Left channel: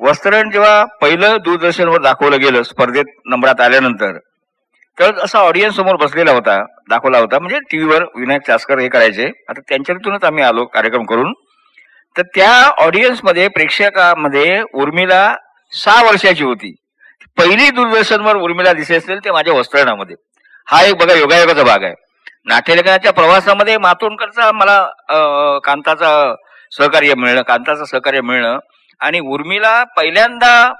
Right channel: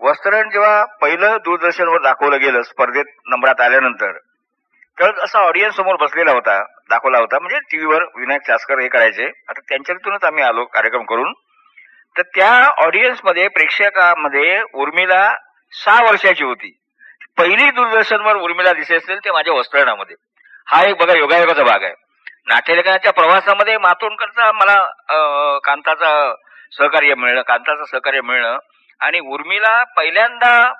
वस्त्रण जेव्हा पहिलं दूरदर्शनवर दाखवलं गेलं स्पर्धेत नंबरात आल्यानंतर, तर असा ऑडियन्स समोर बसलेला होता, दाखवला होता. म्हणजे टीव्हीवर विनायक चासकर हे करायचे, आता त्यांच्यातूनच आम्ही आलो कार्यक्रम करून. तर त्या ऑडियन्स मध्ये, प्रेक्षकामध्ये उर्मिला 6 वर्षाची होती. पहिली दूरदर्शनवर उर्मिला दिसली असेल ते माझ्या वस्त्रणामध्ये. हा एक बघा योगायोगाचा भाग आहे. नाट्यलेखनाच्या प्रवासामध्ये मातोंडकरचा मला कांताचं सहकार्य मिळणं आणि उर्मिला पहिल्यांदा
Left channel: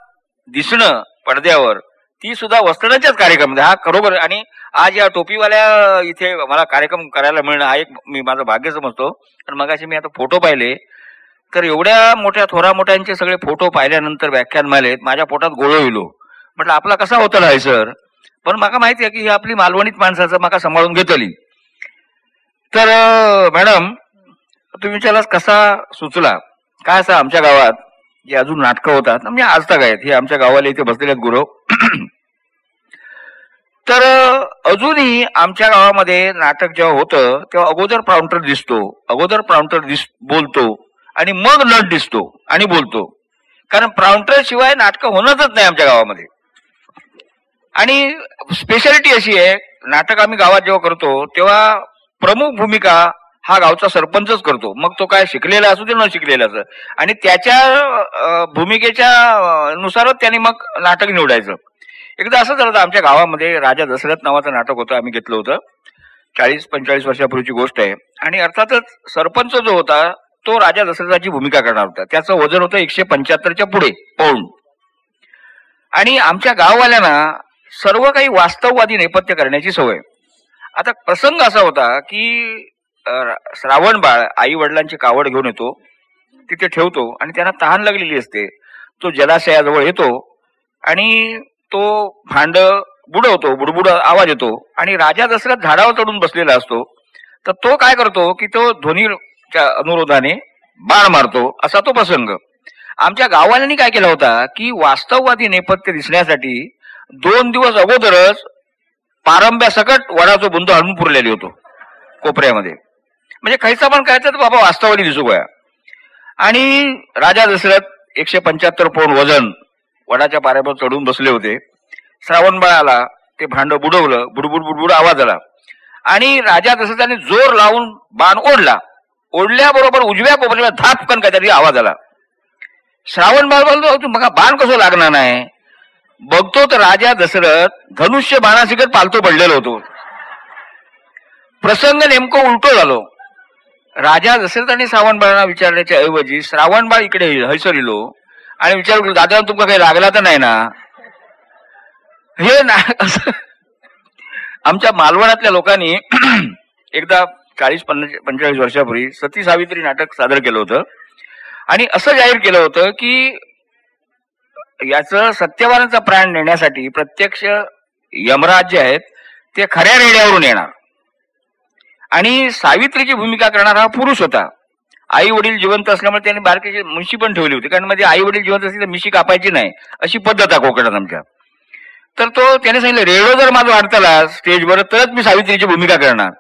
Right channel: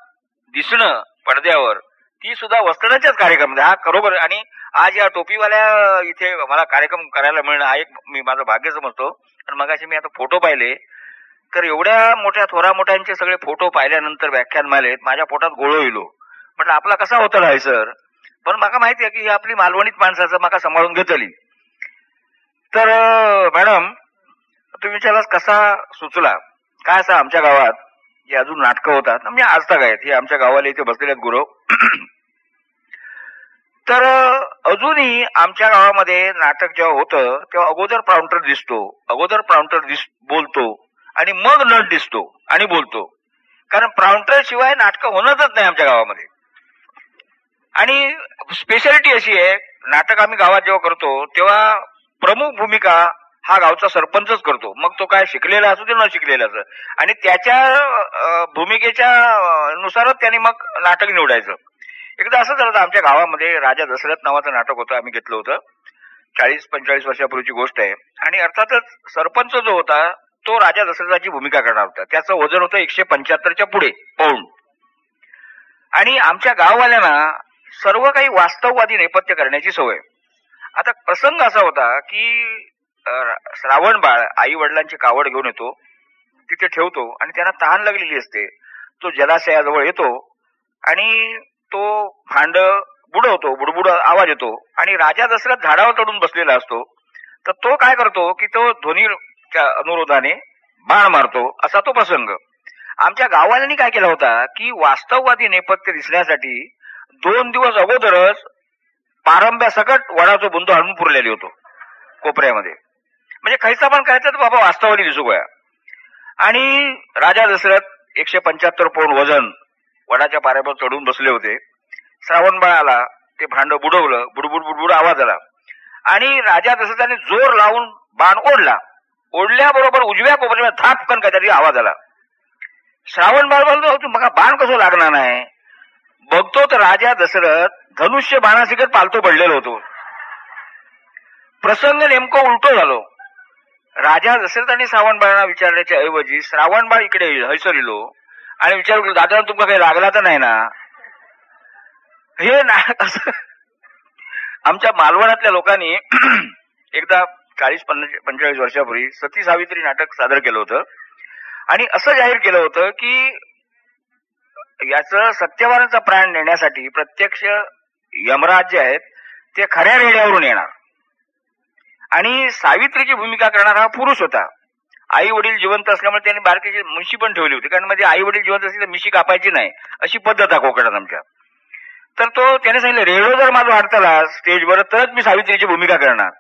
दिसणं पडद्यावर, ती सुद्धा वस्त्रणाच्याच कार्यक्रमामध्ये. हा खरोखर, आणि आज या टोपीवाल्या इथे मला कार्यक्रम करायला मिळणं हा एक मी माझं भाग्य समजतो. पण मगाशी मी आता फोटो पाहिले, तर एवढ्या मोठ्या थोरा मोठ्यांचे सगळे फोटो पाहिल्यानंतर व्याख्यानमालेत माझ्या पोटात गोळो येलो. म्हटलं आपला कसा होता आहे सर, पण मला माहिती आहे की ही आपली मालवणीत माणसाचं मला सांभाळून घेतली. तर मॅडम तुम्ही विचारलास कसा सुचला, काय असं आमच्या गावात जे अजून नाटकं होतात, म्हणजे आज तक आहेत, हे आमच्या गावाला इथे बसलेले आहेत गुरव. तर अजूनही आमच्या गावामध्ये नाटक जेव्हा होतं तेव्हा अगोदर प्राउंटर बोलतो आणि मग नट दिसतो आणि बोलतो. कारण प्राउंटर शिवाय नाटकं होणंच नाही आमच्या गावामध्ये. आणि स्पेशालिटी अशी आहे, नाटक आम्ही गावात जेव्हा करतो तेव्हा प्रमुख भूमिका हा गावचा सरपंचच करतो, मग तो काय शिकलेला असू दे न शिकलेला असं, आणि त्याच्या भूमिकेच्या नुसारच त्यांनी मग नाटक निवडायचं. एकदा असं झालं, आमच्या गावामध्ये राजा दशरथ नावाचं नाटक होतं, आम्ही घेतलं होतं. 40-45 वर्षापूर्वीची गोष्ट आहे. आणि अर्थातच सरपंच जो होता तो राजा दशरथाची भूमिका करणार होता. त्याचं वजन होतं 175च्या पुढे पाऊण. आणि आमच्या गाववाल्यांना सर्व काही वास्तववादी नेपथ्य करण्याची सवय. आता प्रसंग असा होता की श्रावण बाळ आई वडिलांची कावड घेऊन येतो, तिथे ठेवतो आणि त्यांना तहान लागलेली असते. तो जलाशयाजवळ येतो आणि तो भांड बुडवतो, बुडबुड आवाज येतो आणि राजा दशरथ झाडावर चढून बसलेला असतो. तर तो काय करतो की तो ध्वनीच्या अनुरोधाने बाण मारतो, असा तो प्रसंग. आमच्या गाववाल्यांनी काय केला होता की वास्तववादी नेपथ्य दिसण्यासाठी 2 दिवस अगोदरच पारंब्या सकट वडाचा बुंद आणून पुरलेली होतो कोपऱ्यामध्ये. म्हणजे खायचा पण काय तर बाबा वास्तववादी दिसू गया. आणि राजा दशरथ 175 पौंड वजन वडाच्या पाऱ्यावर चढून बसले होते. श्रावणबाळ आला, ते भांड बुडवलं, बुडबुड बुडबुड आवाज आला आणि राजा दशरथाने जोर लावून बाण ओढल्याबरोबर उजव्या कोपऱ्याला धापकन काहीतरी आवाज आला. श्रावणबाळ बोलतो मग बाण कसं लागणार नाही, बघतो तर राजा दशरथ धनुष्य बाणासिकट पालतो पडलेलो होतो. प्रसंग नेमकं उलटो झालो. राजा दशरथाने श्रावणबाळांना विचारण्याच्या ऐवजी श्रावणबाळ इकडे हैसर इलो आणि विचारलो दादा तुमका काही लागला तर नाही ना. हे नाही असं आमच्या मालवणातल्या लोकांनी एकदा 40-45 वर्षापूर्वी सती सावित्री नाटक सादर केलं होतं आणि असं जाहीर केलं होतं की याचं सत्यवानाचा प्राण नेण्यासाठी प्रत्यक्ष यमराज जे आहेत ते खऱ्या रेड्यावरून येणार आणि सावित्रीची भूमिका करणारा हा पुरुष होता. आई वडील जिवंत असल्यामुळे त्यांनी बारकेची म्हशी पण ठेवली होती, कारण मध्ये आई वडील जिवंत असतील तर म्हशी कापायची नाही अशी पद्धत आहे कोकणात आमच्या. तर तो त्याने सांगितलं रेडो जर माझा वाढताला स्टेजवर तरच मी सावित्रीची भूमिका करणार,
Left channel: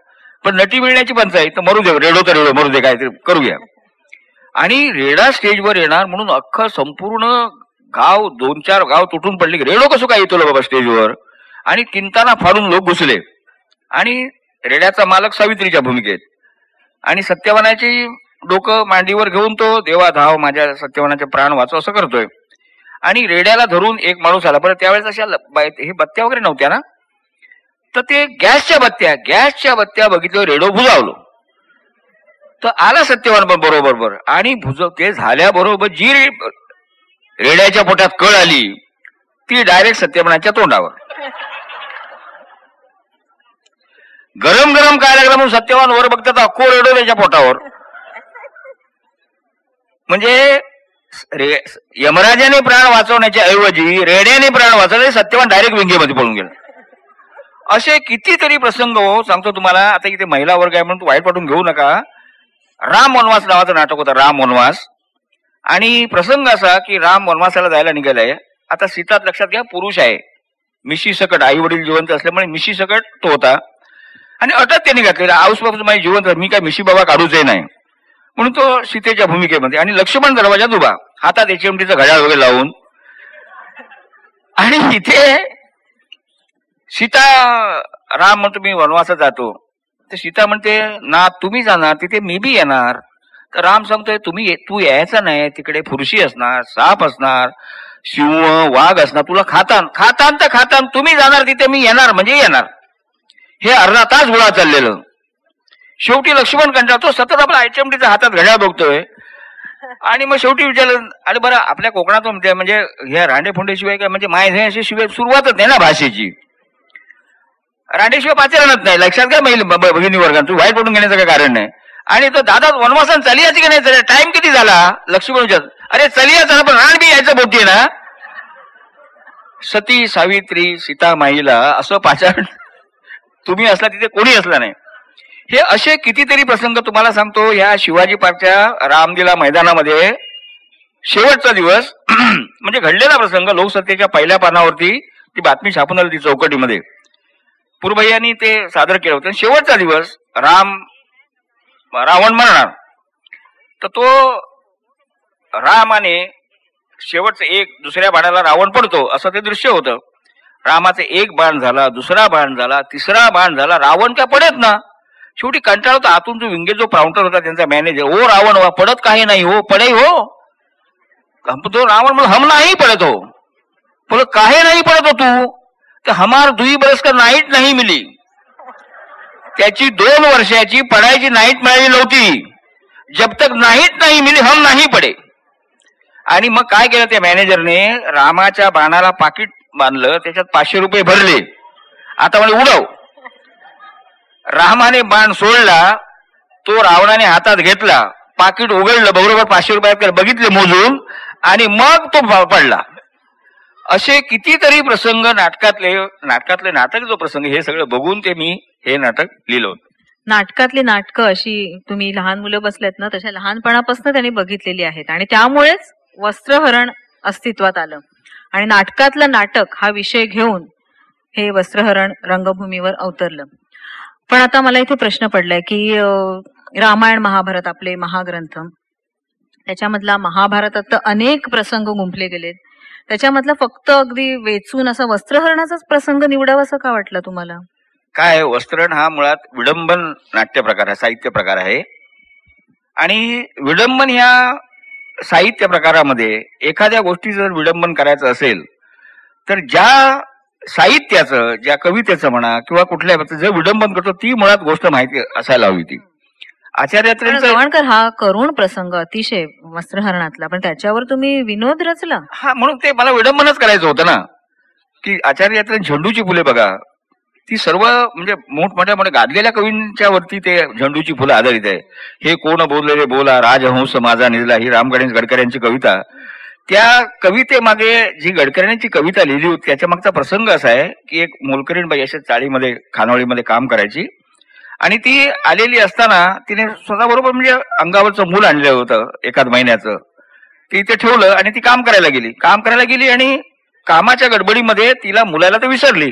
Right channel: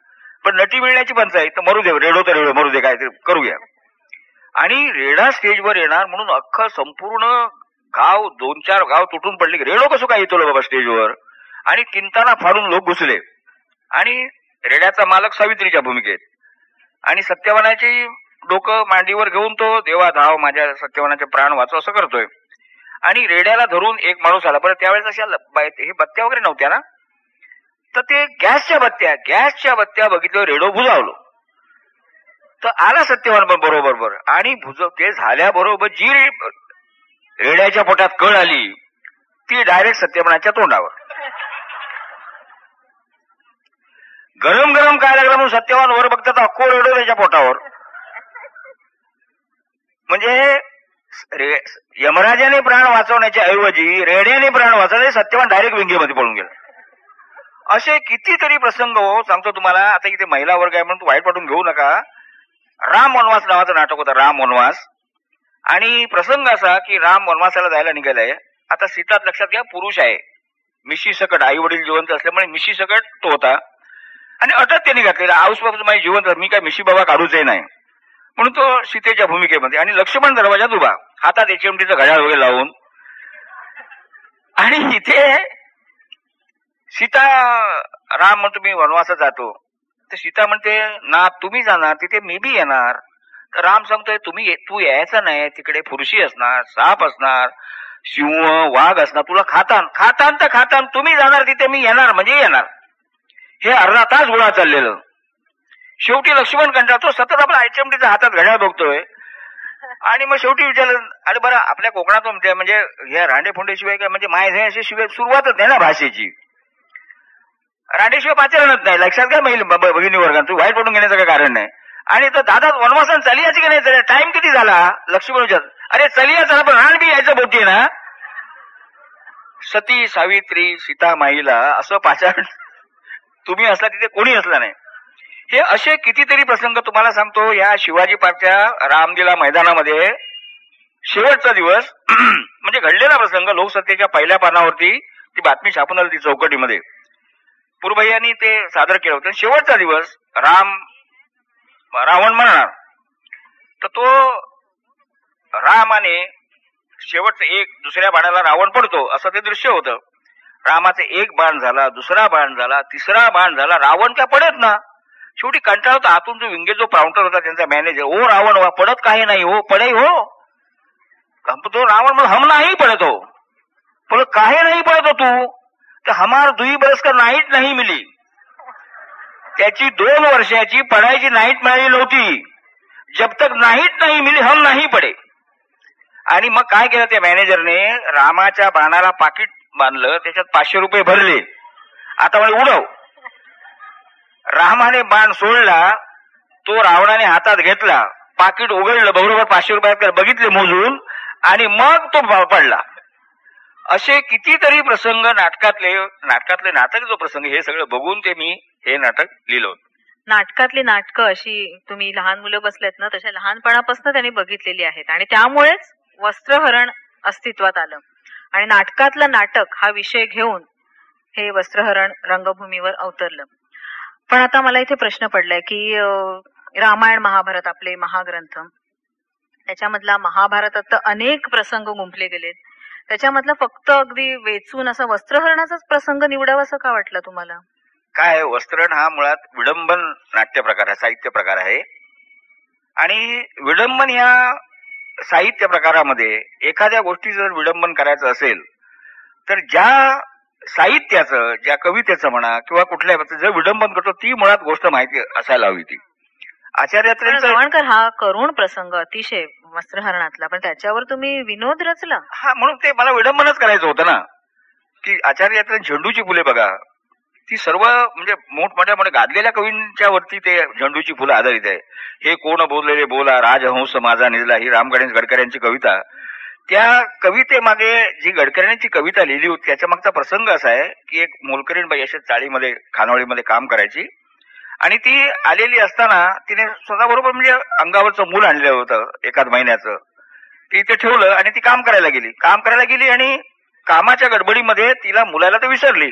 पण नटी मिळण्याची पंचायत तर मरू दे, रेडो तर रेडो मरू दे, काय ते करूया. आणि रेडा स्टेजवर येणार म्हणून अख्खं संपूर्ण गाव 2-4 गाव तुटून पडले की रेडो कसं काय येतो बाबा स्टेजवर. आणि किंताना फाडून लोक घुसले आणि रेड्याचा मालक सावित्रीच्या भूमिकेत आणि सत्यवानाची डोकं मांडीवर घेऊन तो देवा धाव माझ्या सत्यवानाचे प्राण वाचव असं करतोय. आणि रेड्याला धरून एक माणूस आला. बरं त्यावेळेस अशा हे बत्त्या वगैरे नव्हत्या ना, तर ते गॅसच्या बत्त्या बघितलं, रेडो भुजावलो. तर आला सत्यवान पण बरोबर आणि ते झाल्याबरोबर जी रेड्याच्या पोटात कळ आली ती डायरेक्ट सत्यवानाच्या तोंडावर. गरम काय लागलं म्हणून सत्यवान वर बघतात अख्खो रेडो त्याच्या पोटावर. म्हणजे यमराजाने प्राण वाचवण्याच्या ऐवजी रेड्याने प्राण वाचवले, सत्यवान डायरेक्ट विंगेमध्ये पळून गेला. असे कितीतरी प्रसंग हो सांगतो तुम्हाला. आता इथे महिला वर्ग आहे म्हणून वाईट वाटून घेऊ नका. राम वनवास नावाचं नाटक होतं, राम वनवास. आणि प्रसंग असा की राम वनवासाला जायला निघालाय. आता सीतात लक्षात घ्या पुरुष आहे, मिशी सकट, आई वडील जिवंत असल्यामुळे मिशी सकट तो होता आणि अटक त्यांनी घातलेला आऊसपासून माझी जिवंत, मी काय मिशी बाबा काढूच नाही म्हणून तो सीतेच्या भूमिकेमध्ये. आणि लक्ष्मण दरवाजात उभा हातात HMTचं घड्याळ वगैरे लावून. आणि इथे सीता, राम म्हणतो मी वनवासात जातो, तर सीता म्हणते ना तुम्ही जाणार तिथे मी बी येणार. तर राम सांगतोय तू यायचं नाही, तिकडे फुरशी असणार, साप असणार, सिंह वाघ असणार, तुला खातान तुम्ही जाणार तिथे मी येणार म्हणजे येणार. हे अर्धा तास गोळा चाललेलं. शेवटी लक्ष्मण कंटाळतो, सतत आपला HMTच्या हातात घड्याळ बघतोय. आणि मग शेवटी विचारलं, अरे बरं आपल्या कोकणात म्हणजे ह्या रांडे शिवाय काय म्हणजे माय शिवाय सुरुवातच नाही ना भाषेची. रांडेशिवाय पाचारणच नाही, लक्षात घ्या भगिनी वर्गात, तू वाईट पडून घेण्याचं काही कारण नाही. आणि तो दादा वनवासान चलियाची की नाही, टाइम किती झाला, लक्ष्मण विचार, अरे चलियाचा पण रान बी यायचं बोलते ना. सती सावित्री सीता माईला असं पाचारण तुम्ही असला तिथे कोणी असला नाही. हे असे कितीतरी प्रसंग तुम्हाला सांगतो. या शिवाजी पार्कच्या रामलीला मैदानामध्ये शेवटचा दिवस म्हणजे घडलेला प्रसंग, लोकसत्तेच्या पहिल्या पानावरती ती बातमी छापून आली ती चौकटीमध्ये, पूर्वयांनी ते सादर केलं होतं. शेवटचा दिवस रावण मरणार, तर तो रामाने शेवटचं एक दुसऱ्या बाणाला रावण पडतो असं ते दृश्य होतं. रामाचे एक बाण झाला, दुसरा बाण झाला, तिसरा बाण झाला, रावण काय पडत ना. शेवटी कंटाळा होता. आतून जो विंगे जो प्राउंटर होता त्यांचा मॅनेजर, ओ रावण हो पडत काही नाही हो, पडे हो. तो रावण म्हणून हम नाही पडत हो, पडत काही नाही पडत हो तू, कि हमार 2 बरस का नाईट नाही मिली. त्याची 2 वर्षाची पडायची नाईट मिळाली नव्हती. जब तक नाईट नाही मिली हम नाही पडे. आणि मग काय केलं त्या मॅनेजरने, रामाच्या बाणाला पाकिट बांधलं, त्याच्यात 500 रुपये भरले. आता म्हणजे उडव. रामाने बाण सोडला, तो रावणाने हातात घेतला, पाकिट उघडलं, बरोबर 500 रुपये बघितले मोजून, आणि मग तो पडला. असे कितीतरी प्रसंग नाटकातले नाटक जो प्रसंग, हे सगळं बघून ते मी हे नाटक लिहिलं होतं. नाटकातली नाटकं अशी तुम्ही लहान मुलं बसलेत ना, तशा लहानपणापासून त्यांनी बघितलेली आहेत आणि त्यामुळेच वस्त्रहरण अस्तित्वात आलं. आणि नाटकातलं नाटक हा विषय घेऊन हे वस्त्रहरण रंगभूमीवर अवतरलं. पण आता मला इथे प्रश्न पडलाय की रामायण महाभारत आपले महाग्रंथ, त्याच्यामधला महाभारतात तर अनेक प्रसंग गुंफले गेलेत, त्याच्यामधलं फक्त अगदी वेचून असं वस्त्रहरणाचाच प्रसंग निवडावा असं का वाटलं तुम्हाला? काय, वस्त्रहरण हा मुळात विडंबन नाट्य प्रकार आहे, साहित्य प्रकार आहे. आणि विडंबन ह्या साहित्य प्रकारामध्ये एखाद्या गोष्टी जर विडंबन करायचं असेल तर ज्या साहित्याचं, ज्या कवितेचं म्हणा किंवा कुठल्या जर विडंबन करतो ती मुळात गोष्ट माहिती असायला हवी. ती आचार्य गवाणकर हा करुण प्रसंग अतिशय वस्त्रहरणातला, पण त्याच्यावर तुम्ही विनोद रचला. हा, म्हणून ते मला विडंबनच करायचं होतं ना. की आचार्य झेंडूची फुले बघा, ती सर्व म्हणजे मोठमोठ्या गाजलेल्या कवींच्या वरती ते झेंडूची फुलं आधारित आहे. हे कोण बोललेले बोला, राजहंस माझा निजला, ही राम गणेश गडकऱ्यांची कविता. त्या कवितेमागे जी गडकऱ्यांची कविता लिहिली होती त्याच्या मागचा प्रसंग असा आहे की एक मोलकरीण बाई अशा चाळीमध्ये खानावळीमध्ये काम करायची, आणि ती आलेली असताना तिने स्वतःबरोबर म्हणजे अंगावरचं मूल आणलं होतं 1 महिन्याचं. ती इथे ठेवलं आणि ती काम करायला गेली आणि कामाच्या गडबडीमध्ये तिला मुलाला तर विसरली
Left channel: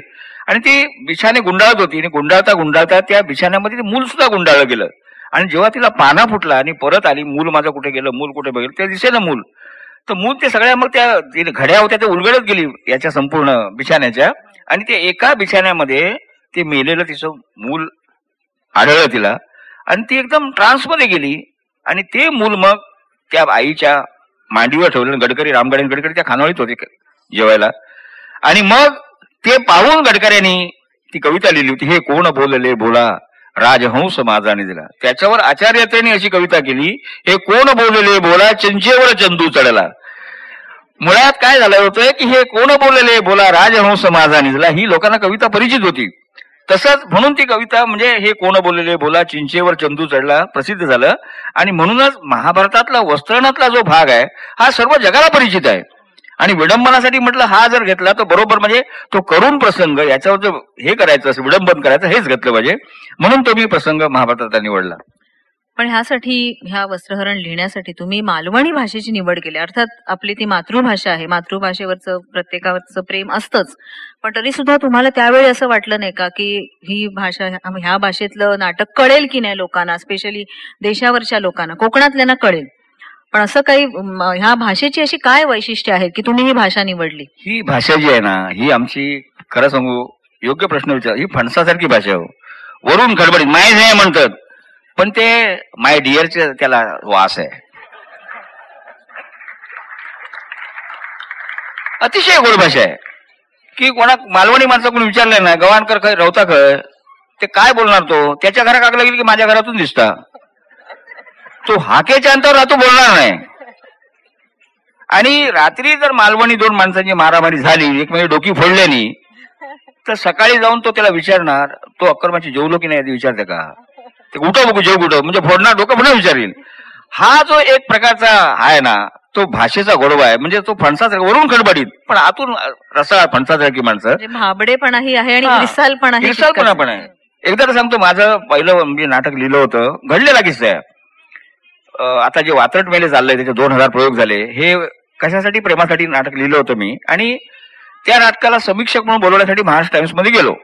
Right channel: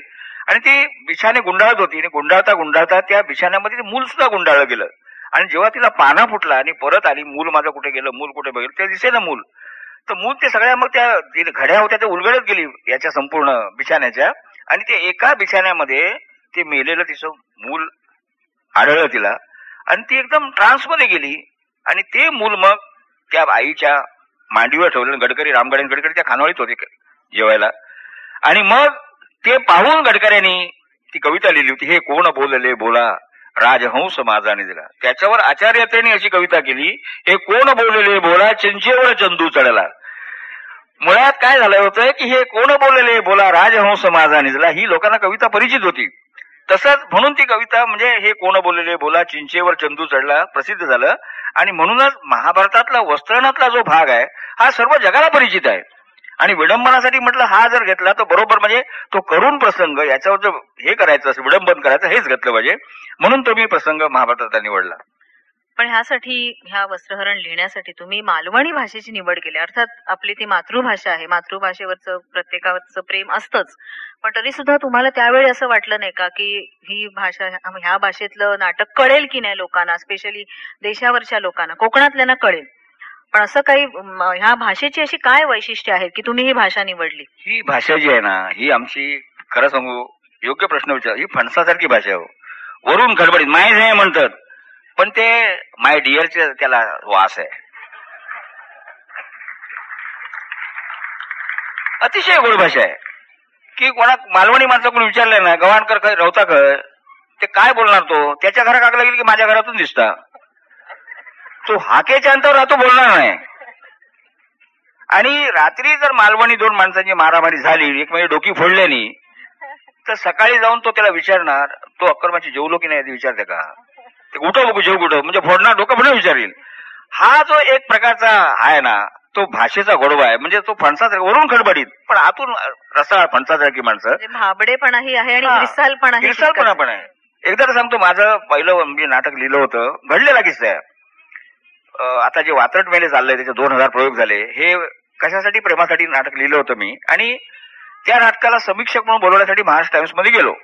आणि ती बिछाने गुंडाळत होती. आणि गुंडाळता त्या बिछाण्यामध्ये मूल सुद्धा गुंडाळलं गेलं. आणि जेव्हा तिला पाना फुटला आणि परत आली, मूल माझं कुठे गेलं, मूल कुठे बघितलं, ते दिसेना मूल. तर मूल ते सगळ्या मग त्या घड्या होत्या त्या उलगडत गेली याच्या संपूर्ण बिछाण्याच्या, आणि ते एका बिछाण्यामध्ये ते मेलेलं तिचं मूल आढळलं तिला. आणि ती एकदम ट्रान्समध्ये गेली आणि ते मूल मग त्या आईच्या मांडीवर ठेवलं. राम गणेश गडकरी त्या खानावळीत होते जेवायला. आणि मग ते पाहून गडकऱ्यांनी ती कविता लिहिली होती, हे कोण बोलले बोला, राजहंस माझा निजला. त्याच्यावर आचार्यतेने अशी कविता केली, हे कोण बोलले बोला, चिंचेवर चंदू चढला. मुळात काय झालं होतं की हे कोण बोलले बोला, राजहंस माझा निजला, ही लोकांना कविता परिचित होती. तसंच म्हणून ती कविता म्हणजे हे कोण बोलले बोला, चिंचेवर चंदू चढला प्रसिद्ध झालं. आणि म्हणूनच महाभारतातला वस्त्रहरणातला जो भाग आहे हा सर्व जगाला परिचित आहे. आणि विडंबनासाठी म्हटलं हा जर घेतला तर बरोबर म्हणजे तो करुण प्रसंग याच्यावर जर हे करायचं असं विडंबन करायचं हेच घेतलं पाहिजे, म्हणून तो मी प्रसंग महाभारताचा निवडला. पण ह्या वस्त्रहरण लिहिण्यासाठी तुम्ही मालवणी भाषेची निवड केली. अर्थात आपली ती मातृभाषा आहे, मातृभाषेवरचं प्रत्येकावरचं प्रेम असतंच, पण तरी सुद्धा तुम्हाला त्यावेळी असं वाटलं नाही का की ही भाषा, ह्या भाषेतलं नाटक कळेल की नाही लोकांना, स्पेशली देशावरच्या लोकांना, कोकणातल्यांना कळेल, पण असं काही ह्या भाषेची अशी काय वैशिष्ट्य आहेत की तुम्ही ही भाषा निवडली? ही भाषा जी आहे ना, ही आमची, खरं सांगू, योग्य प्रश्न विचार, ही फणसासारखी भाषा आहे. वरून खडबडीत माय जे म्हणतात, पण ते माय डिअरचे त्याला वास आहे. अतिशय गोड भाषा आहे की कोणा मालवणी माणसं कोणी विचारले ना, गव्हाणकर खय रवता खय, ते काय बोलणार, तो त्याच्या घरा कागला गेली की माझ्या घरातून दिसता, तो हाकेच्या अंतर राहतो, बोलणार नाही. आणि रात्री जर मालवणी दोन माणसांची मारामारी झाली, एकमेकांची डोकी फोडल्यानी, तर सकाळी जाऊन तो त्याला विचारणार, तो अक्करमाची जेवलो की नाही विचारते का, ते कुठं बघू जेव कुठं, म्हणजे फोडणार डोकं पुढे विचारेल. हा जो एक प्रकारचा आहे ना, तो भाषेचा गोडवा आहे. म्हणजे तो फणसाचा वरून खडबडीत पण आतून रसाळ फणसासारखी माणसं, भाबडेपणाही आहे आणि विसालपणाही पण आहे. एकदा तर सांगतो, माझं पहिलं मी नाटक लिहिलं होतं, घडलेला किस्सा आहे. आता जे वात्रट मेले चाललंय त्याचे 2000 प्रयोग झाले. हे कशासाठी, प्रेमासाठी नाटक लिहिलं होतं मी. आणि त्या नाटकाला समीक्षक म्हणून बोलवण्यासाठी महाराष्ट्र टाइम्स मध्ये गेलो.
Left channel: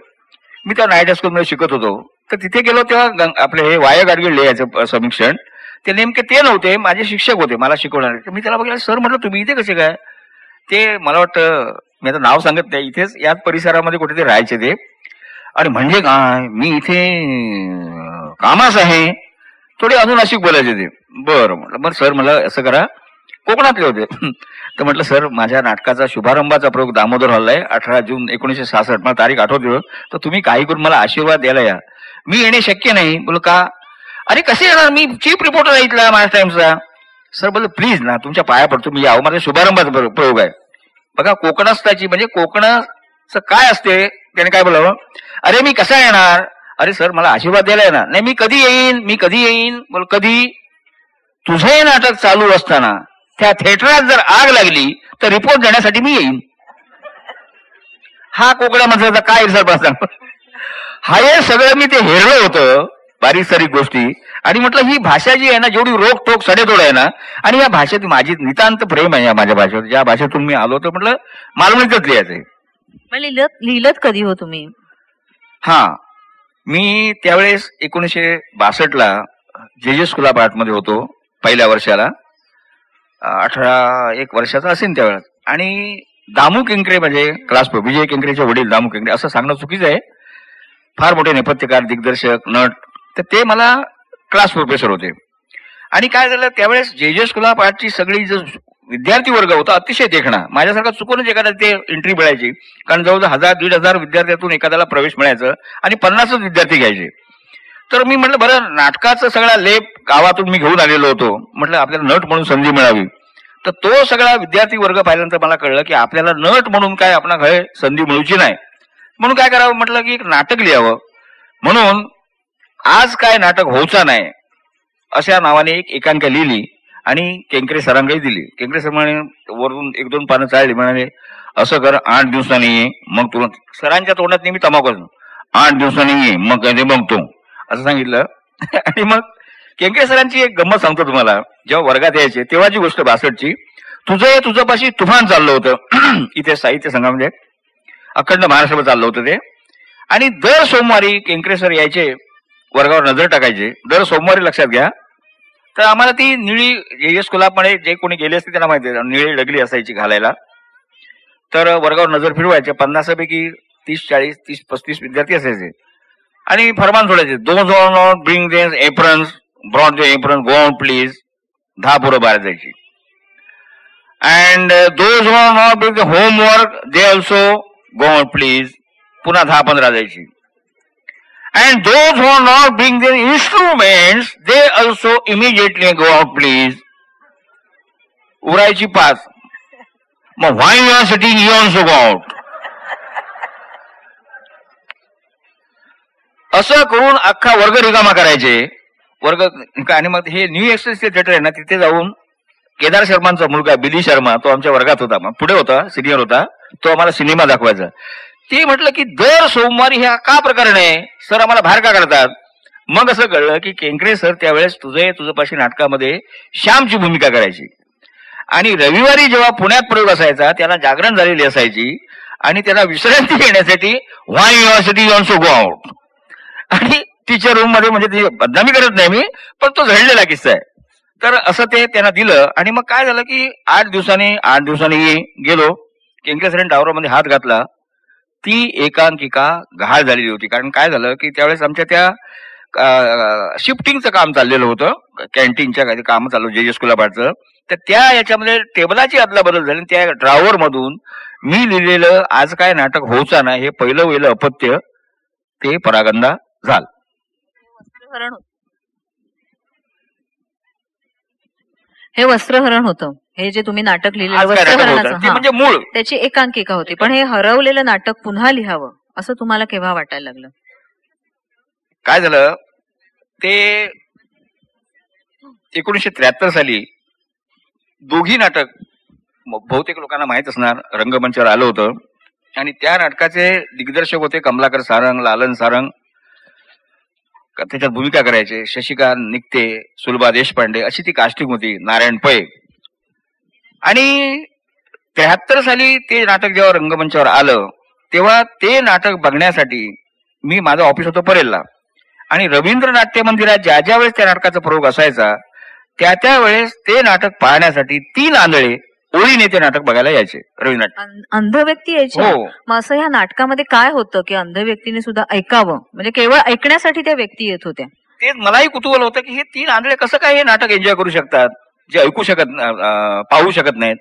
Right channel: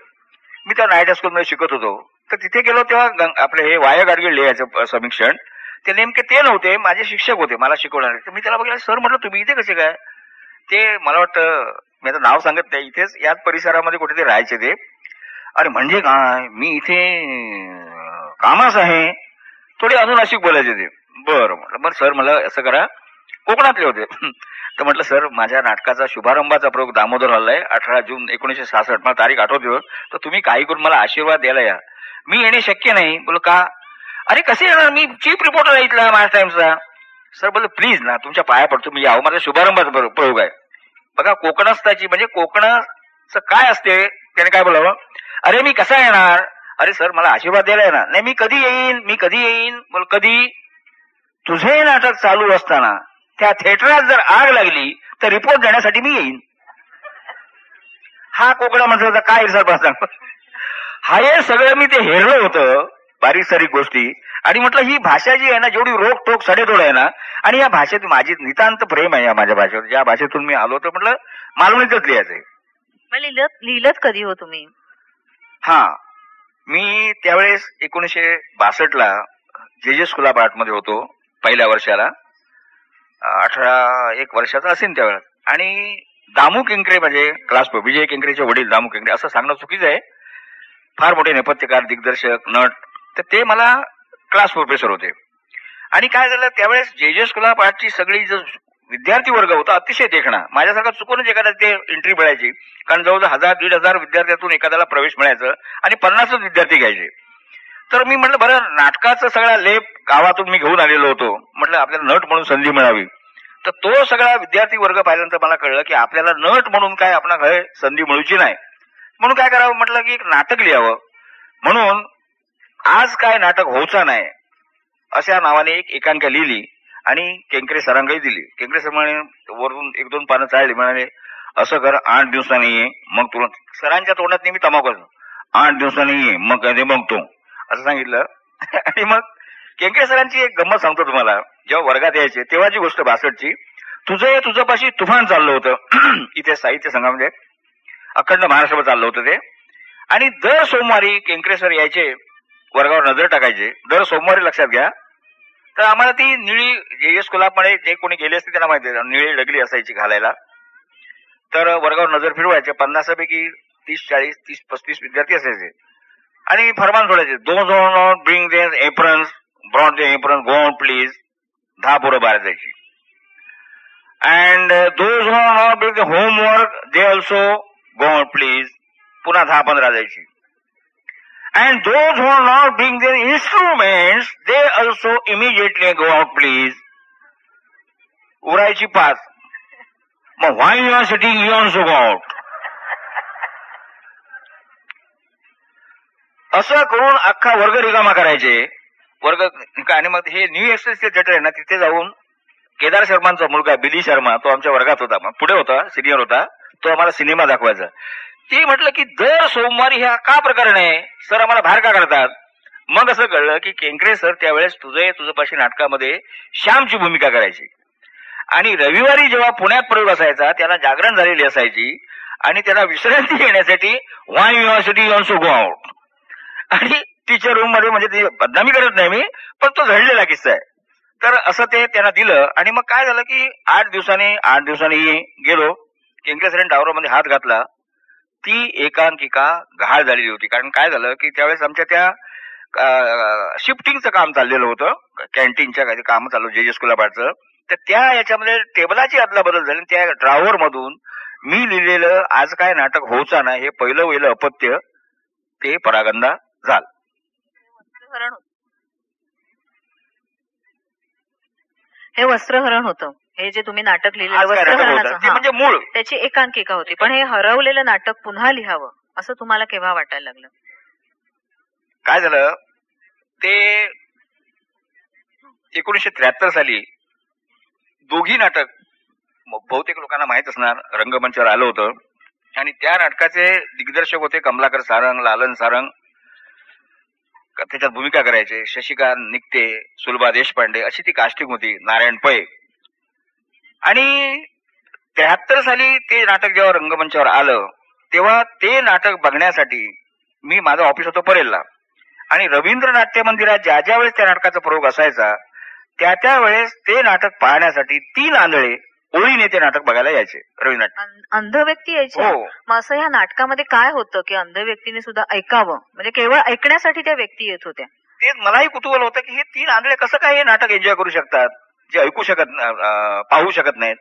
मी त्या नाईट हायस्कूलमध्ये शिकत होतो. तर तिथे गेलो तेव्हा आपले हे वाय गाडगीळ लिहायचं समीक्षण, ते नेमके ते नव्हते, माझे शिक्षक होते मला शिकवणारे. तर मी त्याला बघितलं, सर म्हटलं तुम्ही इथे कसे काय? ते मला वाटतं, मी आता नाव सांगत नाही, इथेच याच परिसरामध्ये कुठेतरी राहायचे ते. आणि म्हणजे काय, मी इथे कामास आहे, थोडे अजून अशी बोलायचे ते. बरं म्हटलं, बरं सर मला असं करा, कोकणातले होते. तर म्हटलं सर, माझ्या नाटकाचा शुभारंभाचा प्रयोग दामोदर हॉलला आहे, 18 जून 1966, मला तारीख आठवते, तर तुम्ही काही करून मला आशीर्वाद द्यायला या. मी येणे शक्य नाही. बोल का? अरे कसे येणार, मी चीफ रिपोर्टर आहे इथला महाराष्ट्र टाइम्सचा. सर बोल प्लीज ना, तुमच्या पाया पडतो, मी यावं, माझा शुभारंभाचा प्रयोग आहे. बघा, कोकणस्थाची म्हणजे कोकणाचं काय असते, त्याने काय बोलावं, अरे मी कसा येणार, अरे सर मला आशीर्वाद द्यायला येणार नाही, मी कधी येईन, मी कधी येईन. बोल कधी? तुझे नाटक चालू असताना त्या थिएटरात जर आग लागली तर रिपोर्ट देण्यासाठी मी येईन. हा कोकण्या माणसाचा काय सर सांग. हा हे सगळं मी ते हेरलं होतं, बारीक सारीक गोष्टी. आणि म्हटलं ही भाषा जी आहे ना, जेवढी रोख टोक सडेतोड आहे ना, आणि या भाषेत माझी नितांत प्रेम आहे या माझ्या भाषेवर, ज्या भाषेतून मी आलो, तर म्हटलं मालवणीतच लिहायचंय. लिहिलत कधी हो तुम्ही? हा, मी त्यावेळेस 1962ला जे स्कूल मध्ये होतो, पहिल्या वर्षाला, 18 वर्षाचा असेल त्यावेळेस. आणि दामू केंकरे म्हणजे क्लास विजय केंकरेचे वडील दामू केंकरे, असं सांगणं चुकीचं आहे, फार मोठे नेपथ्यकार, दिग्दर्शक, नट, तर ते मला क्लास प्रोफेसर होते. आणि काय झालं, त्यावेळेस जे स्कूल ऑफ आर्टची सगळी जो विद्यार्थी वर्ग होता अतिशय देखणा, माझ्यासारखा चुकूनच एखाद्या ते एंट्री मिळायची, कारण जवळजवळ 1000-1500 विद्यार्थ्यातून एखाद्याला प्रवेश मिळायचं आणि 50च विद्यार्थी घ्यायचे. तर मी म्हटलं बरं, नाटकाचा सगळा लेप गावातून मी घेऊन आलेलो होतो, म्हटलं आपल्याला नट म्हणून संधी मिळावी. तर तो सगळा विद्यार्थी वर्ग पाहिल्यानंतर मला कळलं की आपल्याला नट म्हणून काय आपला घरी संधी मिळूची नाही. म्हणून काय करावं, म्हटलं की एक नाटक लिहावं. म्हणून आज काय नाटक होऊचा नाही अशा नावाने एक एकांकिका लिहिली आणि केंकरे सरांकडे दिली. केंकरे सर म्हणे, वरून 1-2 पानं चालली, म्हणाले असं कर, 8 दिवसांनी ये, मग तुला, सरांच्या तोंडात नेहमी तमाकू, 8 दिवसांनी ये मग काय ते बघतो, असं सांगितलं. आणि मग केंकरे सरांची एक गंमत सांगतो तुम्हाला. जेव्हा वर्गात यायचे तेव्हाची गोष्ट 62ची, तुझं पाशी तुफान चाललं होतं इथे साहित्य संघामध्ये, अखंड महाराष्ट्रामध्ये चाललं होतं ते. आणि दर सोमवारी केंकरे सर यायचे, वर्गावर नजर टाकायचे. दर सोमवारी लक्षात घ्या, तर आम्हाला ती निळी जे स्कूलमध्ये जे कोणी गेले असते त्यांना माहिती आहे, निळी डगली असायची घालायला. तर वर्गावर नजर फिरवायचे, 50 पैकी 30-40, 30-35 विद्यार्थी असायचे. आणि फरमान सोडायचे, those not bring their aprons, brought the apron, go out please. 10 पोरं बाहेर जायची. And those not bring the homework, they also go out please. पुन्हा 10-15 जायची. And those who are not bring their instruments, they also immediately go out, please. उरायची 5. मग why you are sitting, you also go out. असं करून अख्खा वर्ग रिकामा करायचे. वर्ग. आणि मग हे न्यू एक्सप्रेस थिएटर आहे ना, तिथे जाऊन केदार शर्मांचा मुलगा बिली शर्मा, तो आमच्या वर्गात होता, पुढे होता, सिनियर होता, तो आम्हाला सिनेमा दाखवायचा. ते म्हटलं की दर सोमवारी हा का प्रकरण आहे, सर आम्हाला बाहेर का करतात. मग असं कळलं की केंकरे सर त्यावेळेस तुझपाशी नाटकामध्ये श्यामची भूमिका करायची. आणि रविवारी जेव्हा पुण्यात प्रयोग असायचा, त्याला जागरण झालेली असायची आणि त्याला विश्रांती घेण्यासाठी व्हाय युनिव्हर्सिटी ऑल्सो गो आउट. आणि टीचर रूम मध्ये, म्हणजे ती बदनामी करत नाही मी, पण तो घडलेला किस्सा आहे. तर असं ते त्यांना दिलं आणि मग काय झालं की 8 दिवसांनी गेलो. किंकेसरण टावरमध्ये हात घातला. ती एकांकिका घाळ झालेली होती. कारण काय झालं की त्यावेळेस आमच्या त्या शिफ्टिंगचं काम चाललेलं होतं, कॅन्टीनच्या काही काम चालू जे स्कूलाबादचं. तर त्या याच्यामध्ये टेबलाची अदलाबदल झाली. त्या ड्रावर मधून मी लिहिलेलं आज काय नाटक होऊचा ना हे पहिलं वेळेलं अपत्य ते परागंदा झालं. हे वस्त्रहरण होतं. हे जे तुम्ही नाटक लिहिलेलं आज काय नाटक होतं ते वस्त्रहरणाचं, म्हणजे मूळ. त्याची एकांकिका होती. पण हे हरवलेलं नाटक पुन्हा लिहावं असं तुम्हाला केव्हा वाटायला लागलं? काय झालं ते 1973 साली दोघी नाटक बहुतेक लोकांना माहित असणार रंगमंचावर आलं होतं आणि त्या नाटकाचे दिग्दर्शक होते कमलाकर सारंग, लालन सारंग. त्याच्यात भूमिका करायचे शशिकांत निकते, सुलभा देशपांडे अशी ती कास्टिंग होती, नारायण पै. आणि 73 साली ते नाटक जेव्हा रंगमंचावर आलं तेव्हा ते नाटक बघण्यासाठी मी माझं ऑफिस होतं परेलला आणि रवींद्र नाट्य मंदिरात ज्या ज्या वेळेस त्या नाटकाचा प्रयोग असायचा त्या वेळेस ते नाटक पाहण्यासाठी 3 आंधळे ओळीने ते नाटक बघायला यायचे. रवींद्र अंध व्यक्ती यायचे. हो. मग असं या नाटकामध्ये काय होतं की अंध व्यक्तीने सुद्धा ऐकावं, म्हणजे केवळ ऐकण्यासाठी त्या व्यक्ती येत होत्या? ते मलाही कुतूहल होतं की हे 3 आंधळे कसं काय हे नाटक एन्जॉय करू शकतात जे ऐकू शकत पाहू शकत नाहीत.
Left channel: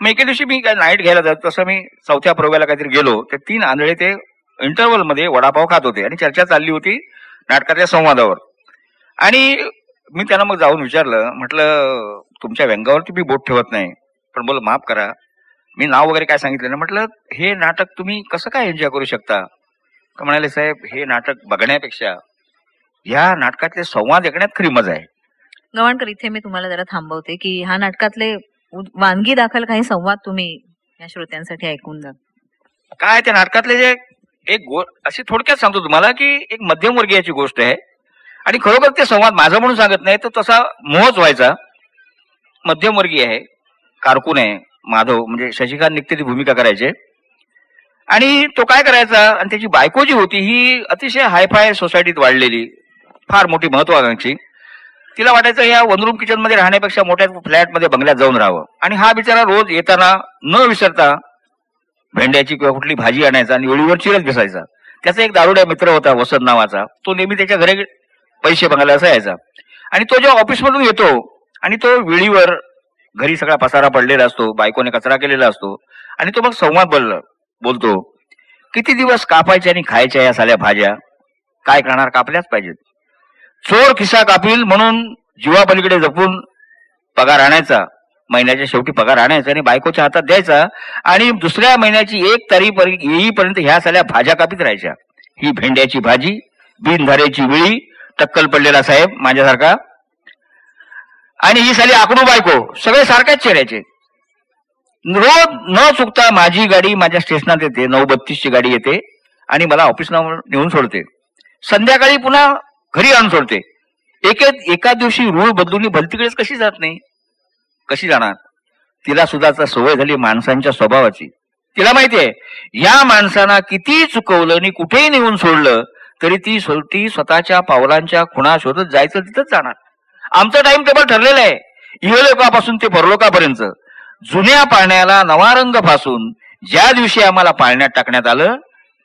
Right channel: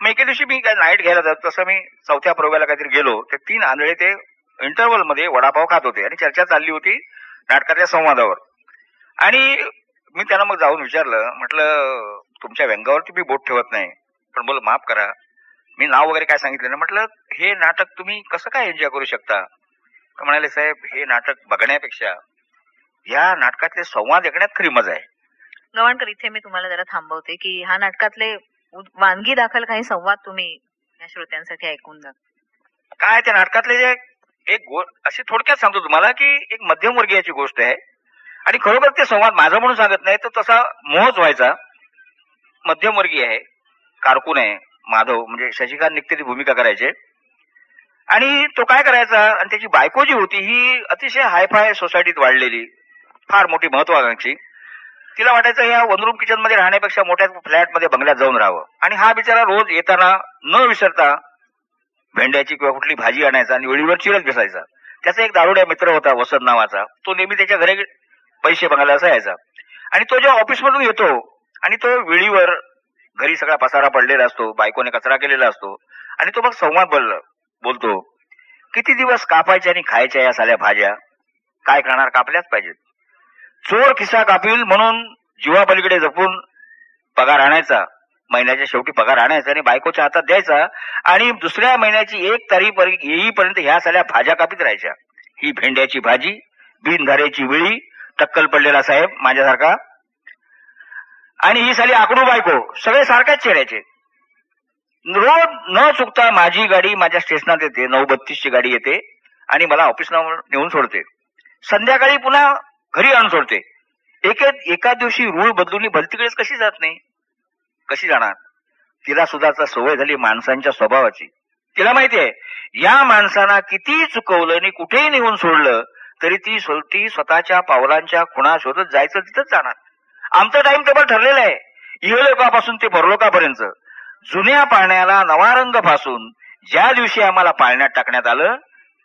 मग एके दिवशी मी काय नाईट घ्यायला जात तसं मी 4थ्या प्रयोगाला काहीतरी गेलो. ते 3 आंधळे ते इंटरव्हल मध्ये वडापाव खात होते आणि चर्चा चालली होती नाटकाच्या संवादावर. आणि मी त्यांना मग जाऊन विचारलं, म्हटलं तुमच्या व्यंगावरती मी बोट ठेवत नाही पण बोल माफ करा मी नाव वगैरे काय सांगितलं ना, म्हटलं हे नाटक तुम्ही कसं काय एन्जॉय करू शकता? तर म्हणाले साहेब हे नाटक बघण्यापेक्षा या नाटकातले संवाद ऐकण्यात खरी मजा आहे. गव्हाणकर, इथे मी तुम्हाला जरा थांबवते की ह्या नाटकातले वानगी दाखल काही संवाद तुम्ही या श्रोत्यांसाठी ऐकून जा. काय त्या नाटकातले जे एक अशी थोडक्यात सांगतो तुम्हाला की एक मध्यमवर्गीयाची गोष्ट आहे आणि खरोखर ते संवाद माझा म्हणून सांगत नाही तर तसा मोहच व्हायचा. मध्यमवर्गीय आहे, कारकून आहे माधव, म्हणजे शशिकांत निकते ती भूमिका करायचे आणि तो काय करायचा आणि त्याची बायको जी होती ही अतिशय हायफाय सोसायटीत वाढलेली, फार मोठी महत्वाकांक्षी. तिला वाटायचं या वन रूम किचन मध्ये राहण्यापेक्षा मोठ्या फ्लॅटमध्ये बंगल्यात जाऊन राहावं. आणि हा बिचारा रोज येताना न विसरता भेंड्याची किंवा कुठली भाजी आणायचा आणि वेळीवर चिरत बसायचा. त्याचा एक दारुड्या मित्र होता वसंत नावाचा, तो नेहमी त्याच्या घरी पैसे बघायला असा यायचा. आणि तो जेव्हा ऑफिसमधून येतो आणि तो वेळीवर घरी सगळा पसारा पडलेला असतो, बायकोने कचरा केलेला असतो आणि तो मग संवाद बोलतो, किती दिवस कापायच्या आणि खायच्या या साल्या भाज्या, काय करणार, कापल्याच पाहिजेत. चोर खिसा कापील म्हणून जीवापलीकडे जपून पगार आणायचा, महिन्याच्या शेवटी पगार आणायचा आणि बायकोच्या हातात द्यायचा आणि दुसऱ्या महिन्याची 1 तारीख येईपर्यंत ह्या साल्या भाज्या कापीत राहायच्या. ही भेंड्याची भाजी, बिनधाऱ्याची वेळी, टक्कल पडलेला साहेब माझ्यासारखा आणि ही साली आकडू बायको, सगळे सारख्याच चेहऱ्याचे. रोज न चुकता माझी गाडी माझ्या स्टेशनात येते, 9:32ची गाडी येते आणि मला ऑफिसला नेऊन सोडते. संध्याकाळी पुन्हा घरी आणून सोडते. एका दिवशी रूळ बदलून भलतीकडेच कशी जात नाही, कशी जाणार? तिला सुद्धा सवय झाली माणसांच्या स्वभावाची. तिला माहितीये या माणसांना किती चुकवलं आणि कुठेही नेऊन सोडलं तरी ती स्वतःच्या पावलांच्या खुणा शोधत जायचं तिथंच जाणार. आमचं टाइम टेबल ठरलेलं आहे, इहलोकापासून ते परलोकापर्यंत. जुन्या पाळण्याला नवा रंग फासून ज्या दिवशी आम्हाला पाळण्यात टाकण्यात आलं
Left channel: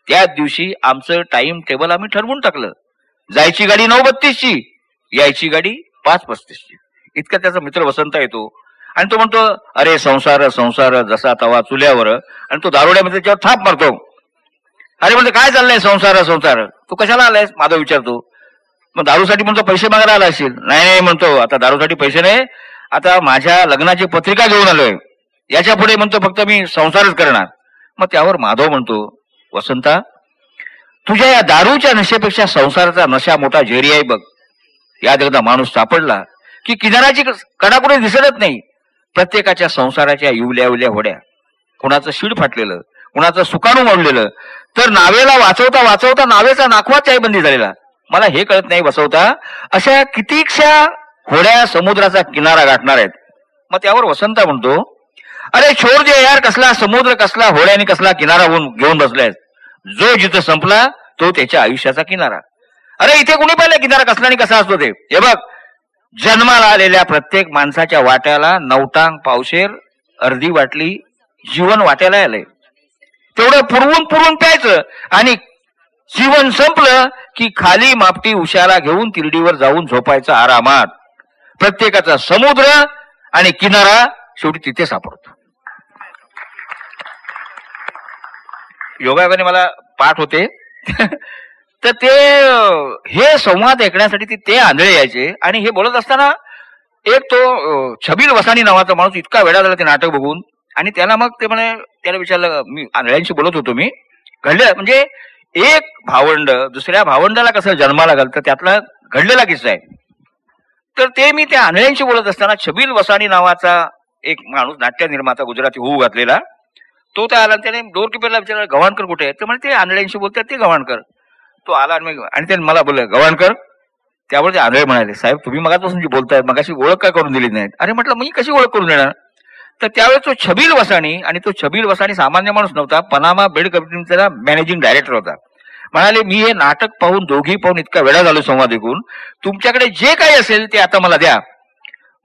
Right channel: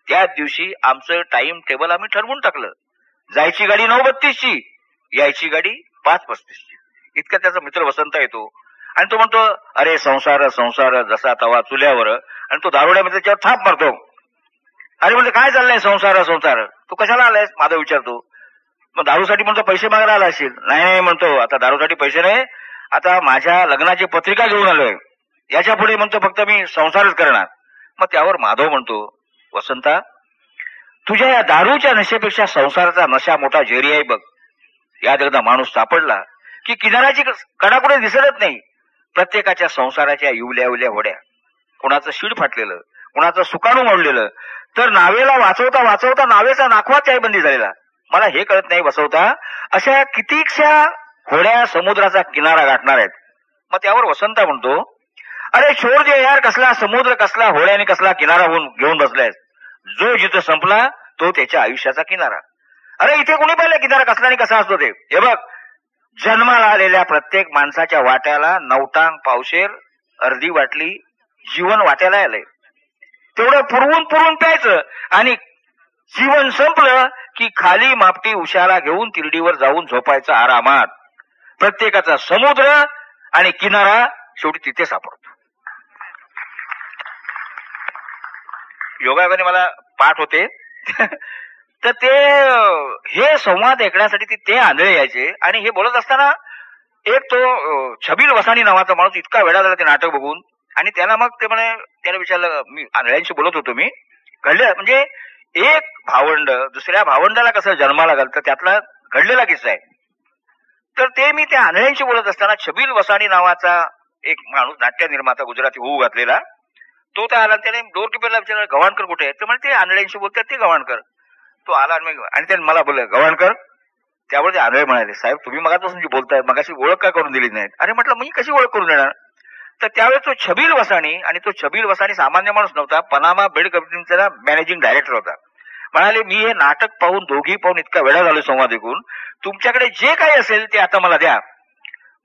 त्याच दिवशी आमचं टाइम टेबल आम्ही ठरवून टाकलं. जायची गाडी 9:32ची, यायची गाडी 5:35ची. इतका त्याचा मित्र वसंत येतो आणि तो म्हणतो, अरे संसार संसार जसा तवा चुल्यावर, आणि तो दारुड्यामध्ये त्याच्यावर थाप मारतो. अरे म्हणतो काय चाललंय संसार संसार, तू कशाला आलायस? माधव विचारतो. मग दारूसाठी म्हणतो पैसे मागायला आला असेल. नाही म्हणतो, आता दारूसाठी पैसे नाही, आता माझ्या लग्नाची पत्रिका घेऊन आलोय, याच्या पुढे म्हणतो फक्त मी संसारच करणार. मग त्यावर माधव म्हणतो, वसंता तुझ्या या दारूच्या नशेपेक्षा संसाराचा नशा मोठा झेरी आहे बघ. याद एकदा माणूस सापडला की किनाराची कडाकुडे दिसतच नाही. प्रत्येकाच्या संसाराच्या इवल्या होड्या, कुणाचं शीड फाटलेलं, कुणाचं सुकाणू मोडलेलं, तर नावेला वाचवता वाचवता नावेचा नाखवाच चायबंदी झालेला. मला हे कळत नाही वसवता, अशा कितीकशा होड्या समुद्राचा किनारा गाठणार आहेत. मग त्यावर वसंता म्हणतो, अरे छोर जे यार, कसला समुद्र, कसला होड्याने कसला किनारा घेऊन बसलाय. जो जिथं संपला तो त्याच्या आयुष्याचा किनारा. अरे इथे कुणी पाहिलं किनारा कसला आणि कसा असतो ते? हे बघ, जन्माला आलेल्या प्रत्येक माणसाच्या वाट्याला 9 टांग पावशेर अर्धी बाटली जीवन वाट्याला आलंय. तेवढं पुरवून पुरवून प्यायचं आणि जीवन संपलं की खाली मापटी उशाला घेऊन तिरडीवर जाऊन झोपायचं आरामात. प्रत्येकाचा समुद्र आणि किनारा शेवटी तिथे सापडतो. योगायोगाने मला पाठ होते तर ते हे संवाद ऐकण्यासाठी ते आंधळे यायचे. आणि हे बोलत असताना एक तो छबील वसानी नावाचा माणूस इतका वेडा झाला ते नाटक बघून. आणि त्याला मग ते म्हणे, त्याला विचारलं, मी आंधळ्यांशी बोलत होतो, मी घडलं म्हणजे एक भावंड दुसऱ्या भावंडाला कसं जन्माला घालतं त्यातला घडलेला किस्सा आहे. तर ते मी त्या आंधळ्यांशी बोलत असताना छबील वसानी नावाचा एक माणूस नाट्य निर्माता गुजराती होऊ घातलेला तो त्या आला. त्याने डोरकीपरला विचारलं, गव्हाणकर कुठे आहे? ते म्हणजे ते आंधळ्यांशी बोलतात ते गव्हाणकर. तो आला आणि त्याने मला बोललं, गव्हाणकर. त्यावर ते आंधळे म्हणाले, साहेब तुम्ही मगापासून जी बोलताय मगाशी ओळख काय करून दिली नाही? अरे म्हटलं मी कशी ओळख करून देणार? तर त्यावेळेस तो छबील वसानी, आणि तो छबील वसानी सामान्य माणूस नव्हता, पनामा बेड कंपनीचा मॅनेजिंग डायरेक्टर होता. म्हणाले, मी हे नाटक पाहून दोघी पाहून इतका वेळा झालो संवाद ऐकून, तुमच्याकडे जे काही असेल ते आता मला द्या.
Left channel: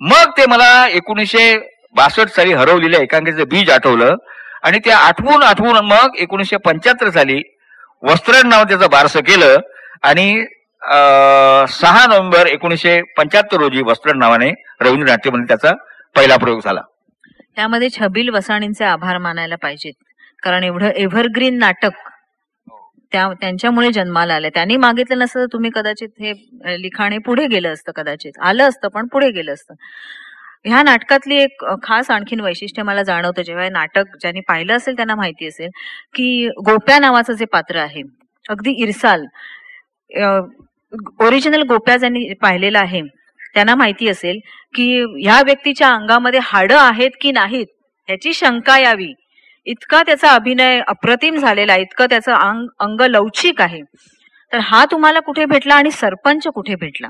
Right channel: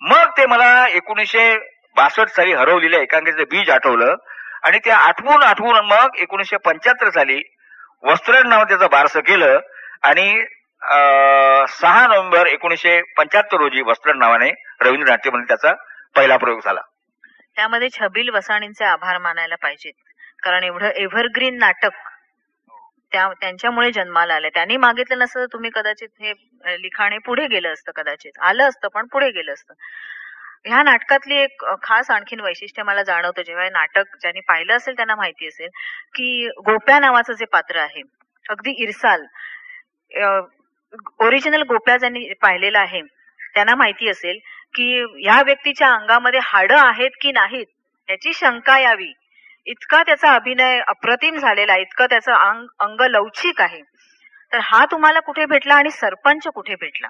मग ते मला 1962 साली हरवलेल्या एकांकिकेचं बीज आठवलं आणि ते आठवून आठवून मग 1975 साली वस्त्रण नाव त्याचं बारसं केलं. आणि 6 नोव्हेंबर 1975 रोजी वस्त्रण नावाने रवींद्र नाट्य मंदिर त्याचा पहिला प्रयोग झाला. त्यामध्ये छबील वसाणींचे आभार मानायला पाहिजेत, कारण एवढं एव्हरग्रीन नाटक त्यांच्यामुळे जन्माला आलं. त्यांनी मागितलं नसतं तुम्ही कदाचित हे लिखाण हे पुढे गेलं असतं, कदाचित आलं असतं पण पुढे गेलं असतं. ह्या नाटकातली एक खास आणखीन वैशिष्ट्य मला जाणवतं, जेव्हा हे नाटक ज्यांनी पाहिलं असेल त्यांना माहिती असेल की गोप्या नावाचं जे पात्र आहे अगदी इरसाल, ओरिजिनल गोप्या ज्यांनी पाहिलेला आहे त्यांना माहिती असेल की ह्या व्यक्तीच्या अंगामध्ये हाडं आहेत की नाहीत ह्याची शंका यावी इतका त्याचा अभिनय अप्रतिम झालेला आहे, इतकं त्याचं अंग लवचिक आहे. तर हा तुम्हाला कुठे भेटला आणि सरपंच कुठे भेटला?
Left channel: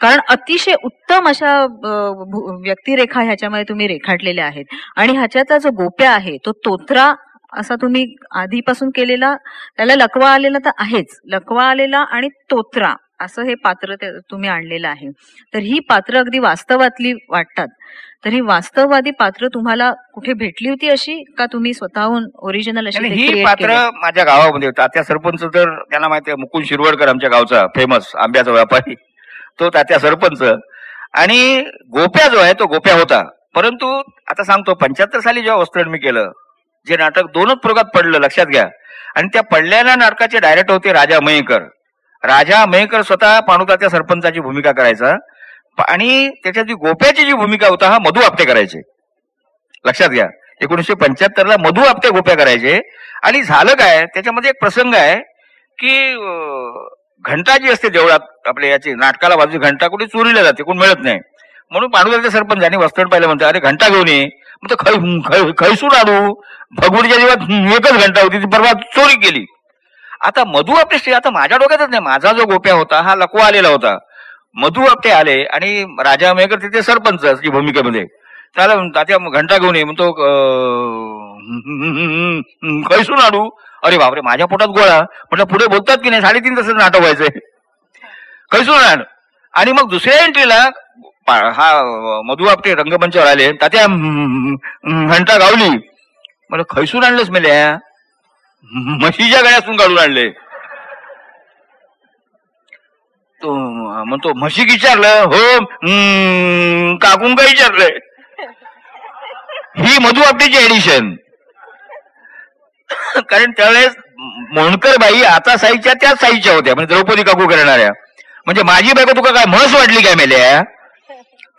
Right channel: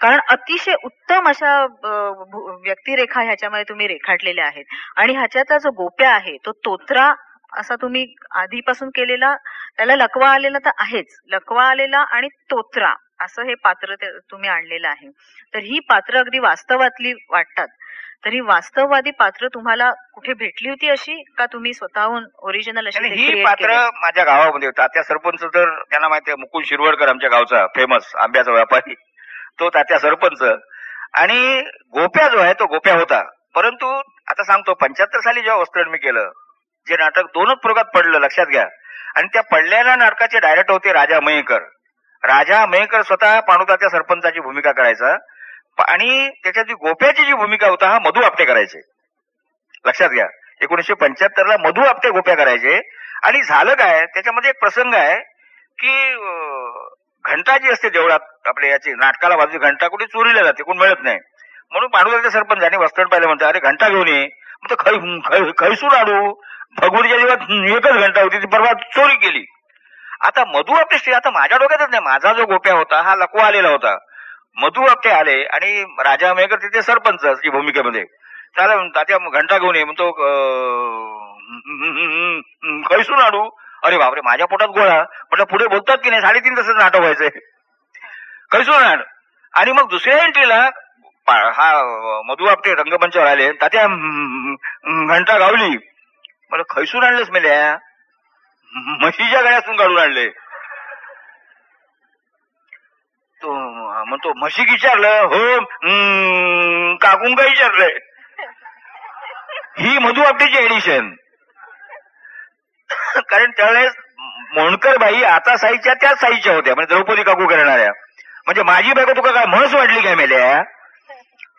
कारण अतिशय उत्तम अशा व्यक्तिरेखा ह्याच्यामध्ये तुम्ही रेखाटलेल्या आहेत. आणि ह्याच्यातला जो गोप्या आहे तो तोत्रा असा तुम्ही आधीपासून केलेला, त्याला लकवा आलेला तर आहेच, लकवा आलेला आणि तोत्रा असं हे पात्र तुम्ही आणलेलं आहे. तर ही पात्र अगदी वास्तवातली वाटतात. तर ही वास्तववादी पात्र तुम्हाला कुठे भेटली होती अशी, का तुम्ही स्वतःहून ओरिजिनल अशी ही पात्र माझ्या गावामध्ये तात्या सरपंच, तर त्यांना माहिती आहे, मुकुंद शिरवडकर आमच्या गावचा फेमस आंब्याचा व्यापारी, तो तात्या सरपंच. आणि गोप्या जो आहे तो गोप्या होता. परंतु आता सांगतो, 75 साली जेव्हा वस्त्रण मी केलं, जे नाटक 2च प्रयोगात पडलं लक्षात घ्या. आणि त्या पडलेल्या नाटकाचे डायरेक्टर होते राजा मयेकर. राजा मयेकर स्वतः पांडुतात्या सरपंचाची भूमिका करायचा आणि त्याच्यात जी गोप्याची जी भूमिका होता हा मधु आपटे करायचे. लक्षात घ्या, 1975 मधु आपटे गोप्या करायचे. आणि झालं काय, त्याच्यामध्ये एक प्रसंग आहे की घंटा जी असते देवळात आपल्या याची नाटकाला बाजू घंटा कुठे चोरीला जाते, कोण मिळत नाही. म्हणून पांडुतात्या सरपंचांनी वस्त्रण पाहिलं, म्हणतात अरे घंटा घेऊन ये. मग खैसून आणू, भगवतीच्या जीवात एकच घंटा होती, ती परवा चोरी केली. आता मधु आपटे, आता माझ्या डोक्यातच नाही, माझा जो गोप्या होता हा लकवा आलेला होता. मधु आपटे आले आणि राजा मयेकर तिथे सरपंच जी भूमिकेमध्ये, त्याला तात्या घंटा घेऊन ये. म्हणतो खैसून आणू. अरे बापरे, माझ्या पोटात गोळा. म्हटलं पुढे बोलतात की नाही, 3.5 तासाचं नाटक व्हायचंय, खैसून आण. आणि मग दुसऱ्या एंट्रीला हा मधु आपटे रंगमंचावर आले, तात्या घंटा गावली. मला खैसून आणलंच मेल्या, म्हशीच्या गळ्यातून काढून आणले. तो म्हणतो म्हशी विचारलं, हो काकून का विचारलंय. ही मधु आपटेची एडिशन. कारण त्यावेळेस मोहनकर बाई आता साईच्या त्याच साईच्या होत्या, म्हणजे द्रौपदी काकू करणाऱ्या. म्हणजे माझी बायको तुका काय म्हस वाटली काय मेल्या.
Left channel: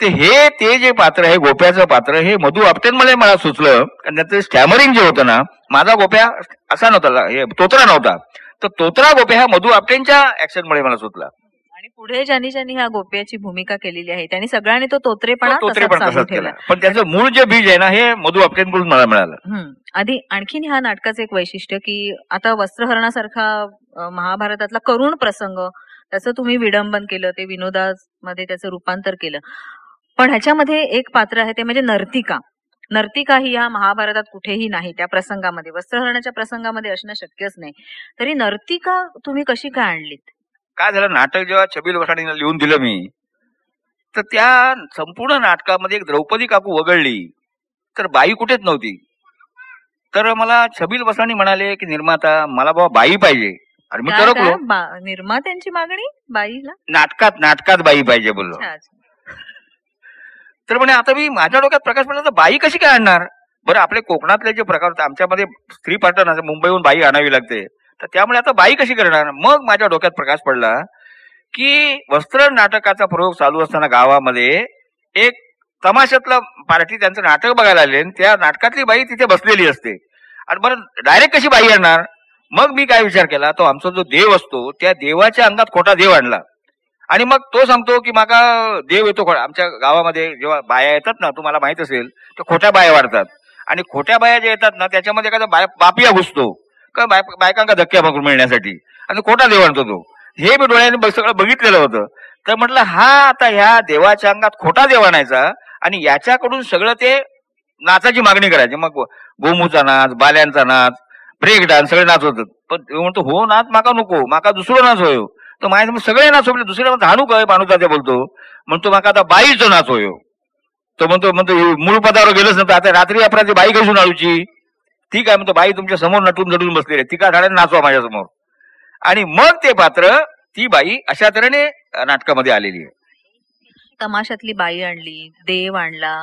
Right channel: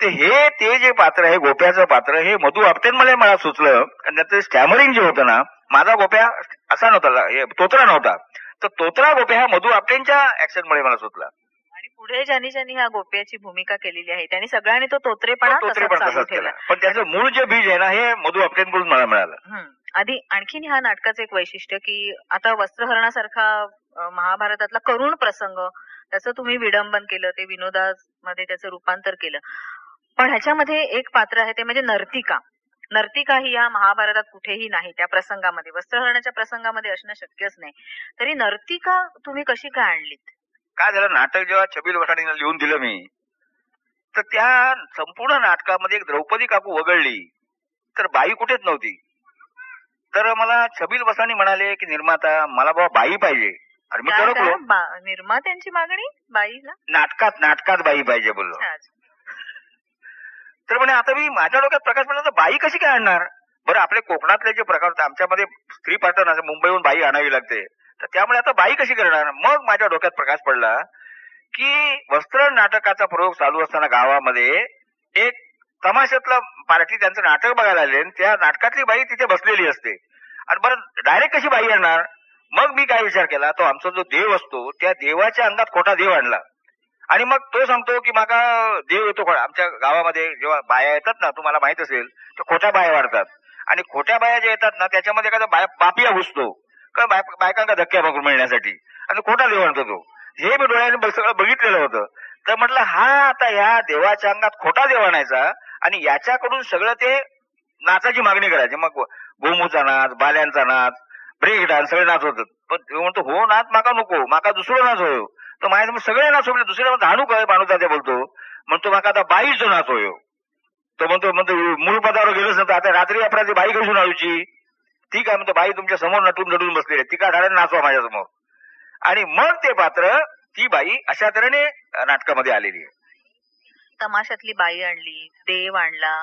ते जे पात्र आहे गोप्याचं पात्र, हे मधु आपटेंमुळे मला सुचलं. कारण त्याचं स्टॅमरिंग जे होतं ना, माझा गोप्या असा नव्हता, हे तोत्रा नव्हता, तर तोत्रा गोप्या हा मधु आपटेंच्या ऍक्शनमुळे मला सुचला. आणि पुढे ज्यांनी ह्या गोप्याची भूमिका केलेली आहे त्यांनी सगळ्यांनी तो तोत्रेपणा तसाच केला. पण त्याचं मूळ जे बीज आहे ना, हे मधु आपटेंकडून मला मिळालं. आधी आणखीन ह्या नाटकाचं एक वैशिष्ट्य की आता वस्त्रहरणासारखा महाभारतातला करुण प्रसंग त्याचं तुम्ही विडंबन केलं, ते विनोदामध्ये त्याचं रूपांतर केलं. पण ह्याच्यामध्ये एक पात्र आहे ते म्हणजे नर्तिका. नर्तिका ही या महाभारतात कुठेही नाही. त्या प्रसंगामध्ये, वस्त्रहरणाच्या प्रसंगामध्ये असणं शक्यच नाही. तरी नर्तिका तुम्ही कशी काय आणलीत? काय झालं, नाटक जेव्हा छबील वसाणीला लिहून दिलं मी, तर त्या संपूर्ण नाटकामध्ये एक द्रौपदी काकू वगळली तर बाई कुठेच नव्हती. तर मला छबील बसानी म्हणाले की निर्माता मला बाबा बाई पाहिजे. आणि मी टरकलो, निर्मात्यांची मागणी बाईला नाटकात बाई पाहिजे बोललो. तर म्हणे आता मी माझ्या डोक्यात प्रकाश पडला तर बाई कशी काय आणणार. बरं आपले कोकणातले जे प्रकार आमच्यामध्ये स्त्री पार्टन असं मुंबईहून बाई आणावी लागते, तर त्यामुळे आता बाई कशी करणार. मग माझ्या डोक्यात प्रकाश पडला की वस्त्र नाटकाचा प्रयोग चालू असताना गावामध्ये एक तमाशातला पार्टी त्यांचं नाटक बघायला आले, त्या नाटकातली बाई तिथे बसलेली असते. आणि बरं डायरेक्ट कशी बाई आणणार. मग मी काय विचार केला, तो आमचा जो देव असतो त्या देवाच्या अंगात खोटा देव आणला. आणि मग तो सांगतो की माका देव येतो. आमच्या गावामध्ये जेव्हा बाया येतात ना, तुम्हाला माहित असेल, तर खोट्या बाया वाढतात. आणि खोट्या बाया ज्या येतात ना त्याच्यामध्ये एखादा बापिया घुसतो का बायकांका धक्क्या पकडून मिळण्यासाठी, आणि खोटा देव आणतो तो. हे मी डोळ्याने सगळं बघितलेलं होतं. तर म्हटलं हा आता ह्या देवाच्या अंगात खोटा देव आणायचा आणि याच्याकडून सगळं ते नाचाची मागणी करायची. मग गोमूचा नाच, बाल्यांचा नाच, ब्रेक डान्स सगळे नाच होतात. पण म्हणतो हो नाच माका नको, माका दुसरं नाच होयो. तर माझ्या सगळे नाच होते, दुसऱ्या झाणू काय बाणूचा ते बोलतो. म्हणतो माका आता बाईचं नाच होयो. तो म्हणतो मूळ पदावर गेलंच नव्हतं, आता रात्री अपराधी बाई घेऊन आळूची. ठीक आहे म्हणतो, बाई तुमच्या समोर नटून नटून बसलेली आहे, ती का ठाण्यात नाचवा माझ्या समोर. आणि मग ते पात्र ती बाई अशा तऱ्हेने नाटकामध्ये आलेली आहे. तमाशातली बाई आणली, देव आणला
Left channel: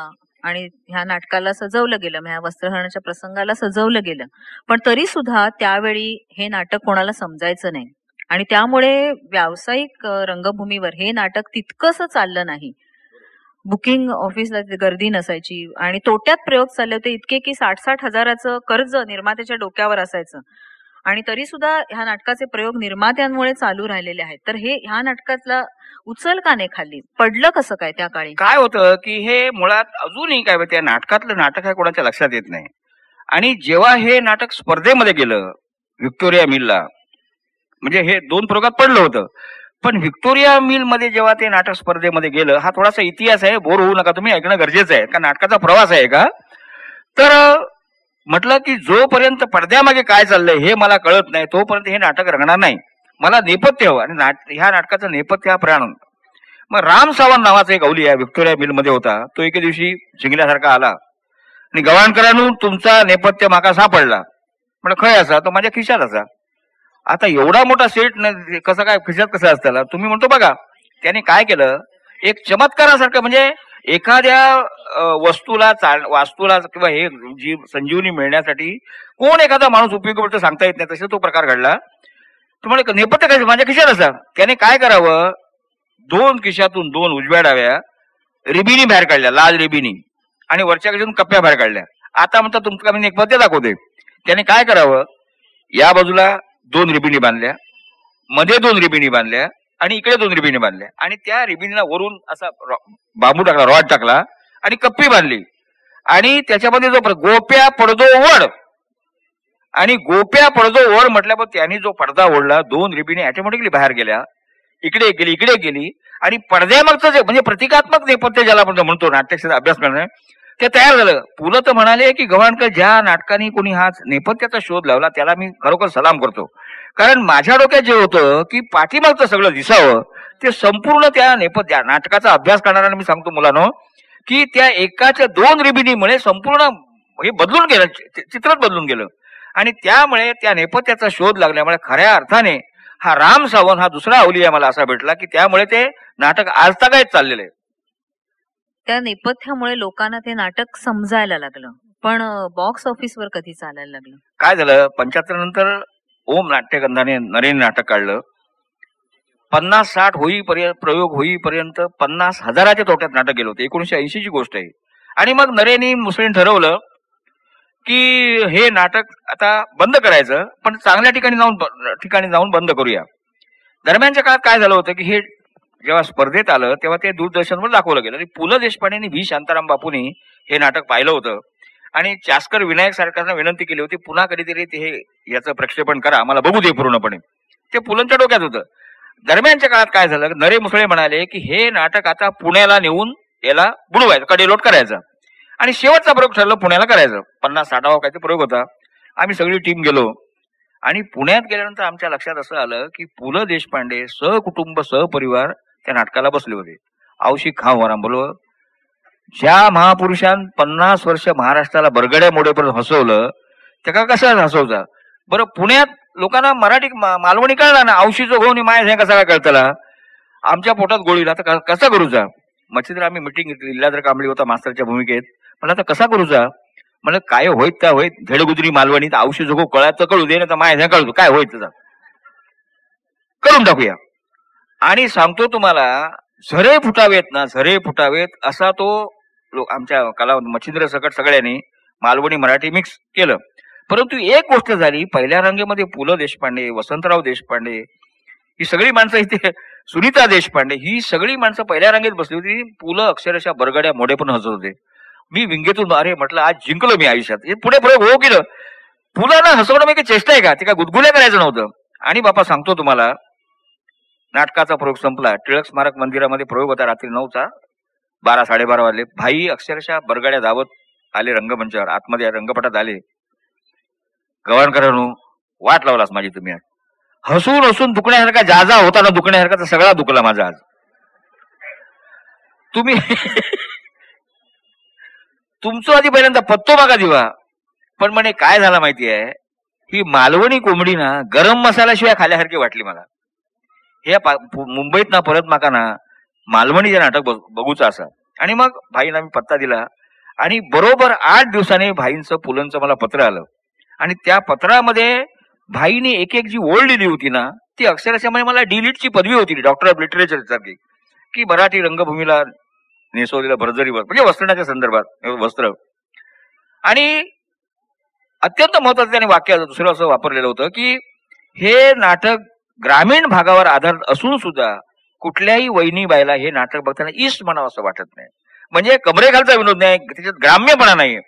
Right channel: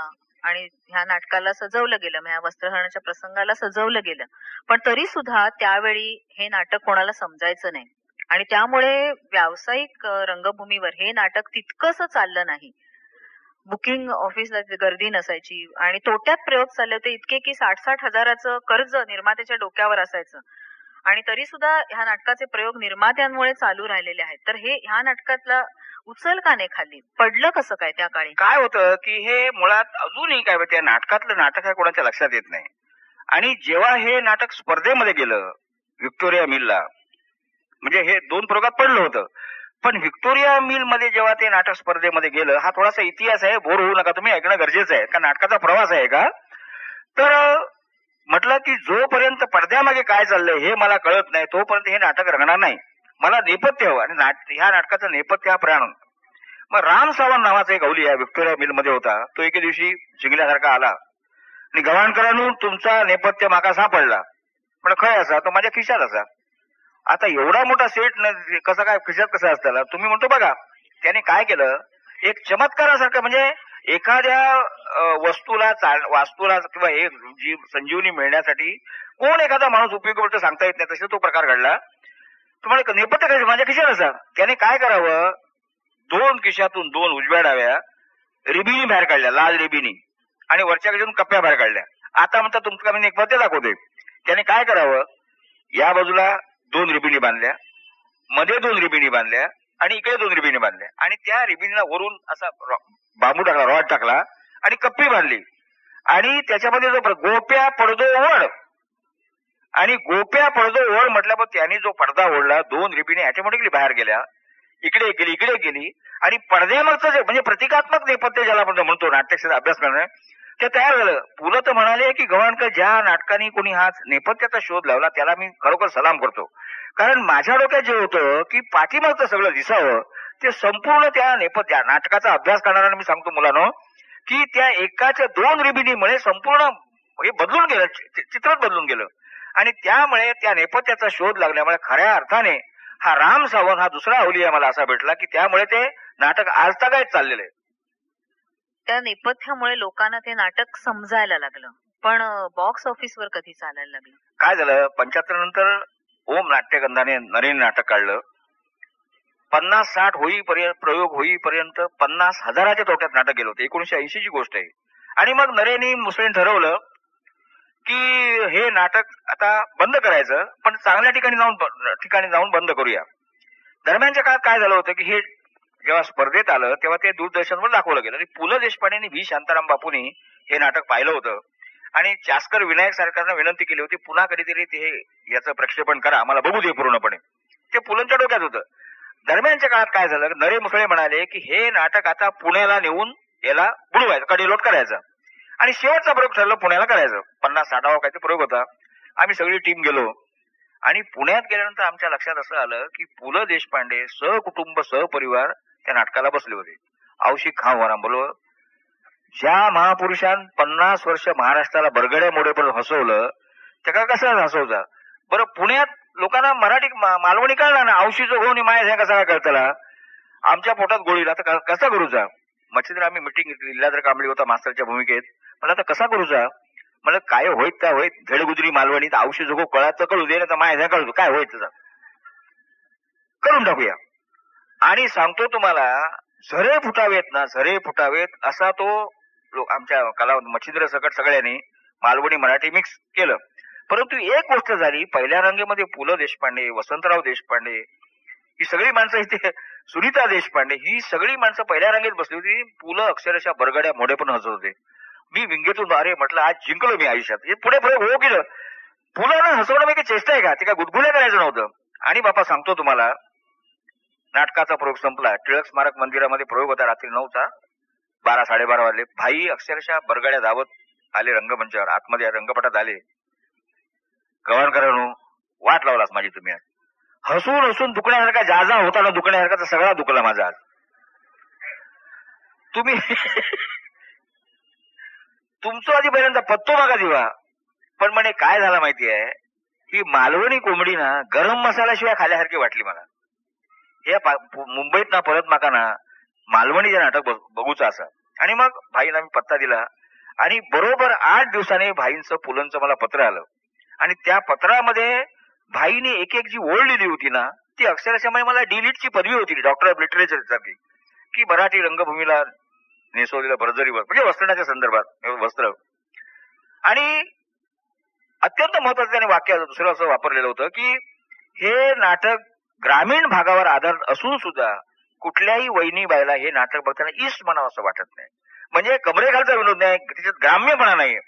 आणि ह्या नाटकाला सजवलं गेलं, ह्या वस्त्रहरणाच्या प्रसंगाला सजवलं गेलं. पण तरी सुद्धा त्यावेळी हे नाटक कोणाला समजायचं नाही आणि त्यामुळे व्यावसायिक रंगभूमीवर हे नाटक तितकंसं चाललं नाही. बुकिंग ऑफिसला गर्दी नसायची आणि तोट्यात प्रयोग चालले होते इतके की 60-60 हजाराचं कर्ज निर्मात्याच्या डोक्यावर असायचं. आणि तरी सुद्धा ह्या नाटकाचे प्रयोग निर्मात्यांमुळे चालू राहिलेले आहेत. तर हे ह्या नाटकातला उचल का नाही खाली पडलं कसं काय त्या काळी. काय होतं की हे मुळात अजूनही काय त्या नाटकातलं नाटक आहे कोणाच्या लक्षात येत नाही. आणि जेव्हा हे नाटक स्पर्धेमध्ये गेलं व्हिक्टोरिया मिलला, म्हणजे हे 2 प्रयोगात पडलं होतं, पण व्हिक्टोरिया मिल मध्ये जेव्हा ते नाटक स्पर्धेमध्ये गेलं, हा थोडासा इतिहास आहे, बोर होऊ नका तुम्ही, ऐकणं गरजेचं आहे. का नाटकाचा प्रवास आहे का. तर म्हटलं की जोपर्यंत पडद्यामागे काय चाललंय हे मला कळत नाही तोपर्यंत हे नाटक रंगणार नाही. मला नेपथ्य हवं आणि ह्या नाटकाचं नेपथ्य हा प्राण. मग राम सावंत नावाचा एक अवलिया व्हिक्टोरिया मिल मध्ये होता, तो एके दिवशी जिंकल्यासारखा आला आणि गव्हाणकरांनो तुमचा नेपथ्य माका सापडला. म्हणजे खय असा, तो माझ्या खिशात असा. आता एवढा मोठा सेट कसं काय खिशात कसं असताना तुम्ही म्हणतो बघा. त्याने काय केलं, एक चमत्कारासारखं, म्हणजे एखाद्या वस्तूला वास्तूला किंवा हे जी संजीवनी मिळण्यासाठी कोण एखादा माणूस उपयोगी पडतो सांगता येत नाही, तसा तो प्रकार घडला. तुम्हाला नेपथ्य काय माझ्या खिशात असा. त्याने काय करावं, 2 खिशातून 2 उजव्या डाव्या रिबिनी बाहेर काढल्या, लाल रिबिनी, आणि वरच्या खिशातून कप्प्या बाहेर काढल्या. आता म्हणता तुमचं मी नेपथ्य दाखवते. त्याने काय करावं, या बाजूला 2 रिबिनी बांधल्या, मध्ये 2 रिबिनी बांधल्या आणि इकडे 2 रिबिनी बांधल्या, आणि त्या रिबिनीला वरून असा बांबू टाकला, रॉड टाकला आणि कप्पी बांधली. आणि त्याच्यामध्ये जो गोप्या पडदो ओढ, आणि गोप्या पडदो ओढ म्हटल्यावर त्यांनी जो पडदा ओढला 2 रिबिनी ऑटोमॅटिकली बाहेर गेल्या, इकडे गेली इकडे गेली. आणि पडद्यामागचं जे म्हणजे प्रतिकात्मक नेपथ्य ज्याला आपण म्हणतो नाट्यशास्त्र अभ्यास करणे, ते तयार झालं. पुलं तर म्हणाले की गव्हाणकर ज्या नाटकाने कोणी हा नेपथ्याचा शोध लावला त्याला मी खरोखर सलाम करतो. कारण माझ्या डोक्यात जे होतं की पाठीमागचं सगळं दिसावं, ते संपूर्ण त्या नेपथ्या नाटकाचा अभ्यास करणाऱ्यांना मी सांगतो मुलांनो की त्या एकाच्या 2 रिबिनीमुळे संपूर्ण हे बदलून गेलं, चित्रच बदलून गेलं. आणि त्यामुळे त्या नेपथ्याचा शोध लागल्यामुळे खऱ्या अर्थाने हा राम सावंत हा दुसरा अवलिया मला असा भेटला की त्यामुळे ते नाटक आजतागायत चाललेलं आहे. त्या नेपथ्यामुळे लोकांना ते नाटक समजायला लागलं. पण बॉक्स ऑफिसवर कधी चालायला लागलं. काय झालं, 75 नंतर ओम नाट्यगंधाने नरेन नाटक काढलं. 50-60 प्रयोग होईपर्यंत 50,000च्या तोट्यात नाटक गेलं होतं. 1980 ची गोष्ट आहे. आणि मग नरेनी मुसळीने ठरवलं की हे नाटक आता बंद करायचं, पण चांगल्या ठिकाणी जाऊन बंद करूया. दरम्यानच्या काळात काय झालं होतं की हे जेव्हा स्पर्धेत आलं तेव्हा ते दूरदर्शनवर दाखवलं गेलं. आणि पु ल देशपांडे आणि व्ही शांताराम बापूंनी हे नाटक पाहिलं होतं आणि चास्कर विनायक सरकारनं विनंती केली होती पुन्हा कधीतरी ते याचं प्रक्षेपण करा, आम्हाला बघू दे पूर्णपणे. ते पुलंच्या डोक्यात होतं. दरम्यानच्या काळात काय झालं, नरे मुसळे म्हणाले की हे नाटक आता पुण्याला नेऊन याला बुडवायचं, कडेलोट करायचा. आणि शेवटचा प्रयोग ठरलं पुण्याला करायचं. 50-60 काहीतरी प्रयोग होता. आम्ही सगळी टीम गेलो आणि पुण्यात गेल्यानंतर आमच्या लक्षात असं आलं की पु ल देशपांडे सहकुटुंब सहपरिवार त्या नाटकाला बसले होते. औशिक खाऊ बोलो ज्या महापुरुषान 50 वर्ष महाराष्ट्राला बरगड्या मोडेपर्यंत हसवलं त्या कशा हसवचा बरं. पुण्यात लोकांना मराठी मालवणी कळला ना, औशीचं घेऊन माया हे कसा काय कळतला, आमच्या पोटात गोळीला तर कसा करूचा. मच्छीतर आम्ही मिटिंग घेतली, इल्लाद्र कांबळी होता मास्तरच्या भूमिकेत. मला आता कसा करूचा, मला काय होईत त्या होईत झेडगुजरी मालवणी तर औषध जोगो कळायचं कळू दे ना, तर माया कळतो काय होईत त्याचा करून टाकूया. आणि सांगतो तुम्हाला झरे फुटावेत ना, झरे फुटावेत असा तो आमच्या कला मच्छिंद्र सकट सगळ्यांनी मालवणी मराठी मिक्स केलं. परंतु एक गोष्ट झाली, पहिल्या रांगेमध्ये पु ल देशपांडे, वसंतराव देशपांडे ही सगळी माणसं इथे, सुनीता देशपांडे ही सगळी माणसं पहिल्या रांगेत बसली होती. पु ल अक्षरशः बरगड्या मोडे पण हसत होते. मी विंगेतून अरे म्हटलं आज जिंकलो मी आयुष्यात. पुढे पुढे हो केलं. पुलाना हसवणं म्हणजे चेष्टा आहे का, ते काय गुदगुल्या करायचं नव्हतं. आणि बापा सांगतो तुम्हाला, नाटकाचा प्रयोग संपला, टिळक स्मारक मंदिरामध्ये प्रयोग होता रात्री 9चा, 12-12:30 वाजले. भाई अक्षरशः बरगड्या धावत आले रंगमंचावर, आतमध्ये रंगपटात आले. गव्हाणकरांनो वाट लावलास माझी तुम्ही आज. हसून हसून दुखण्यासारखा जाजा होता ना, दुखण्यासारखा तर सगळा दुखला माझा आज. तुम्ही तुमचं आधी पहिल्यांदा पत्तो मागा दिवा. पण म्हणे काय झाला माहिती आहे, ही मालवणी कोंबडी ना गरम मसाल्याशिवाय खाल्यासारखी वाटली मला. हे मुंबईत ना परत माका ना मालवणीचे नाटक बघूचं असं. आणि मग भाईंना मी पत्ता दिला आणि बरोबर 8 दिवसांनी भाईंचं पुलंचं मला पत्र आलं. आणि त्या पत्रामध्ये भाईने एक एक जी ओळ लिहिली होती ना, ती अक्षरशः मला डिलीटची पदवी होती, डॉक्टर ऑफ लिटरेचर सारखी, की मराठी रंगभूमीला नेसवलेल्या भरजरीवर म्हणजे वस्त्रण्याच्या संदर्भात वस्त्र. आणि अत्यंत महत्वाचं त्याने वाक्य दुसरं असं वापरलेलं होतं की हे नाटक ग्रामीण भागावर आधारित असून सुद्धा कुठल्याही वहिनी बाईला हे नाटक बघताना इष्ट म्हणावं असं वाटत नाही. म्हणजे कमरेखालचा विनोद नाही, त्याच्यात ग्राम्यपणा नाही.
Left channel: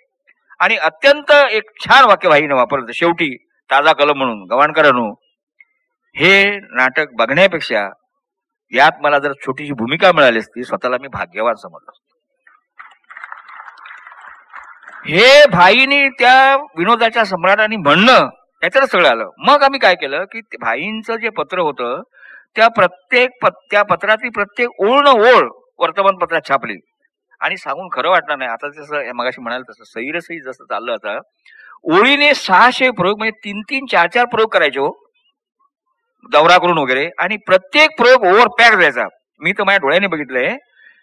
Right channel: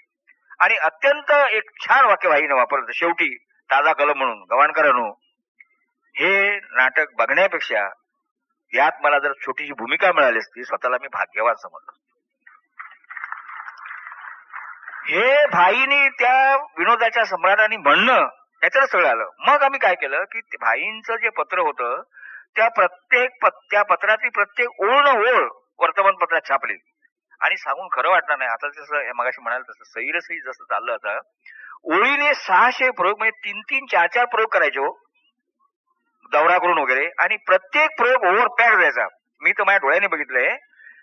आणि अत्यंत एक छान वाक्य भाईने वापरलं शेवटी, ताजा कलम म्हणून, गव्हाणकरांनो हे नाटक बघण्यापेक्षा यात मला जर छोटीशी भूमिका मिळाली असती स्वतःला मी भाग्यवान समजलो. हे भाईनी त्या विनोदाच्या सम्राटांनी म्हणणं याच्यात सगळं आलं. मग आम्ही काय केलं की भाईंचं जे पत्र होतं त्या पत्रातली प्रत्येक ओळ न ओळ वर्तमानपत्रात छापली. आणि सांगून खरं वाटणार नाही, आता जसं मगाशी म्हणाल तसं सैरसही जसं चाललं, आता ओळीने 600 प्रयोग म्हणजे 3-3, 4-4 प्रयोग करायचे हो, दौरा करून वगैरे. आणि प्रत्येक प्रयोग ओव्हर पॅक द्यायचा. मी तर माझ्या डोळ्याने बघितलंय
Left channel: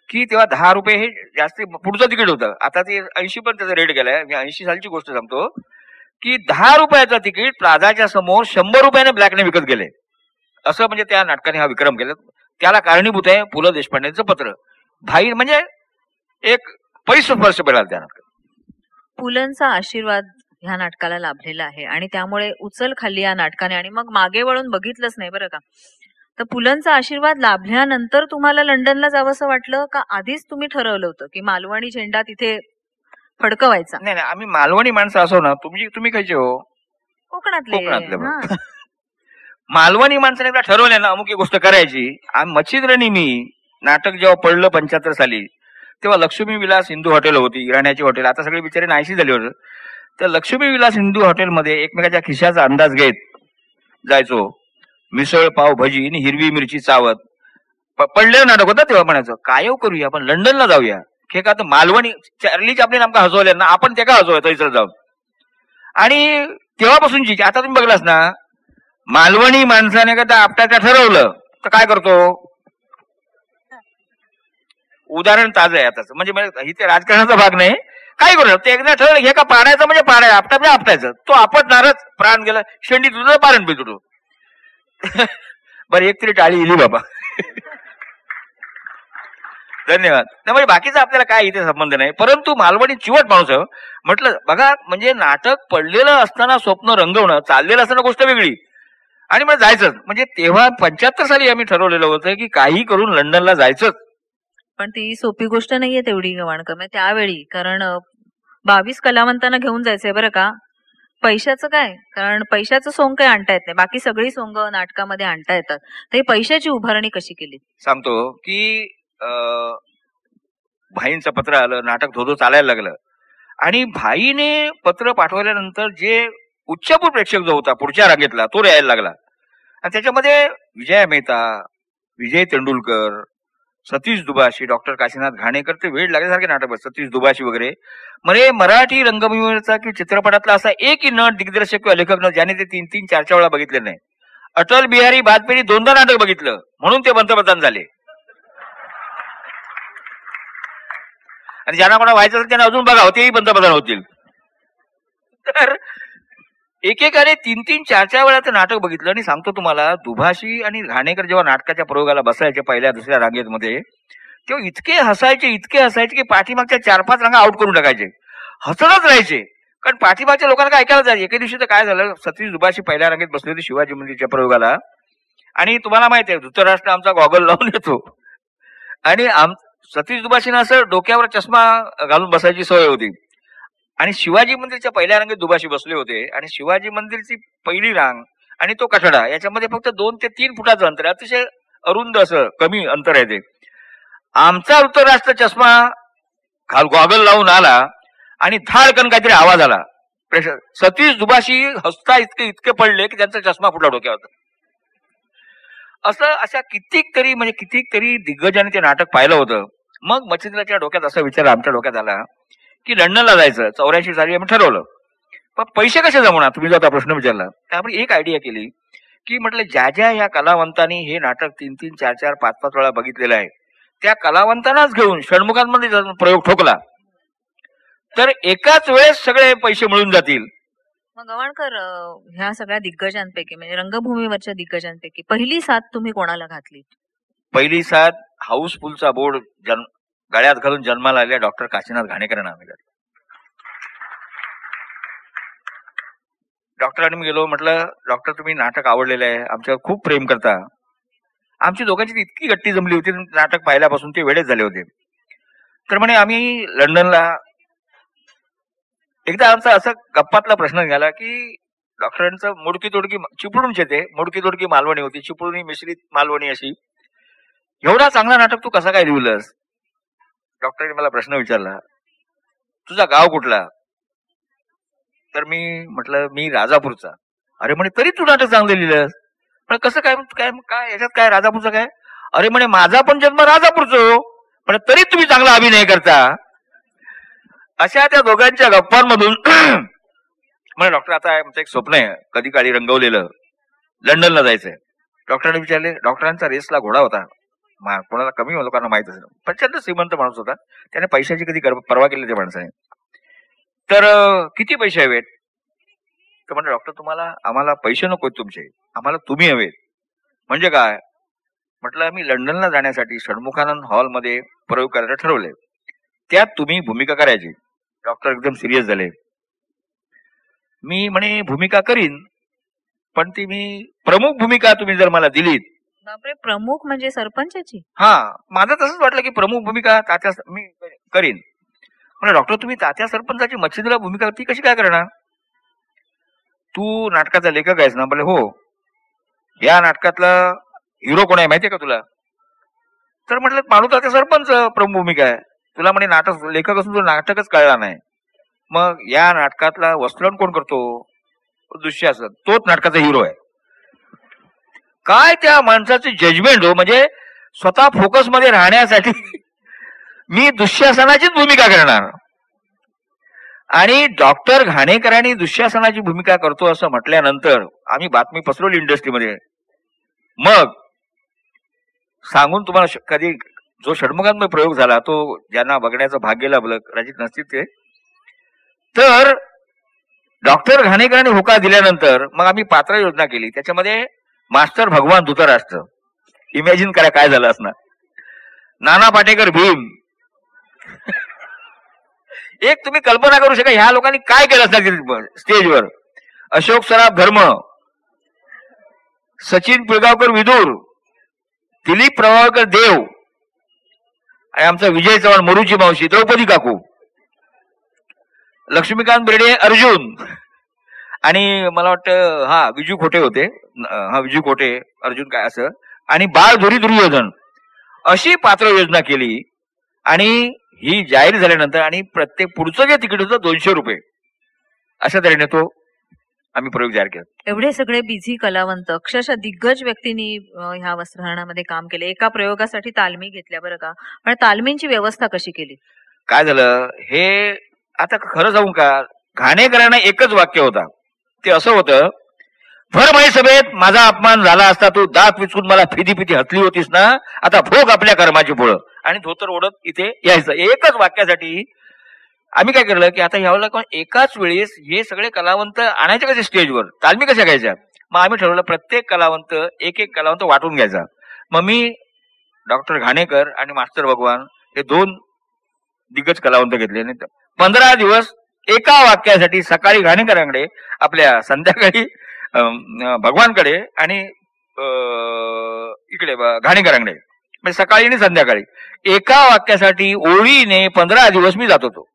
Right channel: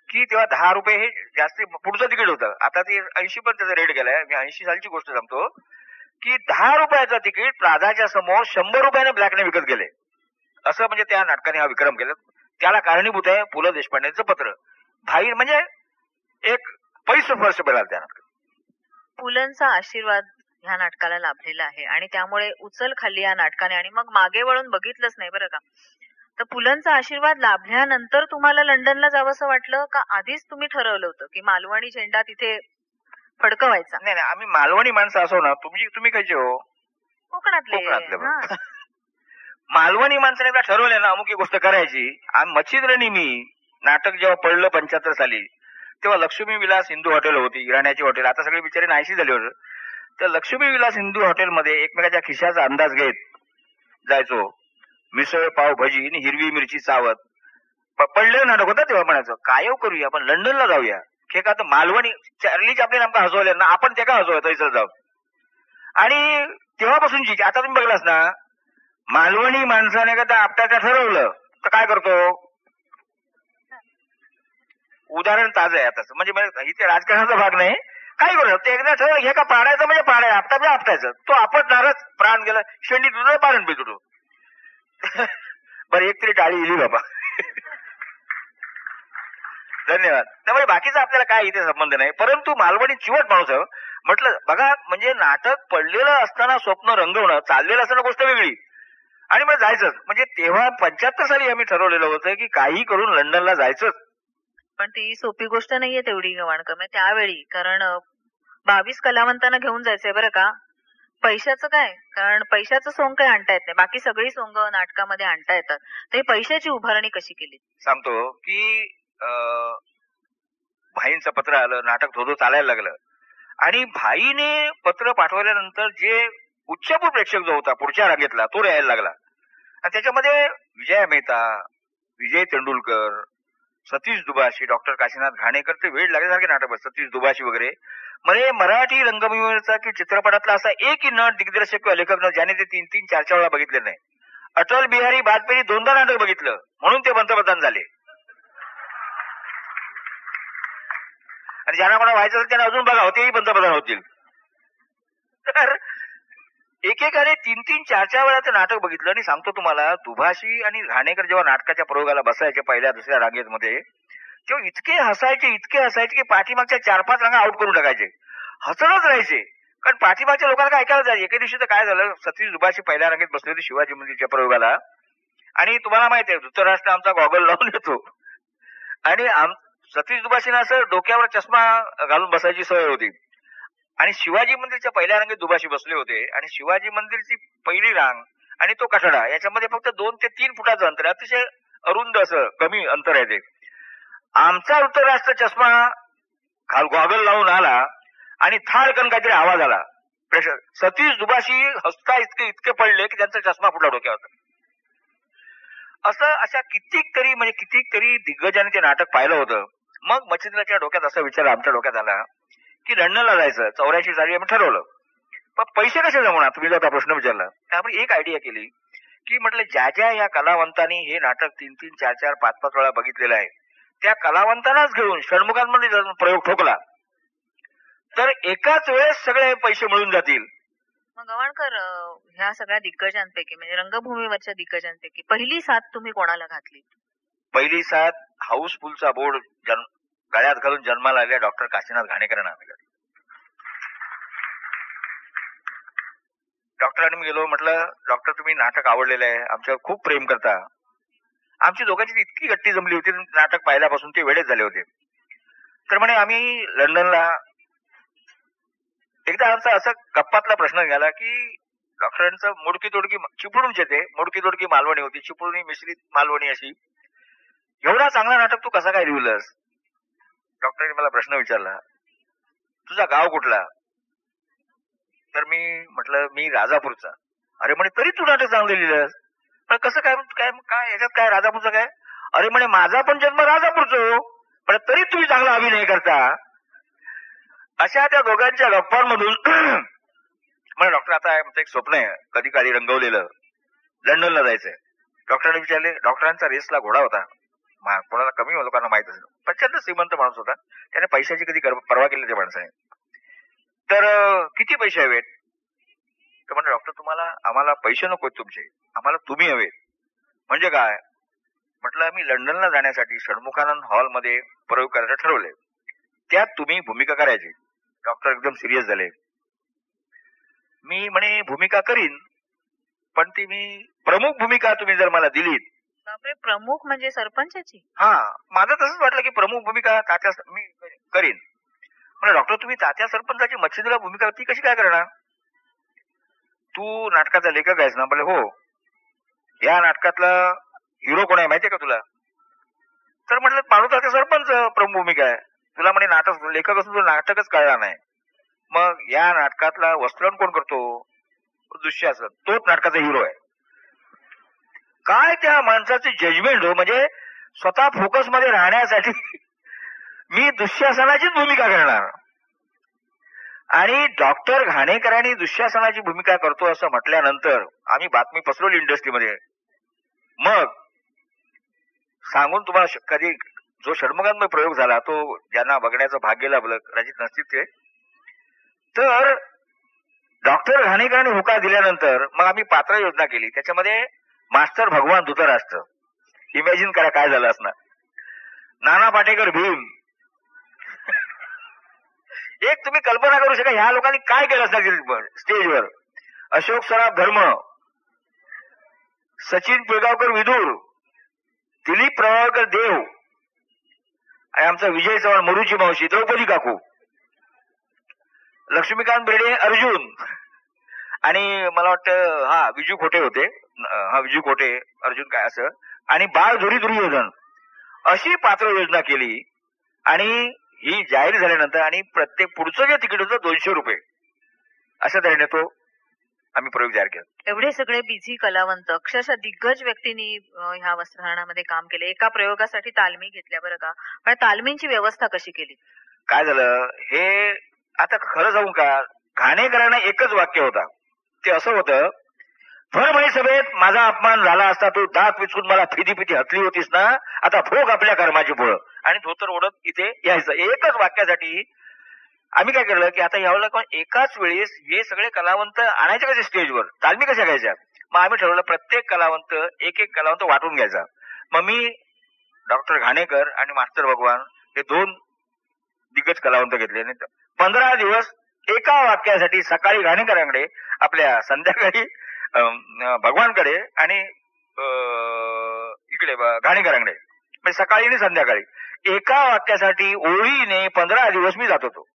की तेव्हा 10 रुपये हे जास्त पुढचं तिकीट होतं. आता ते 80 पण त्याचा रेट गेलाय. मी 80 सालची गोष्ट सांगतो की 10 रुपयाचं तिकीट प्लाझाच्या समोर 100 रुपयाने ब्लॅकने विकत गेले. असं म्हणजे त्या नाटकाने हा विक्रम केला. त्याला कारणीभूत आहे पु ल देशपांडेंचं पत्र. भाई म्हणजे एक पैस्पर्श मिळाला त्या नाटकात. पुलंचा आशीर्वाद ह्या नाटकाला लाभलेला आहे आणि त्यामुळे उचल खाल्ली या नाटकाने आणि मग मागे वळून बघितलंच नाही बरं का. तर पुलंचा आशीर्वाद लाभल्यानंतर तुम्हाला लंडनला जावंसं वाटलं का आधीच तुम्ही ठरवलं होतं की मालवणी झेंडा तिथे फडकवायचा? नाही नाही, आम्ही मालवणी माणसं असो ना. तुम्ही खायचे हो? कोकणातले. मालवणी माणसाने एकदा ठरवलं ना अमुक एक गोष्ट करायची. मच्छिंद्रनी मी नाटक जेव्हा पडलं 75 साली, तेव्हा लक्ष्मी विलास हिंदू हॉटेल होती, इराण्याची हॉटेल, आता सगळे बिचारे नाहीशी झाले होते. त्या लक्ष्मी विलास हिंदू हॉटेलमध्ये एकमेकाच्या खिशाचा अंदाज घेत जायचो. मिसळ पाव भजी आणि हिरवी मिरची चावत पडलेलं नाटक होतं. तेव्हा म्हणायचं काय करूया आपण लंडनला जाऊया. हे का तर मालवणी चार्ली चॅप्लिन आमका हसवले ना, आपण ते का हसवूया तैसर जाऊन. आणि तेव्हापासूनची आता तुम्ही बघलास ना, मालवणी माणसाने का आपटाचं ठरवलं तर काय करतो. उदाहरण ताजं आहे आताच, म्हणजे इथे राजकारणाचा भाग नाही. काय करू ते एकदा ठरवलं हे का पाडायचं म्हणजे पाडायचं, आपटा म्हणजे आपटायचं. तो आपटणारच. प्राण गेला शेंडी तुझं पारण बी तुझं. बरं एक तरी टाळी इली बाबा. धन्यवाद. त्यामुळे बाकीचा आपल्याला काय इथे संबंध नाही. परंतु मालवणी चिवट माणूस आहे. म्हटलं बघा, म्हणजे नाटक पडलेलं असताना स्वप्न रंगवणं, चाललेलं असताना गोष्ट वेगळी. आणि मग जायचंच. म्हणजे तेव्हा 75 साली आम्ही ठरवलेलं होतं की काही करून लंडनला जायचंच. पण ती सोपी गोष्ट नाहीये तेवढी गव्हाणकर त्यावेळी, कारण 22 कलावंतांना घेऊन जायचंय बरं का. पैशाचं काय, कारण पैशाचं सोंग काय आणता येत नाही, बाकी सगळी सोंग नाटकामध्ये आणता येतात. ते पैशाची उभारणी कशी केली सांगतो की भाईंचं पत्र आलं, नाटक धोधो चालायला लागलं. आणि भाईने पत्र पाठवल्यानंतर जे उच्चभू प्रेक्षक जो होता पुढच्या रांगेतला तो यायला लागला. आणि त्याच्यामध्ये विजय मेहता, विजय तेंडुलकर, सतीश दुभाषी, डॉक्टर काशीनाथ घाणेकर, ते वेळ लागल्यासारखे नाटक, सतीश दुभाषी वगैरे. म्हणजे मराठी रंगभूमीवरचा की चित्रपटातला असा एकही नट, दिग्दर्शक किंवा लेखक न ज्याने ते 3-3, 4-4 वेळा बघितले नाही. अटल बिहारी वाजपेयी 2दा नाटक बघितलं म्हणून ते पंतप्रधान झाले. आणि ज्यांना कोणा व्हायचं असेल त्यांना अजून बघा, तेही पंतप्रधान होतील. तर एकेकाने 3-3, 4-4 वेळा ते नाटक बघितलं. आणि सांगतो तुम्हाला, दुभाषी आणि घाणेकर जेव्हा नाटकाच्या प्रयोगाला बसायचे पहिल्या दुसऱ्या रांगेत मध्ये, तेव्हा इतके हसायचे की पाठीमागच्या 4-5 रांगा आउट करून टाकायचे, हसतच राहायचे. कारण पाठीमागच्या लोकांना काय ऐकायला जायचे. एके दिवशी तर काय झालं, सतीश दुभाषी पहिल्या रांगेत बसले होते शिवाजी मंदिरच्या प्रयोगाला. आणि तुम्हाला माहिती आहे, धृतराष्ट्र आमचा गॉगल लावून येतो आणि सतीश दुभाषीनं असं डोक्यावर चष्मा घालून बसायची सवय होती. आणि शिवाजी मंदिरच्या पहिल्या रांगेत दुभाषी बसले होते. आणि शिवाजी मंदिरची पहिली रांग आणि तो कठडा याच्यामध्ये फक्त 2 ते 3 फुटाचं अंतर, अतिशय अरुंद असं कमी अंतर आहे ते. आमचा धृतराष्ट्र चष्मा गॉगल लावून आला आणि धाडकन काहीतरी आवाज आला. सतीश दुभाषी हसता इतके पडले की त्यांचा चष्मा फुटला डोक्यावर. अशा कितीतरी दिग्गजांनी ते नाटक पाहिलं होतं. मग मच्छिंद्राच्या डोक्यात असा विचार आमच्या डोक्यात आला की लंडनला जायचं. 84 साली आम्ही ठरवलं. पण पैसे कसे जमवणार, तुम्ही जो आता प्रश्न विचारला. त्यामुळे एक आयडिया केली की म्हटलं, ज्या या कलावंतांनी हे नाटक 3-3, 4-4, 5-5 वेळा बघितलेलं आहे, त्या कलावंतांनाच घेऊन षण्मुखांमध्ये प्रयोग ठोकला तर एकाच वेळेस सगळे पैसे मिळून जातील. मग गवाणकर, ह्या सगळ्या दिग्गजांपैकी म्हणजे रंगभूमीवरच्या दिग्गजांपैकी पहिली साथ तुम्ही कोणाला घातली? पहिली साथ हाऊसफुलचा बोर्ड गळ्यात घालून जन्माला आलेल्या डॉक्टर काशीनाथ घाणेकरांना आम्ही घातला. डॉक्टरांनी मी गेलो, म्हटलं डॉक्टर तुम्ही नाटक आवडलेलं आहे, आमच्यावर खूप प्रेम करता. आमची दोघांची इतकी गट्टी जमली होती नाटक पाहिल्यापासून, ते वेळेच झाले होते. तर म्हणे आम्ही लंडनला, एकदा आमचा असा गप्पातला प्रश्न निघाला की डॉक्टरांचं मोडकी तोडकी चिपळूणचे, ते मोडकी तोडकी मालवणी होती, चिपळूणी मिश्रित मालवणी अशी. एवढा चांगला नाटक तू कसा काय लिहिलंस? डॉक्टरांनी मला प्रश्न विचारला, तुझा गाव कुठला? तर मी म्हटलं मी राजापूरचा. अरे म्हणे तरी तू नाटक चांगलं लिहिलंस, पण कसं काय काय काय याच्यात काय राजापूरचं काय? अरे म्हणे माझा पण जन्म राजापूरचो, पण तरी तुम्ही चांगला अभिनय करता. अशा त्या दोघांच्या गप्पांमधून म्हणे डॉक्टर आता आमचं एक स्वप्न आहे कधी काळी रंगवलेलं, लंडनला जायचंय. डॉक्टरांनी विचारले, डॉक्टरांचा रेसला घोडा होता, कोणाला कमी लोकांना माहित असेल, प्रचंड श्रीमंत माणूस होता, त्याने पैशाची कधी परवा केली त्या माणसाने. तर किती पैसे हवेत? तर म्हणजे डॉक्टर आम्हाला पैसे नकोत तुमचे, आम्हाला तुम्ही हवेत. म्हणजे काय? म्हटलं आम्ही लंडनला जाण्यासाठी षण्मुखानंद हॉलमध्ये प्रयोग करायला ठरवले, त्यात तुम्ही भूमिका करायची. डॉक्टर एकदम सिरियस झाले. मी म्हणे भूमिका करीन, पण ती मी प्रमुख भूमिका तुम्ही जर मला दिलीत. बापरे, प्रमुख म्हणजे सरपंचाची? हा, माझं तसंच वाटलं की प्रमुख भूमिका तात्या मी करीन. म्हणजे डॉक्टर तुम्ही तात्या सरपंचाची मच्छिंद्रला भूमिका ती कशी काय करणार? तू नाटकाचा लेखक आहेस ना? बोले हो. या नाटकातला हिरो कोण आहे माहितीये का तुला? तर म्हटलं माणूस तात्या सरपंच प्रमुख भूमिका आहे. तुला म्हणे नाटक लेखक असून तुला नाटकच कळला नाही. मग या नाटकातला वस्त्रण कोण करतो? दुःशासन, तोच नाटकाचा हिरो आहे. काय त्या माणसाचे जजमेंट हो, म्हणजे स्वतः फोकस मध्ये राहण्यासाठी मी दुःशासनाचीच भूमिका करणार. आणि डॉक्टर घाणेकरांनी दुःशासनाची भूमिका करतो असं म्हटल्यानंतर आम्ही बातमी पसरवली इंडस्ट्रीमध्ये. मग सांगून तुम्हाला कधी जो षण्मुखांमध्ये प्रयोग झाला तो ज्यांना बघण्याचं भाग्य लाभलं, कदाचित नसतील ते. तर डॉक्टर घाणेकरांनी होकार दिल्यानंतर मग आम्ही पात्र योजना केली. त्याच्यामध्ये मास्टर भगवान धृतराष्ट्र, इमॅजिन करा काय झालं असणार. नाना पाटेकर भीम. एक तुम्ही कल्पना करू शका ह्या लोकांनी काय केलं असणार स्टेजवर. अशोक सराफ धर्म, सचिन पिळगावकर विदूर, दिलीप प्रभावकर देव, आणि आमचा विजय चव्हाण मरुची मावशी द्रौपदी काकू, लक्ष्मीकांत बेर्डे अर्जुन, आणि मला वाटतं विजू खोटे होते, विजू खोटे अर्जुन काय असं, आणि बाळ धुरी दुर्योधन. अशी पात्र योजना केली. आणि ही जाहीर झाल्यानंतर आणि प्रत्येक पुढचं जे तिकीट होतं 200 रुपये, अशा तऱ्हेने तो आम्ही प्रयोग जाहीर केला. एवढे सगळे बिझी कलावंत, अक्षरशः दिग्गज व्यक्तींनी ह्या वस्त्रहरणामध्ये काम केले. एका प्रयोगासाठी तालमी घेतल्या बरं का, पण तालमींची व्यवस्था कशी केली? काय झालं, हे आता खरं सांगू का, घाणेकरांना एकच वाक्य होता. ते असं होतं, भर सभेत माझा अपमान झाला असता, तू दात विचकून मला फिदी फिदी हतली होतीस ना, आता भोग आपल्या कर्माची फळं, आणि धोतर ओढत इथे यायचं. एकच वाक्यासाठी आम्ही काय केलं की आता यावेळेला कोण एकाच वेळेस हे सगळे कलावंत आणायचे कसे स्टेजवर, तालमी कशा घ्यायच्या. मग आम्ही ठरवलं प्रत्येक कलावंत एक एक कलावंत वाटून घ्यायचा. मग मी डॉक्टर घाणेकर आणि मास्टर भगवान हे 2 दिग्गज कलावंत घेतले आणि 15 दिवस एका वाक्यासाठी, सकाळी घाणेकरांकडे, आपल्या संध्याकाळी भगवानकडे आणि इकडे घाणेकरांकडे, म्हणजे सकाळी आणि संध्याकाळी एका वाक्यासाठी ओळीने 15 दिवस मी जात होतो.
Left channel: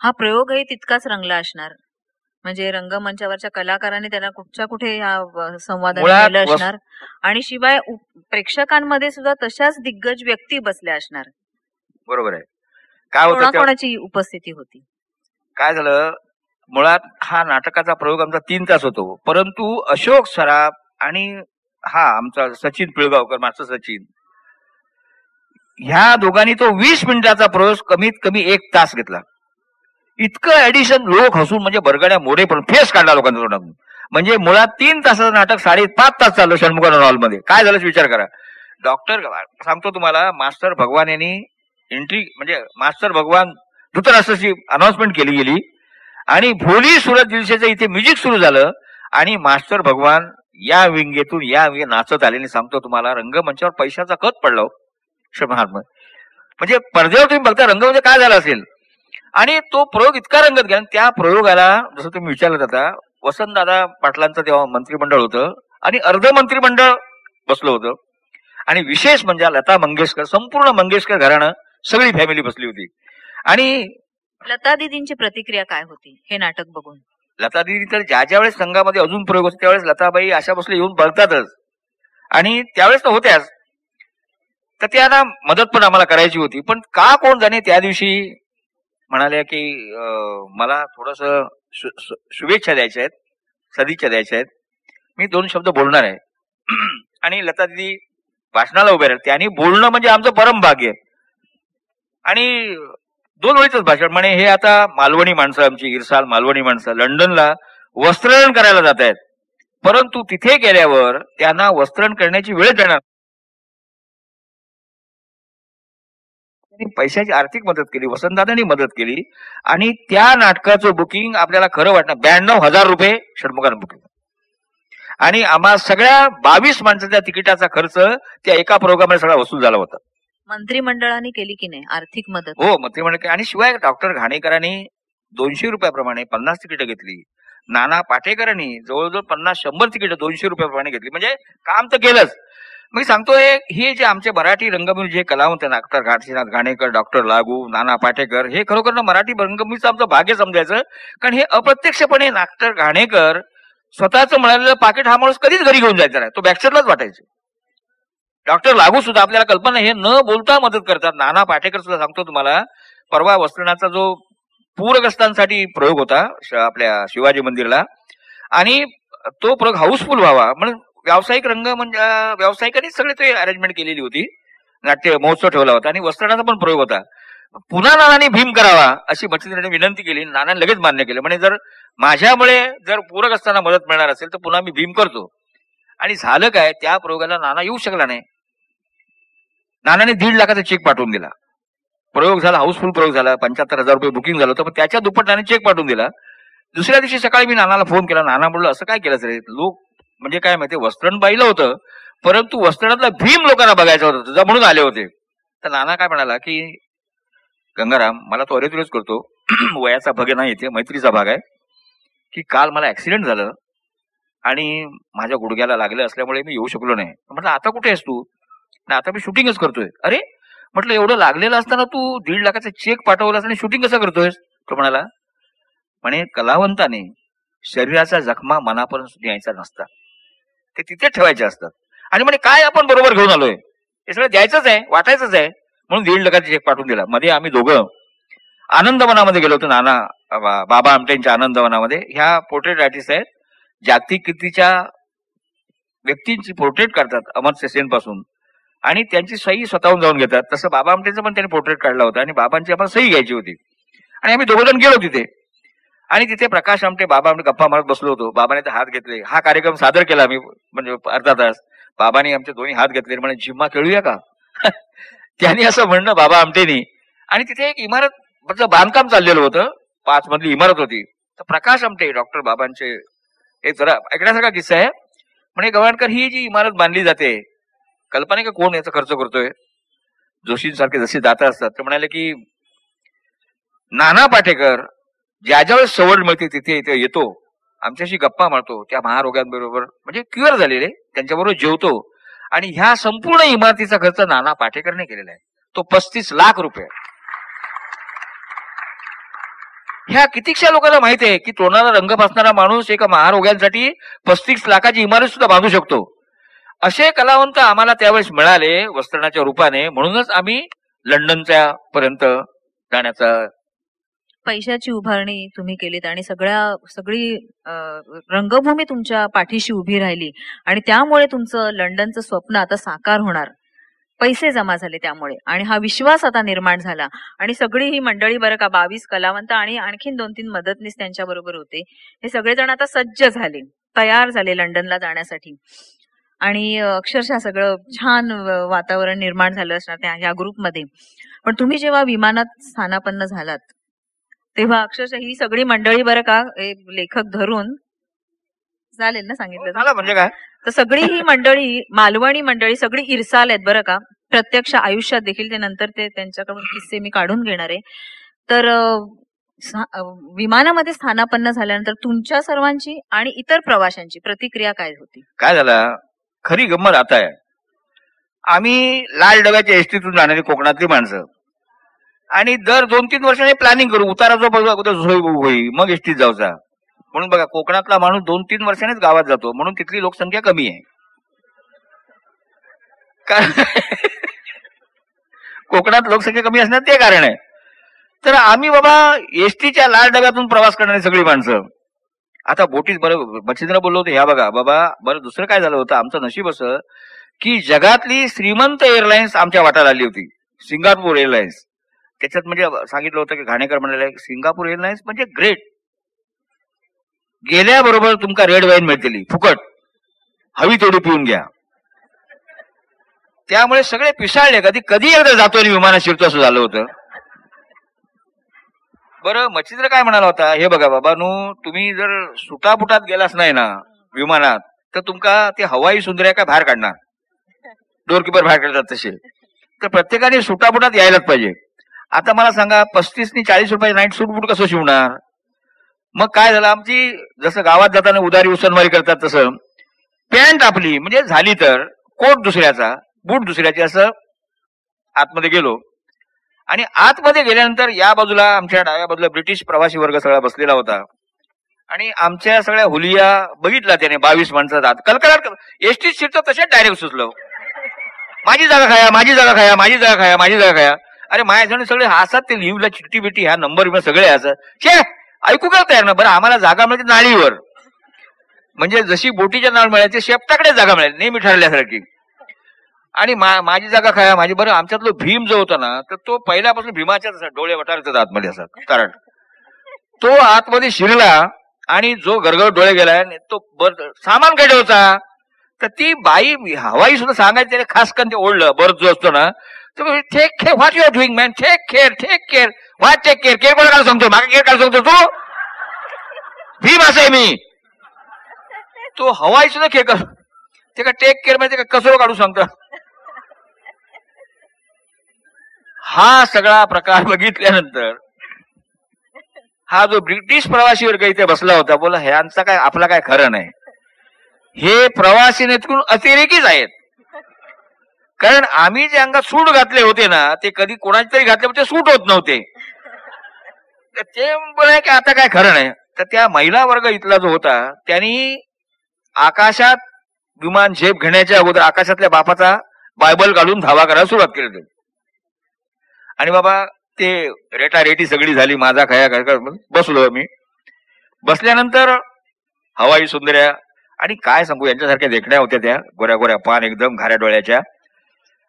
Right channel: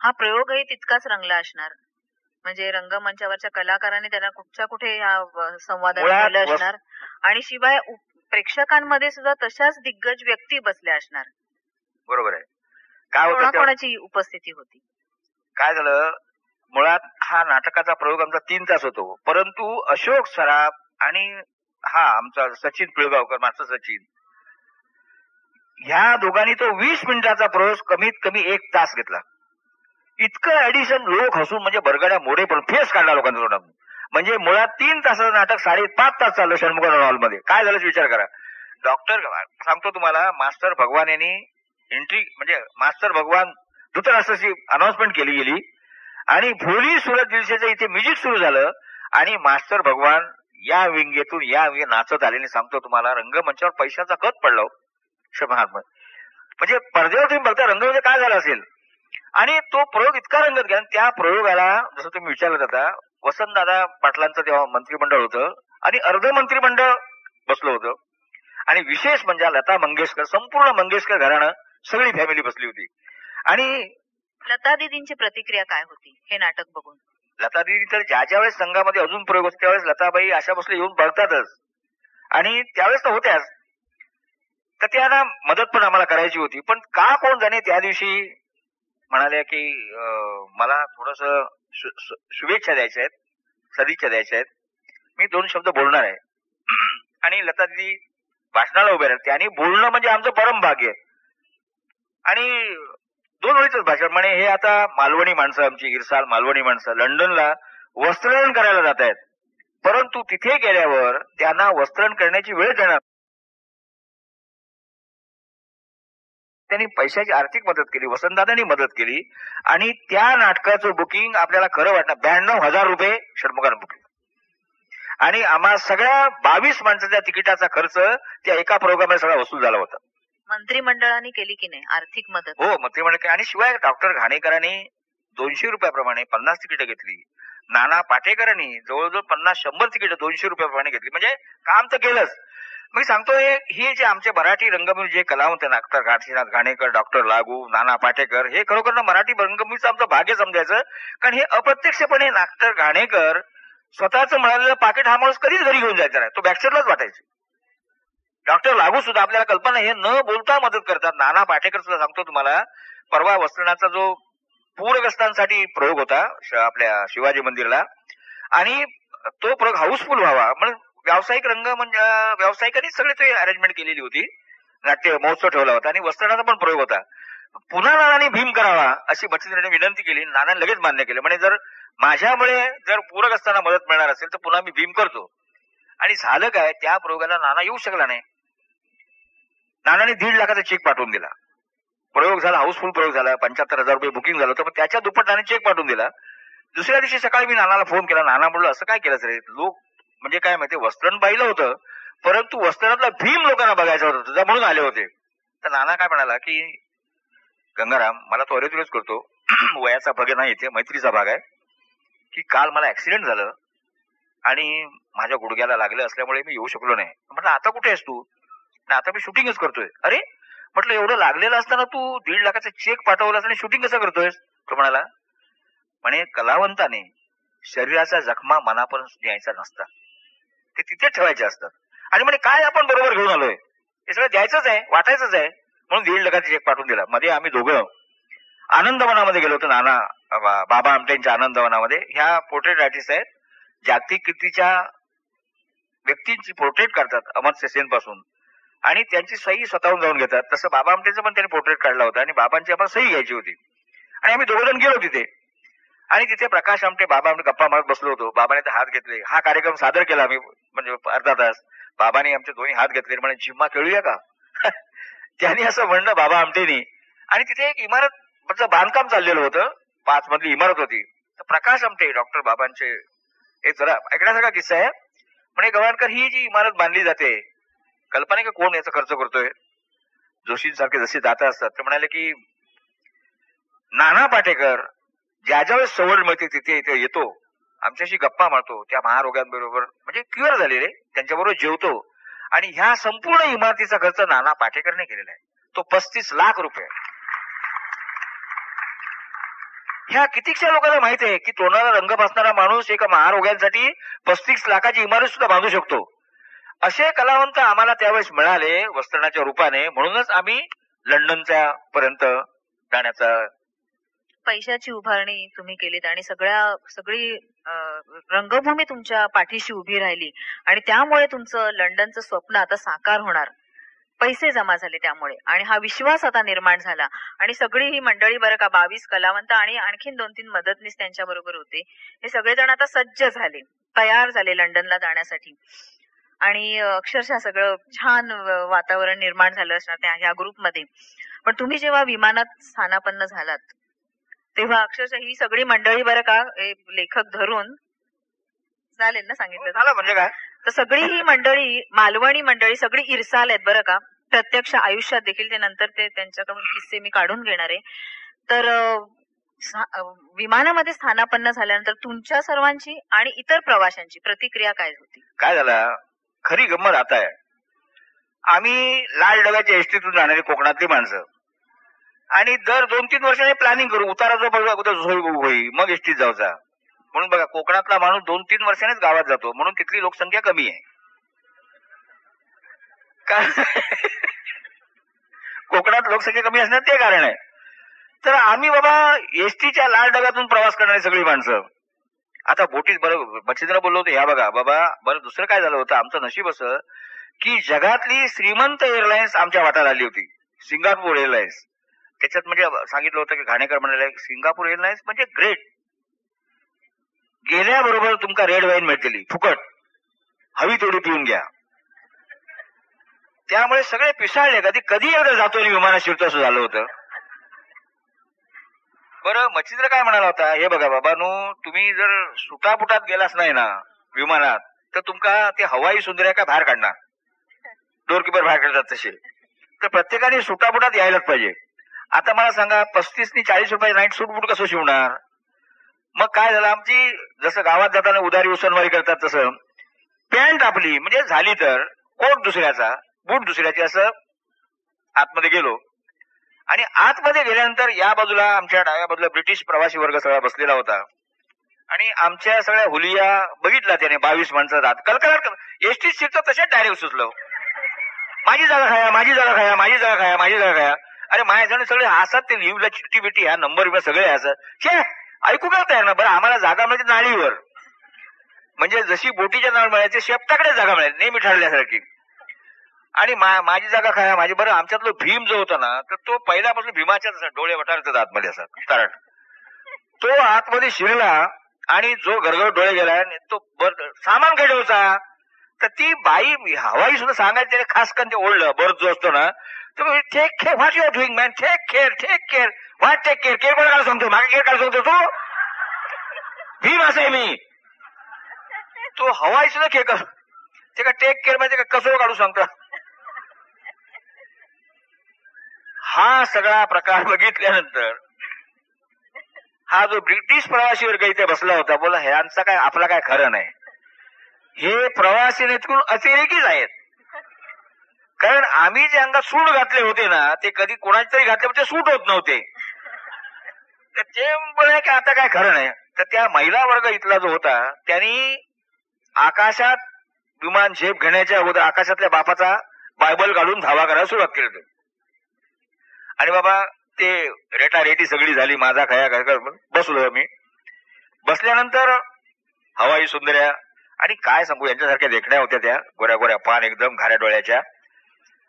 हा प्रयोगही तितकाच रंगला असणार, म्हणजे रंगमंचावरच्या कलाकारांनी त्यांना कुठच्या कुठे या संवादात केलं असणार, आणि शिवाय प्रेक्षकांमध्ये सुद्धा तशाच दिग्गज व्यक्ती बसल्या असणार. बरोबर आहे. काय होतं, कोणाची उपस्थिती होती? काय झालं, मुळात हा नाटकाचा प्रयोग आमचा 3 तास होतो, परंतु अशोक सराफ आणि हा आमचा सचिन पिळगावकर, मास्टर सचिन, ह्या दोघांनी तो 20 मिनिटाचा प्रयोग कमीत कमी 1 तास घेतला. इतकं ऍडिशन, लोक हसून म्हणजे बरगड्या मोडे पण फेस काढला लोकांच्या तोंडातून. म्हणजे मुळात 3 तासाचं नाटक 5.5 तास चाललं षण्मुखानंद हॉलमध्ये. काय झालं विचार करा. डॉक्टर सांगतो तुम्हाला, मास्टर भगवान यांनी एंट्री, म्हणजे मास्टर भगवान धृतराष्ट्राची अनाउन्समेंट केली गेली आणि भोली सुरत दिवसाचं इथे म्युझिक सुरू झालं आणि मास्टर भगवान या विंगेतून या विंगे नाचत आले. सांगतो तुम्हाला, रंगमंचावर पैशाचा खत पडला षण्मुखानंद. म्हणजे पडद्यावर तुम्ही बघता रंग म्हणजे काय झाला असेल. आणि तो प्रयोग इतका रंगत गेला. त्या प्रयोगाला जसं तुम्ही विचारलं आता, वसंतदादा पाटलांचं तेव्हा मंत्रिमंडळ होतं आणि अर्ध मंत्रिमंडळ बसलं होतं, आणि विशेष म्हणजे लता मंगेशकर, संपूर्ण मंगेशकर घराणं, सगळी फॅमिली बसली होती. आणि लता दिदींची प्रतिक्रिया काय होती हे नाटक बघून? लता दिदी तर ज्या वेळेस संघामध्ये अजून प्रयोग होतो त्यावेळेस लताबाई अशा बसले येऊन बघतातच, आणि त्यावेळेस तर होत्याच, तर त्यांना मदत पण आम्हाला करायची होती. पण का कोण जाणे त्या दिवशी म्हणाल्या की मला थोडस शुभेच्छा द्यायच्या आहेत, सदिच्छा द्यायच्या आहेत, मी 2 शब्द बोलणार आहे. आणि लता दिदी भाषणाला उभे राहिले. त्यांनी बोलणं म्हणजे आमचं परम भाग्य. आणि 2 वेळीच भाषण म्हणे, हे आता मालवणी माणसं, आमची इरसाल मालवणी माणसं लंडनला वस्त्रहरण करायला जात आहेत, परंतु तिथे गेल्यावर त्यांना वस्त्रहरण करण्याची वेळ देणार. त्यांनी पैशाची आर्थिक मदत केली, वसंतदादांनी मदत केली, आणि त्या नाटकाचं बुकिंग आपल्याला खरं वाटणार 92,000 रुपये षण्मुखानंद बुकिंग, आणि आम्हा सगळ्या 22 माणसाच्या तिकिटाचा खर्च त्या एका प्रोग्राममध्ये सगळा वसूल झाला होता. मंत्रिमंडळाने केली की नाही आर्थिक मदत? हो, मंत्रिमंडळ. आणि शिवाय डॉक्टर घाणेकरांनी 200 रुपयाप्रमाणे 50 तिकीटं घेतली. नाना पाटेकरांनी जवळजवळ 50-100 तिकीटं 200 रुपयाप्रमाणे घेतली. म्हणजे काम तर केलंच. मी सांगतोय, हे जे आमचे मराठी रंगभूमी जे कलावंत, डॉक्टर काशीनाथ घाणेकर, डॉक्टर लागू, नाना पाटेकर, हे खरोखर ना मराठी रंगभूमीचं आमचं भाग्य समजायचं. कारण हे अप्रत्यक्षपणे डॉक्टर घाणेकर स्वतःच मिळालेलं पाकिट हा माणूस कधीच घरी घेऊन जायचा नाही, तो बॅकस्टेजलाच वाटायचं. डॉक्टर लागू सुद्धा आपल्याला कल्पना, हे न बोलता मदत करतात. नाना पाटेकर सुद्धा सांगतो तुम्हाला, परवा वस्त्रनाचा जो पूरग्रस्तांसाठी प्रयोग होता आपल्या शिवाजी मंदिरला, आणि तो प्रयोग हाऊसफुल व्हावा म्हणून व्यावसायिक रंग म्हणजे व्यावसायिकांनी सगळे ते अरेंजमेंट केलेली होती. नाट्य महोत्सव ठेवला होता आणि वस्त्रनाचा पण प्रयोग होता. पुन्हा नानांनी भीम करावा अशी मच्छिंद्राने विनंती केली. नानांनी लगेच मान्य केलं. म्हणजे जर माझ्यामुळे जर पूरग्रस्तांना मदत मिळणार असेल तर पुन्हा मी भीम करतो. आणि झालं काय, त्या प्रयोगाला नाना येऊ शकला नाही. नानाने 1.5 लाखाचा चेक पाठवून दिला. प्रयोग झाला, हाऊसफुल प्रयोग झाला, 75,000 रुपये बुकिंग झालं होतं, पण त्याच्या दुप्पट नाने चेक पाठवून दिला. दुसऱ्या दिवशी सकाळी मी नानाला फोन केला. नाना बोललो, असं काय केलं रे, लोक म्हणजे काय माहिती, वस्त्रण पाहिलं होतं परंतु वस्त्रणातला भीम लोकांना बघायचं होतं तुझा म्हणून आले होते. तर नाना काय म्हणाला की गंगाराम, मला तो अरेतुरेच करतो, वयाचा भाग नाही, इथे मैत्रीचा भाग आहे, की काल मला ऍक्सिडेंट झालं आणि माझ्या गुडघ्याला लागलं असल्यामुळे मी येऊ शकलो नाही. म्हटलं आता कुठे आहेस तू? आता मी शूटिंगच करतोय. अरे म्हटलं, एवढं लागलेलं असताना तू 1.5 लाखाचा चेक पाठवलास आणि शूटिंग कसं करतोयस? तो म्हणाला, म्हणे कलावंताने शरीराचा जखमा मनापर्यंत न्यायचा नसतात, ते तिथे ठेवायचे असतात. आणि म्हणे काय आपण बरोबर घेऊन आलोय, हे सगळं द्यायचंच आहे, वाटायचंच आहे, म्हणून 1.5 लाखाचा चेक पाठवून दिला. मध्ये आम्ही दोघं आनंद मनामध्ये गेलो होतो, नाना बाबा आमटेंच्या आनंदवनामध्ये. ह्या पोर्ट्रेट आर्टिस्ट आहेत, जागतिक कीर्तीच्या व्यक्तींची पोर्ट्रेट करतात अमर्त्य सेन पासून, आणि त्यांची सही स्वतःहून जाऊन घेतात. तसं बाबा आमटेंचं पण त्यांनी पोर्ट्रेट काढला होता आणि बाबांची आपण सही घ्यायची होती. आणि आम्ही दोघं जण गेलो तिथे, आणि तिथे प्रकाश आमटे बाबा आमटे गप्पा मारत बसलो होतो. बाबाने ते हात घेतले, हा कार्यक्रम सादर केला आम्ही म्हणजे अर्धा तास. बाबांनी आमचे दोन्ही हात घेतले, म्हणजे जिम्मा खेळूया का त्यांनी असं म्हणणं बाबा आमटेनी. आणि तिथे एक इमारत बांधकाम चाललेलं होतं, 5 मजली इमारत होती. तर प्रकाश आमटे डॉक्टर बाबांचे एक जरा ऐकण्यासारखा किस्सा आहे. म्हणजे गवाणकर, ही जी इमारत बांधली जाते, कल्पना की कोण याचा खर्च करतोय? जोशींसारखे जसे दाता असतात ते म्हणाले की नाना पाटेकर ज्या ज्यावेळेस सवड मिळते तिथे इथे येतो, आमच्याशी गप्पा मारतो, त्या महारोग्यांबरोबर म्हणजे क्युअर झालेले त्यांच्याबरोबर जेवतो. आणि ह्या संपूर्ण इमारतीचा खर्च नाना पाटेकरने केलेला आहे, तो 35 लाख रुपये. ह्या कितीकशा लोकांना माहिती आहे की तोंडाला रंग फासणारा माणूस एका महारोग्यांसाठी 35 लाखाची इमारत सुद्धा बांधू शकतो. असे कलावंत आम्हाला त्यावेळेस मिळाले वस्त्रणाच्या रूपाने, म्हणूनच आम्ही लंडनच्या पर्यंत जाण्याचा. पैशाची उभारणी तुम्ही केलीत आणि सगळी रंगभूमी तुमच्या पाठीशी उभी राहिली, आणि त्यामुळे तुमचं लंडनचं स्वप्न आता साकार होणार. पैसे जमा झाले त्यामुळे, आणि हा विश्वास आता निर्माण झाला. आणि सगळी ही मंडळी बरं का, 22 कलावंत आणि आणखीन 2-3 मदतनीस त्यांच्या बरोबर होते, हे सगळेजण आता सज्ज झाले, तयार झाले लंडनला जाण्यासाठी. आणि अक्षरशः सगळं छान वातावरण निर्माण झालं असणार ह्या ग्रुपमध्ये. पण तुम्ही जेव्हा विमानात स्थानापन्न झालात तेव्हा अक्षरशः ही सगळी मंडळी बरं का, लेखक धरून चालेल ना सांगितलं म्हणजे काय, तर सगळी ही मंडळी, मालवणी मंडळी सगळी इरसाल आहेत बरं का, प्रत्यक्ष आयुष्यात देखील. ते नंतर ते त्यांच्याकडून किस्से मी काढून घेणार आहे. तर विमानामध्ये स्थानापन्न झाल्यानंतर तुमच्या सर्वांची आणि इतर प्रवाशांची प्रतिक्रिया काय होती? काय झालं, खरी गंमत आता आहे. आम्ही लाल डब्याच्या एसटीतून जाणारी कोकणातली माणसं, आणि दर 2-3 वर्षांनी प्लॅनिंग करू, उतारा जो बघा होई मग एसटीत जायचा. म्हणून बघा, कोकणातला माणूस 2-3 वर्षांनीच गावात जातो, म्हणून तिथली लोकसंख्या कमी आहे. कोकणात लोकसंख्या कमी असण्यात ते कारण आहे. तर आम्ही बाबा एसटीच्या लाल डब्यातून प्रवास करणारी सगळी माणसं. आता बोटीत बरं मच्छिंद्र बोललो होतो, ह्या बघा बाबा, बरं दुसरं काय झालं होतं, आमचं नशीब असं की जगातली श्रीमंत एअरलाइन्स आमच्या वाट्याला आली होती, सिंगापूर एअरलाइन्स. त्याच्यात म्हणजे सांगितलं होतं की घाणेकर म्हणाले, सिंगापूर एअरलाइन्स म्हणजे ग्रेट, गेल्याबरोबर तुमका रेड वाईन मिळतेली फुकट, हवी तेवढी पिऊन घ्या. त्यामुळे सगळे पिसाळले, कधी एकदा जातो आणि विमानात शिरतो असं झालं होतं. बरं मच्छिंद्र काय म्हणाला होता, हे बघा बाबांनो, तुम्ही जर सुटापुटात गेलाच नाही ना विमानात, तर तुमका ते हवाई सुंदर्या काय बाहेर काढणार, डोरकीपर बाहेर काढतात तसे. तर प्रत्येकाने सुटापुटात यायलाच पाहिजे. आता मला सांगा, 35 आणि 40 रुपये नाईट सूट बूट कसं शिवणार? मग काय झालं, आमची जसं गावात जाताना उदारी उसनवारी करतात तसं पॅन्ट आपली म्हणजे झाली, तर कोट दुसऱ्याचा, बूट दुसऱ्याचे, असं आतमध्ये गेलो. आणि आतमध्ये गेल्यानंतर या बाजूला आमच्या डाव्या बाजूला ब्रिटिश प्रवासी वर्ग सगळा बसलेला होता, आणि आमच्या सगळ्या हुलिया बघितला त्याने, 22 माणसाचा कलकलाट. एसटी सीटचं तशाच डायरेक्ट सुचलं, माझी जागा खाया, माझी जागा खाया, माझी जागा खाया, माझी जागा खाया. अरे माझ्या जण सगळे हसत, ते लिव्हला चिठ्ठी बिट्टी ह्या नंबर सगळे हसत, छे ऐकू का तयार ना. बरं आम्हाला जागा मिळते नाळीवर, म्हणजे जशी बोटीच्या नाळ मिळायची शेपटाकडे जागा मिळाली नेहमी ठरल्यासारखी. आणि माझी जागा खाया माझी. बरं आमच्यातलं भीम जो होता ना, तर तो पहिल्यापासून भीमाच्याच डोळे वटारतात आतमध्ये असा, कारण तो आतमध्ये शिरला आणि जो गरगर डोळे गेला तो सामान काय ठेवचा. तर ती बाई हवाई सुद्धा सांगायची, त्याने खास करून ते ओढलं बर्थ जो असतो ना, तर take care, what you are doing man, take care, take care, what take care, care कोणाला सांगतो, मागे केअर काय सांगतो तू, भीम असं आहे मी. तो हवाई सुद्धा खेळ, ते का टेक केअर म्हणजे काय कसं काढू सांगतो. हा सगळा प्रकार बघितल्यानंतर हा जो ब्रिटिश प्रवासी वर्ग इथे बसला होता, बोला ह्यांचा काय आपला काय खरं नाही, हे प्रवासी नेतृत्व अतिरेकीच आहेत. कारण आम्ही जे अंगात सूट घातले होते ना, ते कधी कोणाचे तरी घातले ते सूट होत नव्हते. ते बोला की आता काय खरं नाही. तर त्या महिला वर्ग इथला जो होता, त्यांनी आकाशात विमान झेप घेण्याच्या अगोदर आकाशातल्या बापाचा बायबल काढून धावा करायला सुरुवात केली. आणि बाबा ते रेटारेटी सगळी झाली, माझा खया काय बसलो मी. बसल्यानंतर हवाई सुंदर्या आणि काय सांगू यांच्यासारख्या देखण्या होत्या त्या, गोऱ्या गोऱ्या पान एकदम घाऱ्या डोळ्याच्या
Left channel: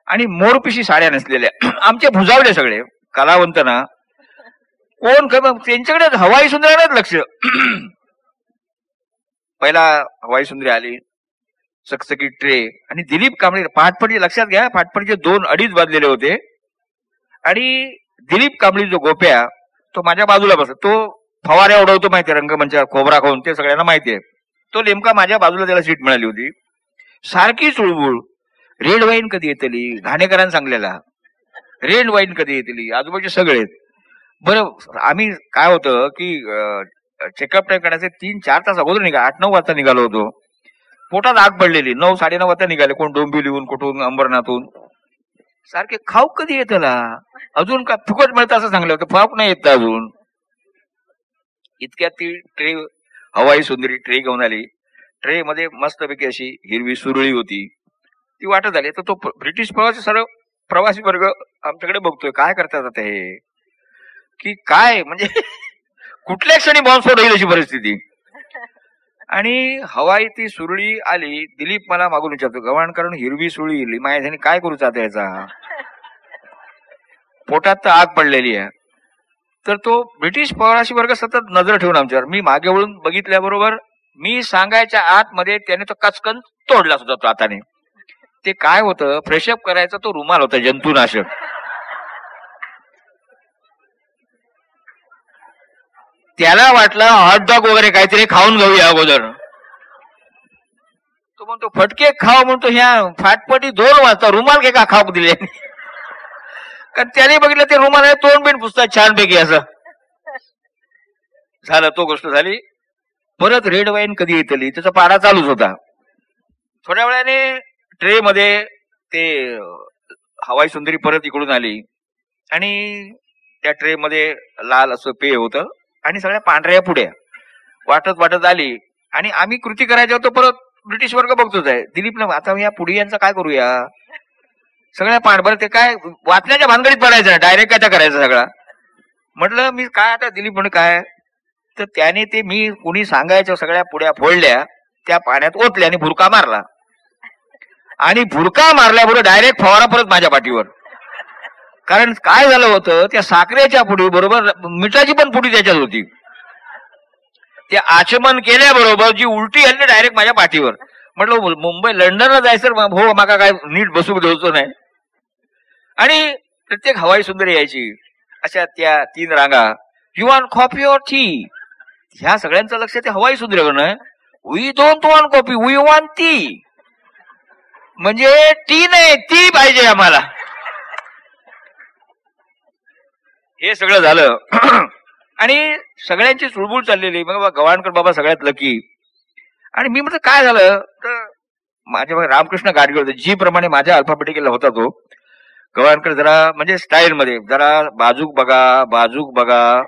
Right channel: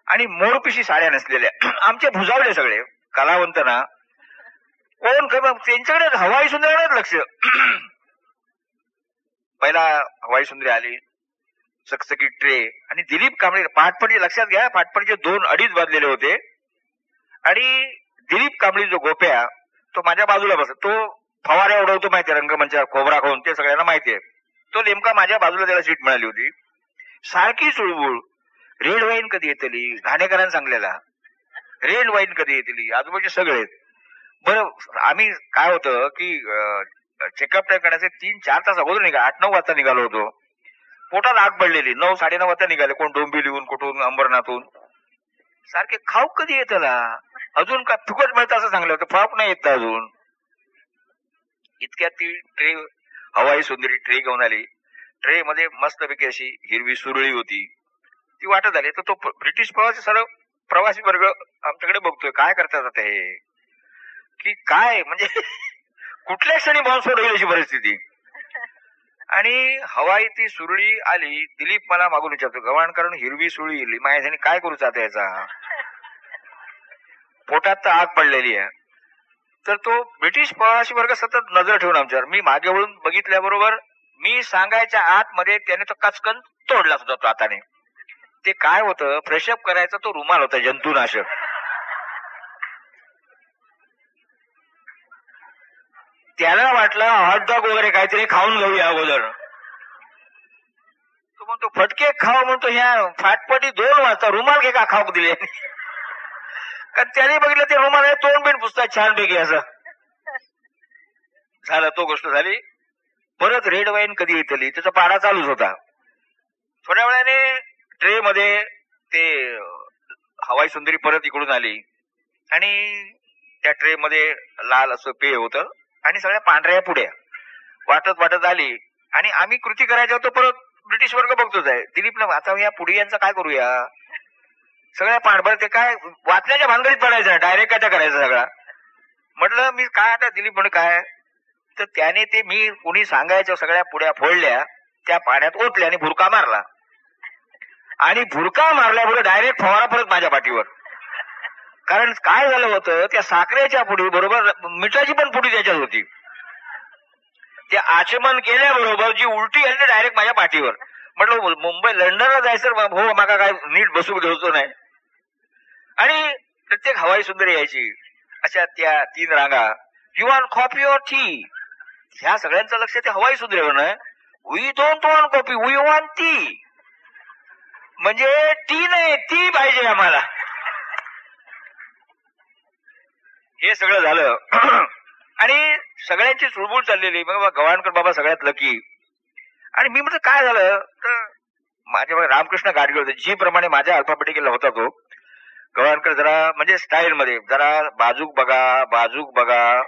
आणि मोरपिशी साड्या नेसलेल्या, आमचे भुजावले सगळे कलावंत ना. कोण त्यांच्याकडे हवाई सुंदर्यालाच लक्ष. पहिला हवाई सुंदरी आली, सकसकी ट्रे आणि दिलीप कांबळे. फाटफडीचे लक्षात घ्या, फाटफडीचे 2-2.5 वाजलेले होते आणि दिलीप कांबळी जो गोप्या तो माझ्या बाजूला बसला. तो फवाऱ्या उडवतो माहितीये रंगमंचा, खोबरा खाऊन, ते सगळ्यांना माहितीये. तो नेमका माझ्या बाजूला त्याला सीट मिळाली होती. सारखी चुळबुळ, रेड वाईन कधी येतली, घाणेकरांनी सांगलेला रेड वाईन कधी येतली, आजूबाजूचे सगळे. बरं आम्ही काय होतं की चेकअप टाईम करायचे 3-4 तास अगोदर 8-9 वाजता निघालो होतो. पोटात आग पडलेली, 9-9:30 वाजता निघाले, कोण डोंबिवलीहून कुठून अंबरनाथून. सारखे खाऊ कधी येतला, अजून का फुकट मिळतं असं सांगलं होतं, फाऊक नाही येत अजून. इतक्यात ती ट्रे, हवाई सुंदरी ट्रे घेऊन आली. ट्रे मध्ये मस्तपैकी अशी हिरवी सुरळी होती, ती वाटत आली. तर तो ब्रिटिश सर्व प्रवासी वर्ग आमच्याकडे बघतोय, काय करतात आता हे, की काय म्हणजे कुठल्या क्षणी बॉम्बस्फोट होईल अशी परिस्थिती. आणि हवाई ती सुरळी आली. दिलीप मला मागून विचारतो, गव्हाणकरांनी हिरवी सुरळी हिरली, माझ्या काय करू चाहता याचा, पोटात तर आग पडलेली आहे. तर तो ब्रिटिश प्रवासी वर्ग सतत नजर ठेवून आमच्यावर. मी मागे वळून बघितल्याबरोबर मी सांगायच्या आतमध्ये त्याने तो कचकन तोडला सुद्धा तो हाताने. ते काय होतं, फ्रेशअप करायचा तो रुमाल होता जंतुनाशक. त्याला वाटलं हॉटडॉग वगैरे काहीतरी खाऊन घेऊया अगोदर. तो म्हणतो फटके खाऊ म्हणतो, ह्या फाटपटी 2 वाजता रुमाल घे का खाऊ दिले. कारण त्याने बघितलं ते रुमाल आहे, तोंड बिन पुसतात छानपैकी असं झालं. तो गोष्ट झाली. परत रेड वाईन कधी येतली, त्याचा पाडा चालूच होता. थोड्या वेळाने ट्रे मध्ये ते हवाई सुंदरी परत इकडून आली आणि त्या ट्रे मध्ये लाल असं पेय होतं आणि सगळ्या पांढऱ्या पुड्या वाटत वाटत आली. आणि आम्ही कृती करायच्या होतो, परत ब्रिटिश वर्ग बघतोच आहे. दिलीपला आता या पुढे यांचा काय करूया, सगळ्या पांढर ते काय वाचण्याच्या भानगडीत पडायचं, डायरेक्ट काय करायचं सगळा. म्हटलं मी काय आता, दिलीप म्हणे काय, तर त्याने ते मी कुणी सांगायच्या सगळ्या पुड्या फोडल्या, त्या पाण्यात ओतल्या आणि भुरका मारला. आणि भुरका मारल्याबरोबर डायरेक्ट फवारा परत माझ्या पाठीवर. कारण काय झालं होतं, त्या साखरेच्या पुडी बरोबर मिठाची पण पुडी त्याच्यात होती. ते आचमन केल्याबरोबर जी उलटी आली डायरेक्ट माझ्या पाठीवर. म्हटलं मुंबई लंडनला जायचं हो, माका काय नीट बसू द्यायचं नाही. आणि प्रत्येक हवाई सुंदरी यायची, अशा त्या 3 रांगा, you want coffee or tea. ह्या सगळ्यांचं लक्ष ते हवाई सुंदरीवर नाही. We don't want coffee, we want tea. म्हणजे टी नाही, ती पाहिजे आम्हाला. हे सगळं झालं आणि सगळ्यांची चुळबुळ चाललेली. मग गव्हाणकर बाबा सगळ्यात लकी. आणि मी म्हटलं काय झालं, तर माझ्या रामकृष्ण गाडगे होते, जी प्रमाणे माझ्या अल्फाबेटिकला होता तो. गव्हाणकर जरा म्हणजे स्टाईल मध्ये जरा बाजूक बघा, बाजूक बघा.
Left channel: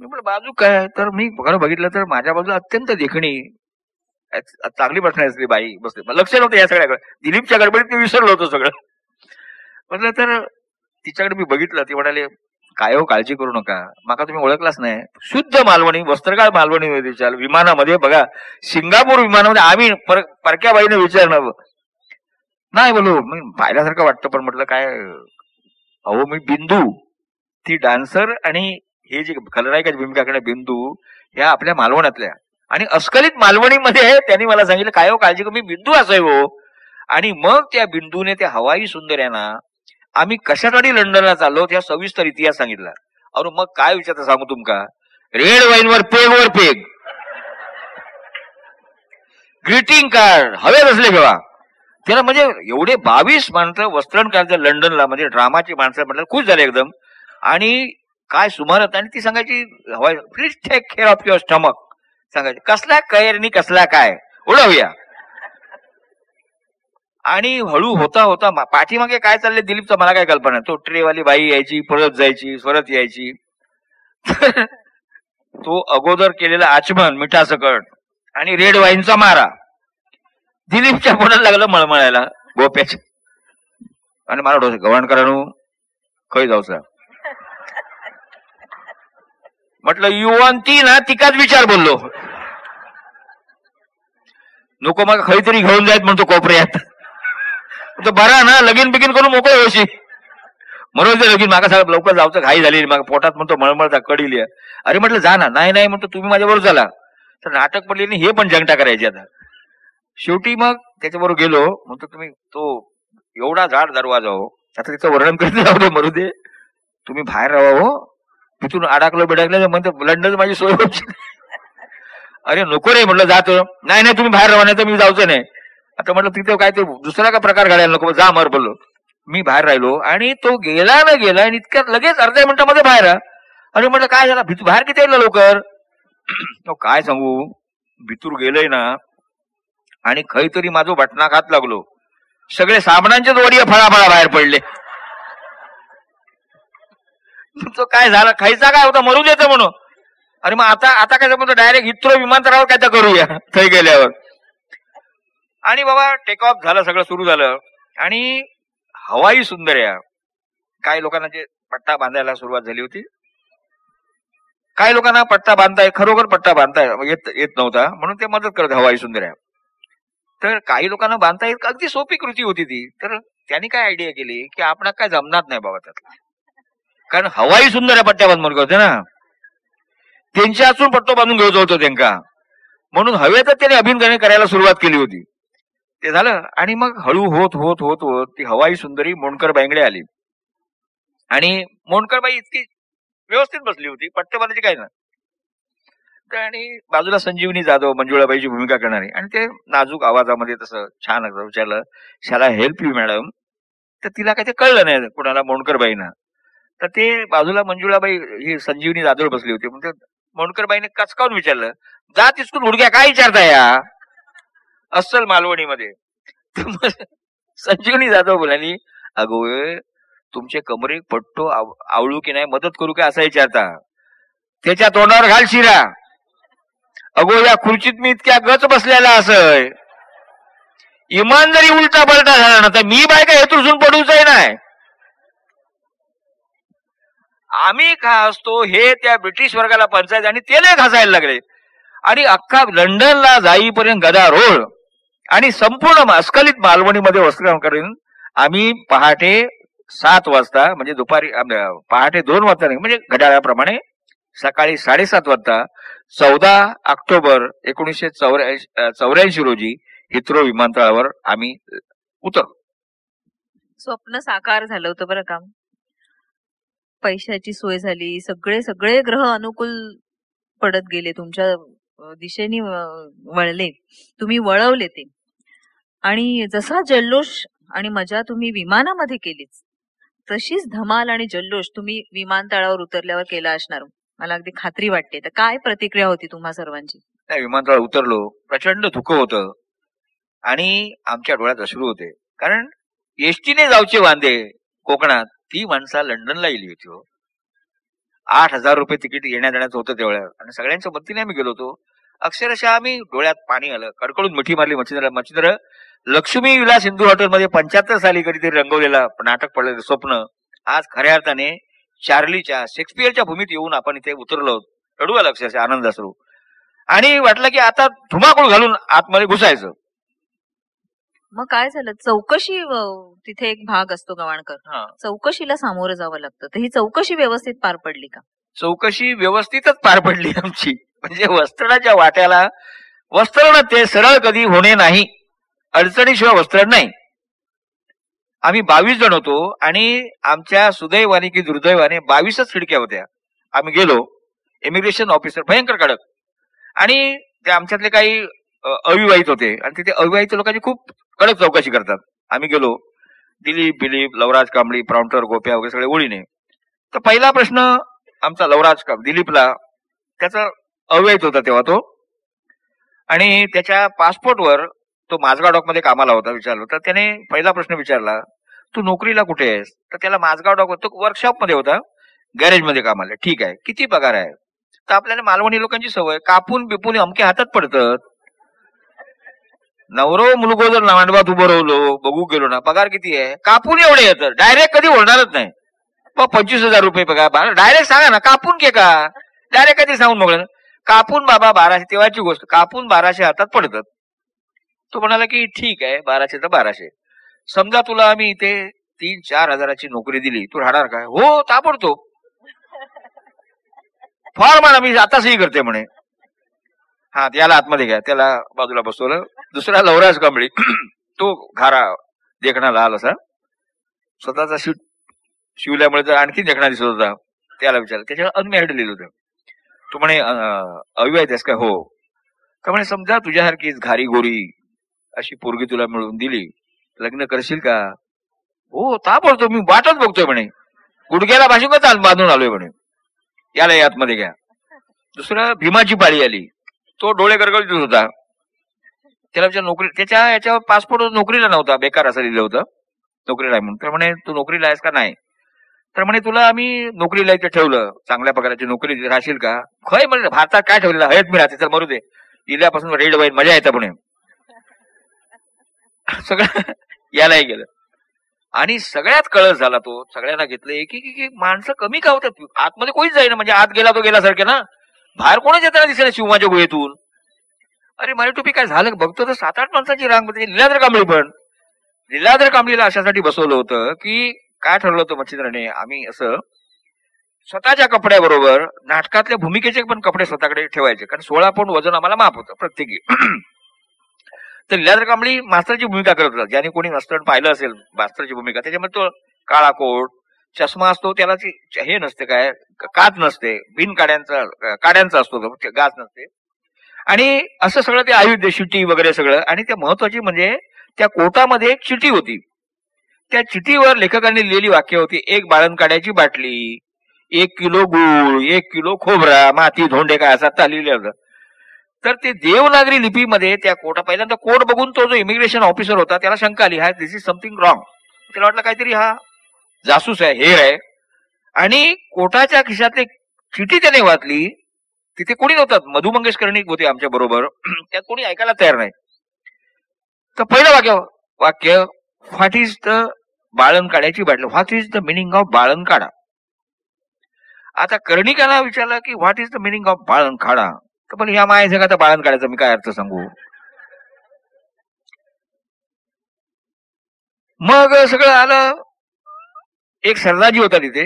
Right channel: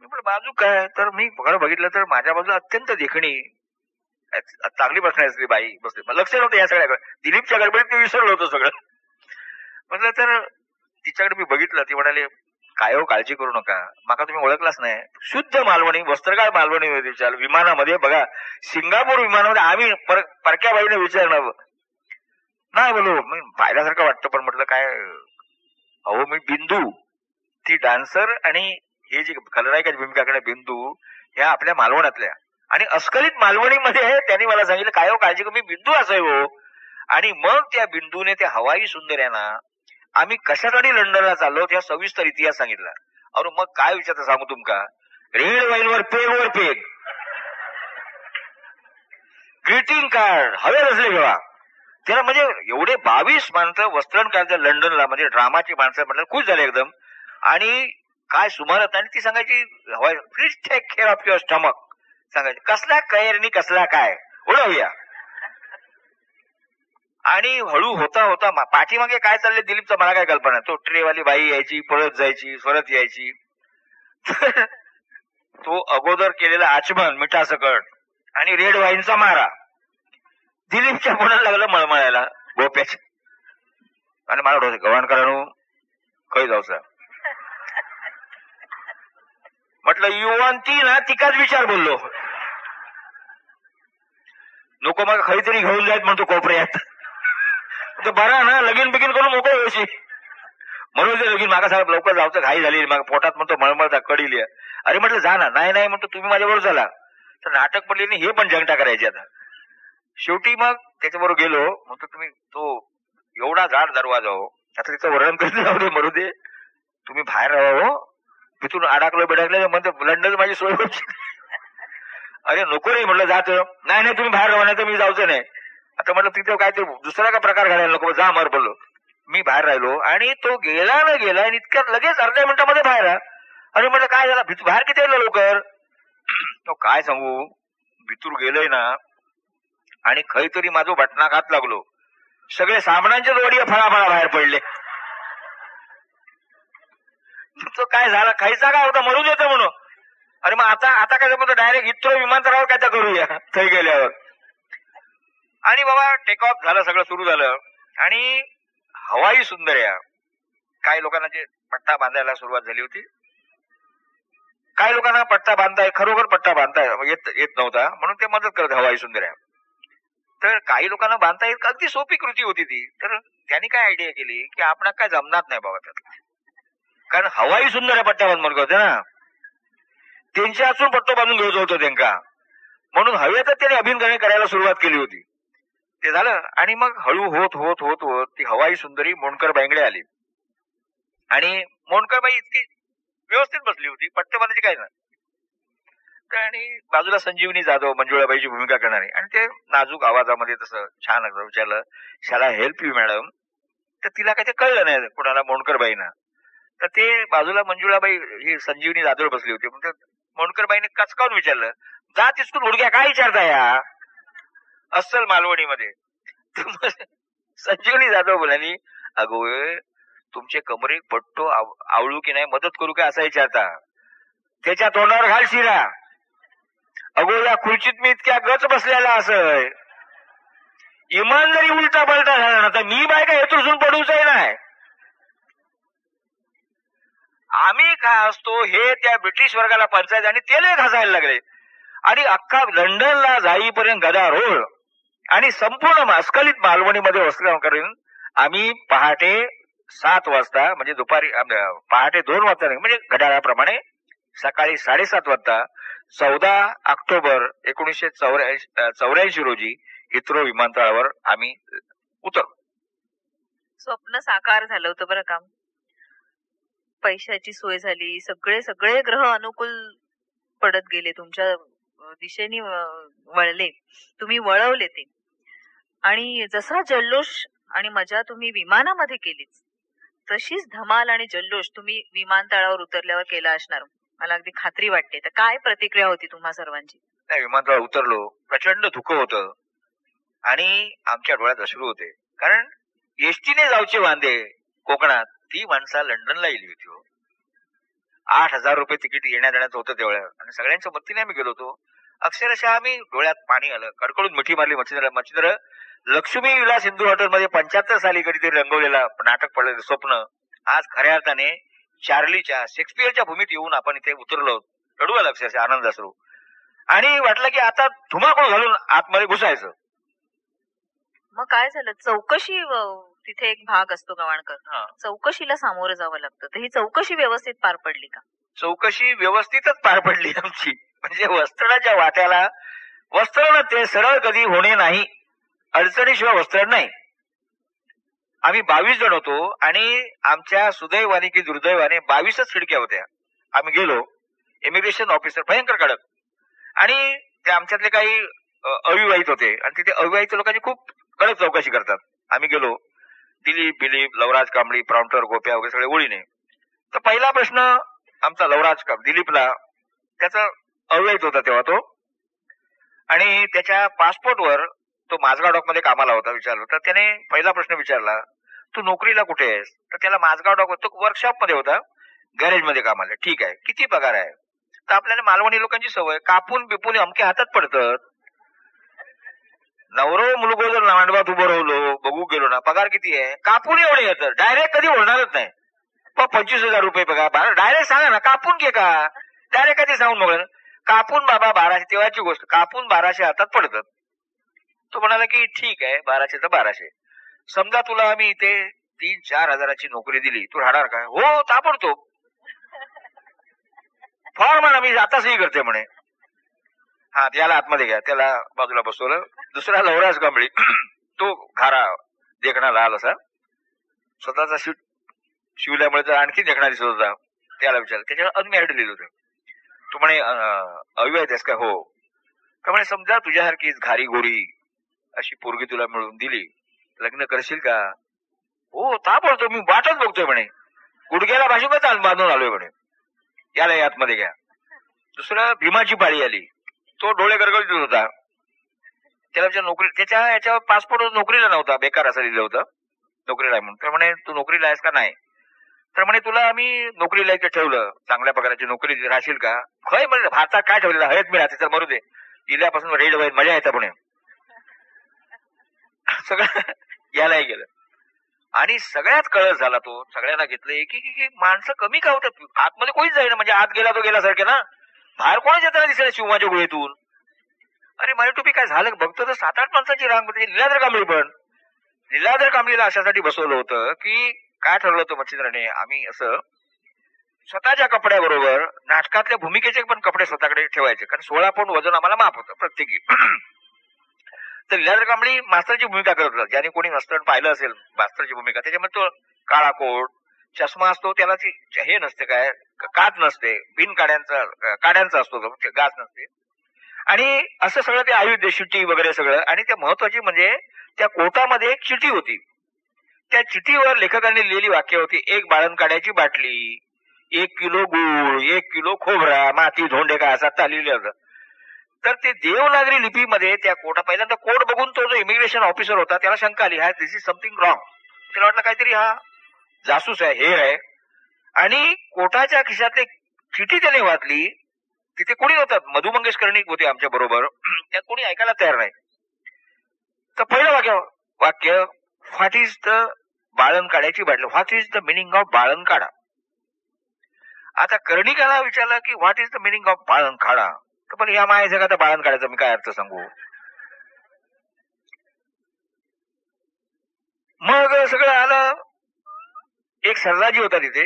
मी म्हटलं बाजूक काय, तर मी बघितलं तर माझ्या बाजूला अत्यंत देखणी चांगली बसण्याची बाई बसते. लक्ष नव्हतं या सगळ्याकडे, दिलीपच्या गडबडीत मी विसरलो होतो सगळं. म्हटलं तर तिच्याकडे मी बघितलं, ती म्हणाले काय हो काळजी करू नका, माका तुम्ही ओळखलाच नाही, शुद्ध मालवणी, वस्त्रगाळ मालवणी विचार. विमानामध्ये बघा, सिंगापूर विमानामध्ये आम्ही परक्या बाईने विचारलं नाही, बोलू मी पाहिल्यासारखं वाटतं. पण म्हटलं काय, अहो मी बिंदू, ती डान्सर आणि हे जे खलनायकाची भूमिका करणे बिंदू, ह्या आपल्या मालवणातल्या. आणि अस्खलित मालवणीमध्ये त्यांनी मला सांगितलं काय हो काळजी करू, मी बिंदू असाय हो. आणि मग त्या बिंदूने त्या हवाई सुंदर्यांना आम्ही कशासाठी लंडनला चाललो त्या सविस्तर इतिहास सांगितला. अरे मग काय विचारता सांगू तुमका, रेड वाईनवर पेगवर पेग, ग्रीटिंग कार्ड हवे बसले घेवा त्याला. म्हणजे एवढे 22 माणसं वस्त्रण करायचं लंडनला, म्हणजे ड्रामाची माणसं म्हटलं खुश झाले एकदम. आणि काय सुमारत, आणि ती सांगायची हवाई please take care of your stomach, सांगायची कसला कैरनी कसला काय उडवूया. आणि हळू होता होता पाठीमागे काय चाललंय दिलीपचा मला काय कल्पना नाही. तो ट्रेवाली बाई यायची, परत जायची, परत यायची. तो अगोदर केलेला आचमन मिठासकट आणि रेड वाईनचा मारा दिलीपच्या पोटाला लागलं मळमळायला गोप्याच्या. आणि मला गव्हाणकरांनो खै जाऊचा म्हटलं युवंती ना तिकाच विचार बोललो. नको मग खरी घेऊन जायत म्हणतो कोपऱ्यात. तो बरा ना लगीन बिगीन करून मोकळे होशी म्हणून ते लगीन मागा साहेब लवकर जायचं घाई झाली. मग पोटात म्हणतो मळमळता कडी. अरे म्हटलं जा ना. नाही म्हणतो तुम्ही माझ्याबरोबर चला. तर नाटक पडले नाही हे पण जंगटा करायची आता. शेवटी मग त्याच्याबरोबर गेलो. म्हणतो तुम्ही तो एवढा जाड दरवाजा हो. आता त्याचं वर्णन करत जाऊ मरू दे. तुम्ही बाहेर राहा हो. तिथून अडकलं बिडकलं म्हणतो लंडन माझी सोय होती. अरे नको रे म्हटलं जात. नाही तुम्ही बाहेर राहा नाही तर मी जायचं नाही. आता म्हटलं तिथे काय ते दुसरा का प्रकार घडायला नको जा मर बोललो. मी बाहेर राहिलो आणि तो गेला आणि इतक्यात लगेच अर्ध्या मिनिटामध्ये बाहेर. अरे म्हटलं काय झालं बाहेर किती येईल लवकर. तो काय सांगू भितूर गेलोय ना आणि खैतरी माझं बटना खात लागलो. सगळे साबणांचेच वडीय फळाफळा बाहेर पडले. तो काय झालं खायचा काय होता मरू देतो म्हणून. अरे मग आता काय समजतं डायरेक्ट हिथ्रो विमानतळावर काय तर करूया थै गेल्यावर. आणि बाबा टेक ऑफ झालं सगळं सुरू झालं आणि हवाई सुंदर्या काही लोकांना जे पट्टा बांधायला सुरुवात झाली होती. काही लोकांना पट्टा बांधताय खरोखर पट्टा बांधताय येत नव्हता म्हणून ते मदत करत हवाई सुंदर्या. तर काही लोकांना बांधता येत अगदी सोपी कृती होती ती. तर त्यांनी काय आयडिया केली की आपण काय जमणार नाही बाबा त्यातला. कारण हवाई सुंदर्या पट्ट्या बांधून होते ना त्यांच्या असून पट्टो बांधून घ्यायचं होतं त्यांना. म्हणून हवेतच त्याने अभिनय करायला सुरुवात केली होती. ते झालं आणि मग हळू होत होत होत होत ती हवाई सुंदरी मोंडकर बाईंकडे आली. आणि मोंडकरबाई इतकी व्यवस्थित बसली होती पट्टे बांधायची काय नाही. आणि बाजूला संजीवनी जाधव मंजुळाबाईची भूमिका करणारी आणि ते नाजूक आवाजामध्ये तसं छान विचारलं शाला हेल्प यू मॅडम. तर तिला काही ते कळलं नाही कोणाला मोंडकरबाईंना. तर ते बाजूला मंजुळाबाई ही संजीवनी जाधव बसली होती. म्हणजे मोंडकरबाईने कचकावून विचारलं जा तिसकून हुडक्या काय विचारताय या अस्सल मालवणीमध्ये. संजीवनी जाधव बोलाली अगो तुमचे कमरे पट्टो आवळू की नाही मदत करू काय असा विचारता. त्याच्या तोंडावर घाल शिरा. अगो या खुर्चीत मी इतक्या गच बसलेला असय इमान जरी उलटा पलटा झाला ना तर मी बाय काय हेतून पडूच नाही. आम्ही काय असतो हे त्या ब्रिटिश वर्गाला पंचायत आणि ते नाही घासायला लागले. आणि अख्खा लंडनला जाईपर्यंत गदारोळ आणि संपूर्ण अस्खलित मालवणीमध्ये वस्त्रधारण करून आम्ही पहाटे 7 वाजता म्हणजे दुपारी पहाटे 2 वाजता नाही म्हणजे घड्याळाप्रमाणे सकाळी 7:30 वाजता 14 ऑक्टोबर 1984 रोजी हिथ्रो विमानतळावर आम्ही उतरलो. स्वप्न साकार झालं होतं बरं का. पैशाची सोय झाली. सगळे ग्रह अनुकूल पडत गेले तुमच्या दिशेने वळले. तुम्ही वळवले ते. आणि जसा जल्लोष आणि मजा तुम्ही विमानामध्ये केलीच तशीच धमाल आणि जल्लोष तुम्ही विमानतळावर उतरल्यावर केला असणार मला अगदी खात्री वाटते. तर काय प्रतिक्रिया होती तुम्हा सर्वांची. नाही विमानतळावर उतरलो प्रचंड धुकं होतं आणि आमच्या डोळ्यात अश्रू होते. कारण एसटीने जाऊचे वांदे कोकणात ती माणसा लंडनला गेली होती हो. 8,000 रुपये तिकीट येण्या देण्याचं होतं तेवढ्या आणि सगळ्यांच्या मदतीने आम्ही गेलो होतो. अक्षरशः आम्ही डोळ्यात पाणी आलं कडकडून मिठी मारली. मच्छिंद्र लक्ष्मी विलास हिंदू हॉटेलमध्ये 75 साली कधीतरी रंगवलेला नाटक पडलेलं स्वप्न आज खऱ्या अर्थाने चार्लीच्या शेक्सपियरच्या भूमीत येऊन आपण इथे उतरलो. रडू आलं अक्षरशः आनंद असू. आणि वाटलं की आता धुमाकूळ घालून आतमध्ये घुसायचं. मग काय झालं चौकशी तिथे एक भाग असतो गवाणकर. चौकशीला सामोरं जावं लागतं. तर ही चौकशी व्यवस्थित पार पडली का. चौकशी व्यवस्थितच पार पडली आमची. म्हणजे वस्त्रणाच्या वाट्याला वस्त्रण ते सरळ कधी होणे नाही. अडचणीशिवाय वस्त्रण नाही. आम्ही 22 जण होतो आणि आमच्या सुदैवाने की दुर्दैवाने 22च खिडक्या होत्या. आम्ही गेलो. इमिग्रेशन ऑफिसर भयंकर कडक आणि ते आमच्यातले काही अविवाहित होते आणि तिथे अविवाहित लोकांची खूप कडक चौकशी करतात. आम्ही गेलो. दिलीप लवराज कांबळी प्राउंटर गोप्या वगैरे सगळे ओळीने. तर पहिला प्रश्न आमचा लवराज दिलीपला त्याचा अविवाहित होता तेव्हा तो आणि त्याच्या पासपोर्टवर तो माझगाव डॉक मध्ये कामाला होता. विचारलं तर त्याने पहिला प्रश्न विचारला तू नोकरीला कुठे आहेस. तर त्याला माझगाव डॉक तो वर्कशॉप मध्ये होता गॅरेज मध्ये कामाला. ठीक आहे किती पगार आहे. तर आपल्याला मालवणी लोकांची सवय कापून बिपून अमके हातात पडतात. नवरो मुलगो जर मांडवात उभं राहिलो बघू गेलो ना पगार किती आहे कापून एवढे येतं डायरेक्ट कधी होणारच नाही. 25,000 रुपये पगार डायरेक्ट सांगा ना कापून घे का डायरेक्ट काहीतरी सांगून मोकळं. कापून बाबा 1200, तेव्हाची गोष्ट, कापून 1200 हातात पडतात. तो म्हणाला की ठीक आहे, 1200 तर 1200. समजा तुला आम्ही इथे 3-4 हजाराची नोकरी दिली, तू राहणार का? हो, ताबडतोब. फार म्हणा, मी आता सही करते म्हणे. हा, त्याला आतमध्ये घ्या. त्याला बाजूला बसवलं. दुसरा लवराज कांबळी, तो घारा देखणा लाल असा, स्वतःचा सीट शिवल्यामुळे तर आणखी देखणा दिसत होता. त्याला विचारलं, त्याच्यावर अनमॅरिड लिहिलं होतं. तो म्हणे अविवाहित आहेस का? हो. तर म्हणे समजा तुझ्यासारखीच घारी गोरी अशी पोरगी तुला मिळवून दिली, लग्न करशील का? हो, ताबडतोब, मी वाटच बघतोय म्हणे. गुडघ्याला भाषुकच बांधून आलोय म्हणे. याला आतमध्ये घ्या. दुसरं भीमाची पाळी आली. तो डोळे गरगरीत होता. त्याला विचार नोकरी, त्याच्या याच्यावर पासपोर्ट नोकरीला नव्हता, बेकार असं लिहिलं होतं नोकरीला आहे म्हणून. तर म्हणे तू नोकरीला आहेस का? नाही. तर म्हणे तुला आम्ही नोकरीला इथे ठेवलं, चांगल्या पगाराची नोकरी, राहशील का? खय म्हणजे भारतात काय ठेवलेलं हयत मी राहते, तर मरू दे, इल्यापासून रेड वाईन मजा येतं म्हणे. सगळं यालाही गेलं. आणि सगळ्यात कळस झाला तो. सगळ्यांना घेतलं एक एक माणसं कमी का होतात आतमध्ये, कोणीच जाईना. म्हणजे आत गेला तो गेल्यासारखे ना, बाहेर कोणीच येताना दिसेना शिवमाच्या गुहेतून. अरे मारी टोपी काय झालं बघतो तर 7-8 माणसाची रांग होती. लीलाधर कांबळी पण, लीलाधर कांबळीला अशासाठी बसवलं होतं की काय ठरवलं होतं मच्छिंद्राने, आम्ही असं स्वतःच्या कपड्याबरोबर नाटकातल्या भूमिकेचे पण कपडे स्वतःकडे ठेवायचे, कारण 16 पौंड वजन आम्हाला माफ होतं प्रत्येकी. तर लीलाधर कांबळी मास्तरची भूमिका करत होता. ज्याने कोणी मास्तर पाहिलं असेल मास्तरची भूमिका, त्याच्यामध्ये तो काळा कोट, चष्मा असतो, त्याला हे नसते, काय काच नसते, बिन काड्यांचा असतो तो, गाच नसते. आणि असं सगळं ते आयुध, शिटी वगैरे सगळं. आणि त्या महत्वाची म्हणजे त्या कोटामध्ये एक चिठी होती. त्या चिठीवर लेखकांनी लिहिलेली वाक्य होती, 1 बाळण काड्याची बाटली, 1 किलो गूळ, 1 किलो खोबरा, माती धोंडे, काय असं लिहिलं होतं. तर ते देवनागरी लिपीमध्ये त्या कोटा, पहिल्यांदा कोट बघून तो जो इमिग्रेशन ऑफिसर होता त्याला शंका आली, हा दिस इज समथिंग रॉंग. त्याला वाटलं काहीतरी हा जासूस आहे, हेर आहे. आणि कोटाच्या खिशातली चिठी त्याने वाचली. तिथे कोणी नव्हतात, मधु मंगेश कर्णिक होते आमच्या बरोबर, त्यात कोणी ऐकायला तयार नाही. तर पहिलं वाक्य व्हॉट इज द बाळण काढ्याची बाटली, what is the meaning of बाळण काढा. आता कर्णिकाला विचारलं की what is the meaning of बाळण काढा. तर पण ह्या माया जगात बाळण काढायचा मी काय अर्थ सांगू. मग सगळं आलं. एक सरदारजी होता तिथे,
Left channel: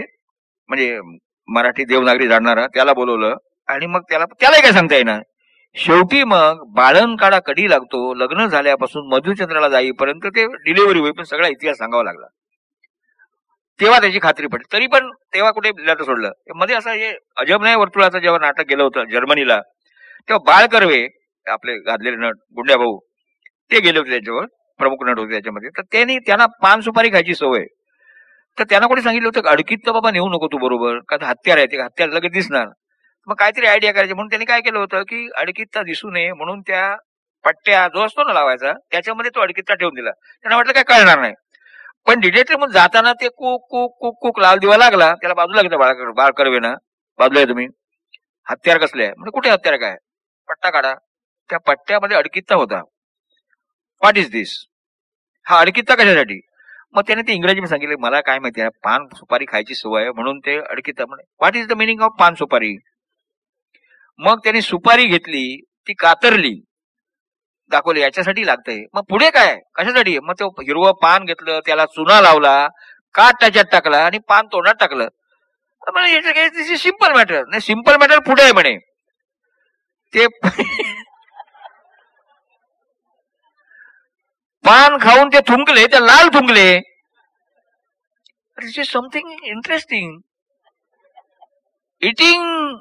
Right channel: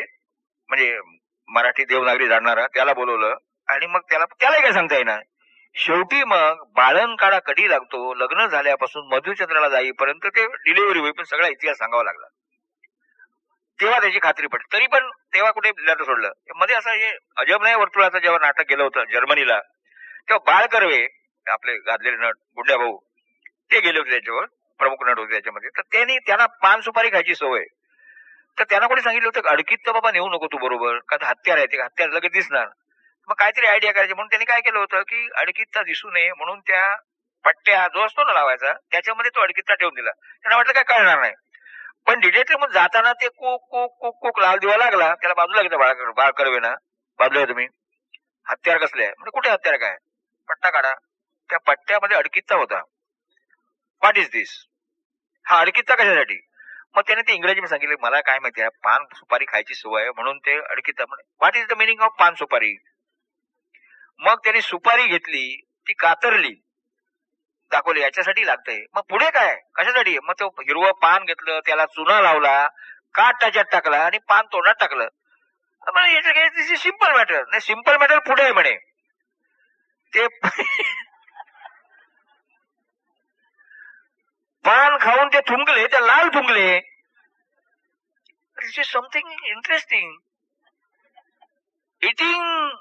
म्हणजे मराठी देवनागरी जाणणारा, त्याला बोलवलं. आणि मग त्यालाही काय सांगता येणार. शेवटी मग बाळण काढा कधी लागतो, लग्न झाल्यापासून मधुचंद्राला जाईपर्यंत ते डिलिव्हरी होईपर्यंत सगळा इतिहास सांगावा लागला. तेव्हा त्याची खात्री पडली. तरी पण तेव्हा कुठे लिहिलं सोडलं. मध्ये असं हे अजबनाय वर्तुळाचं जेव्हा नाटक गेलं होतं जर्मनीला, तेव्हा बाळ कर्वे, आपले गाजलेले नट गुंड्या भाऊ, ते गेले होते त्याच्यावर, प्रमुख नट होते त्याच्यामध्ये. तर त्यांना पान सुपारी खायची सवय. तर त्यांना कोणी सांगितलं होतं अडकीत तर बाबा नेऊ नको तू बरोबर, का हत्यार आहे, ते हत्यार लगेच दिसणार. मग काहीतरी आयडिया करायची म्हणून त्यांनी काय केलं होतं की अडकीतचा दिसू नये म्हणून त्या पट्ट्या जो असतो ना लावायचा, त्याच्यामध्ये तो अडकीतचा ठेवून दिला. त्यांना वाटलं काय कळणार नाही. पण डिटेक्टिव्ह म्हणून जाताना ते कुक कुक कुक कुक लाल दिवा लागला. त्याला बाजूला घेतला बाळ कर्वे ना, बाजूला आहे तुम्ही, हत्यार कसले आहे म्हणजे, कुठे हत्यार, काय पट्टा काढा. त्या पट्ट्यामध्ये अडकीतचा होता. व्हॉट इज दिस, हा अडकीतचा कशासाठी. मग त्याने ते इंग्रजीमध्ये सांगितले, मला काय माहिती आहे, पान सुपारी खायची सवय म्हणून ते अडकीतचा. म्हणे what is the meaning of पान सुपारी. मग त्यांनी सुपारी घेतली, ती कातरली, दाखवली याच्यासाठी लागतंय. मग पुढे काय कशासाठी. मग तो हिरवं पान घेतलं, त्याला चुना लावला, काट त्याच्यात टाकला आणि पान तोंडात टाकलं. म्हणजे सिंपल मॅटर नाही, सिंपल मॅटर पुढे आहे म्हणे. ते पान खाऊन ते थुंकले, ते लाल थुंकले. This is something interesting. Eating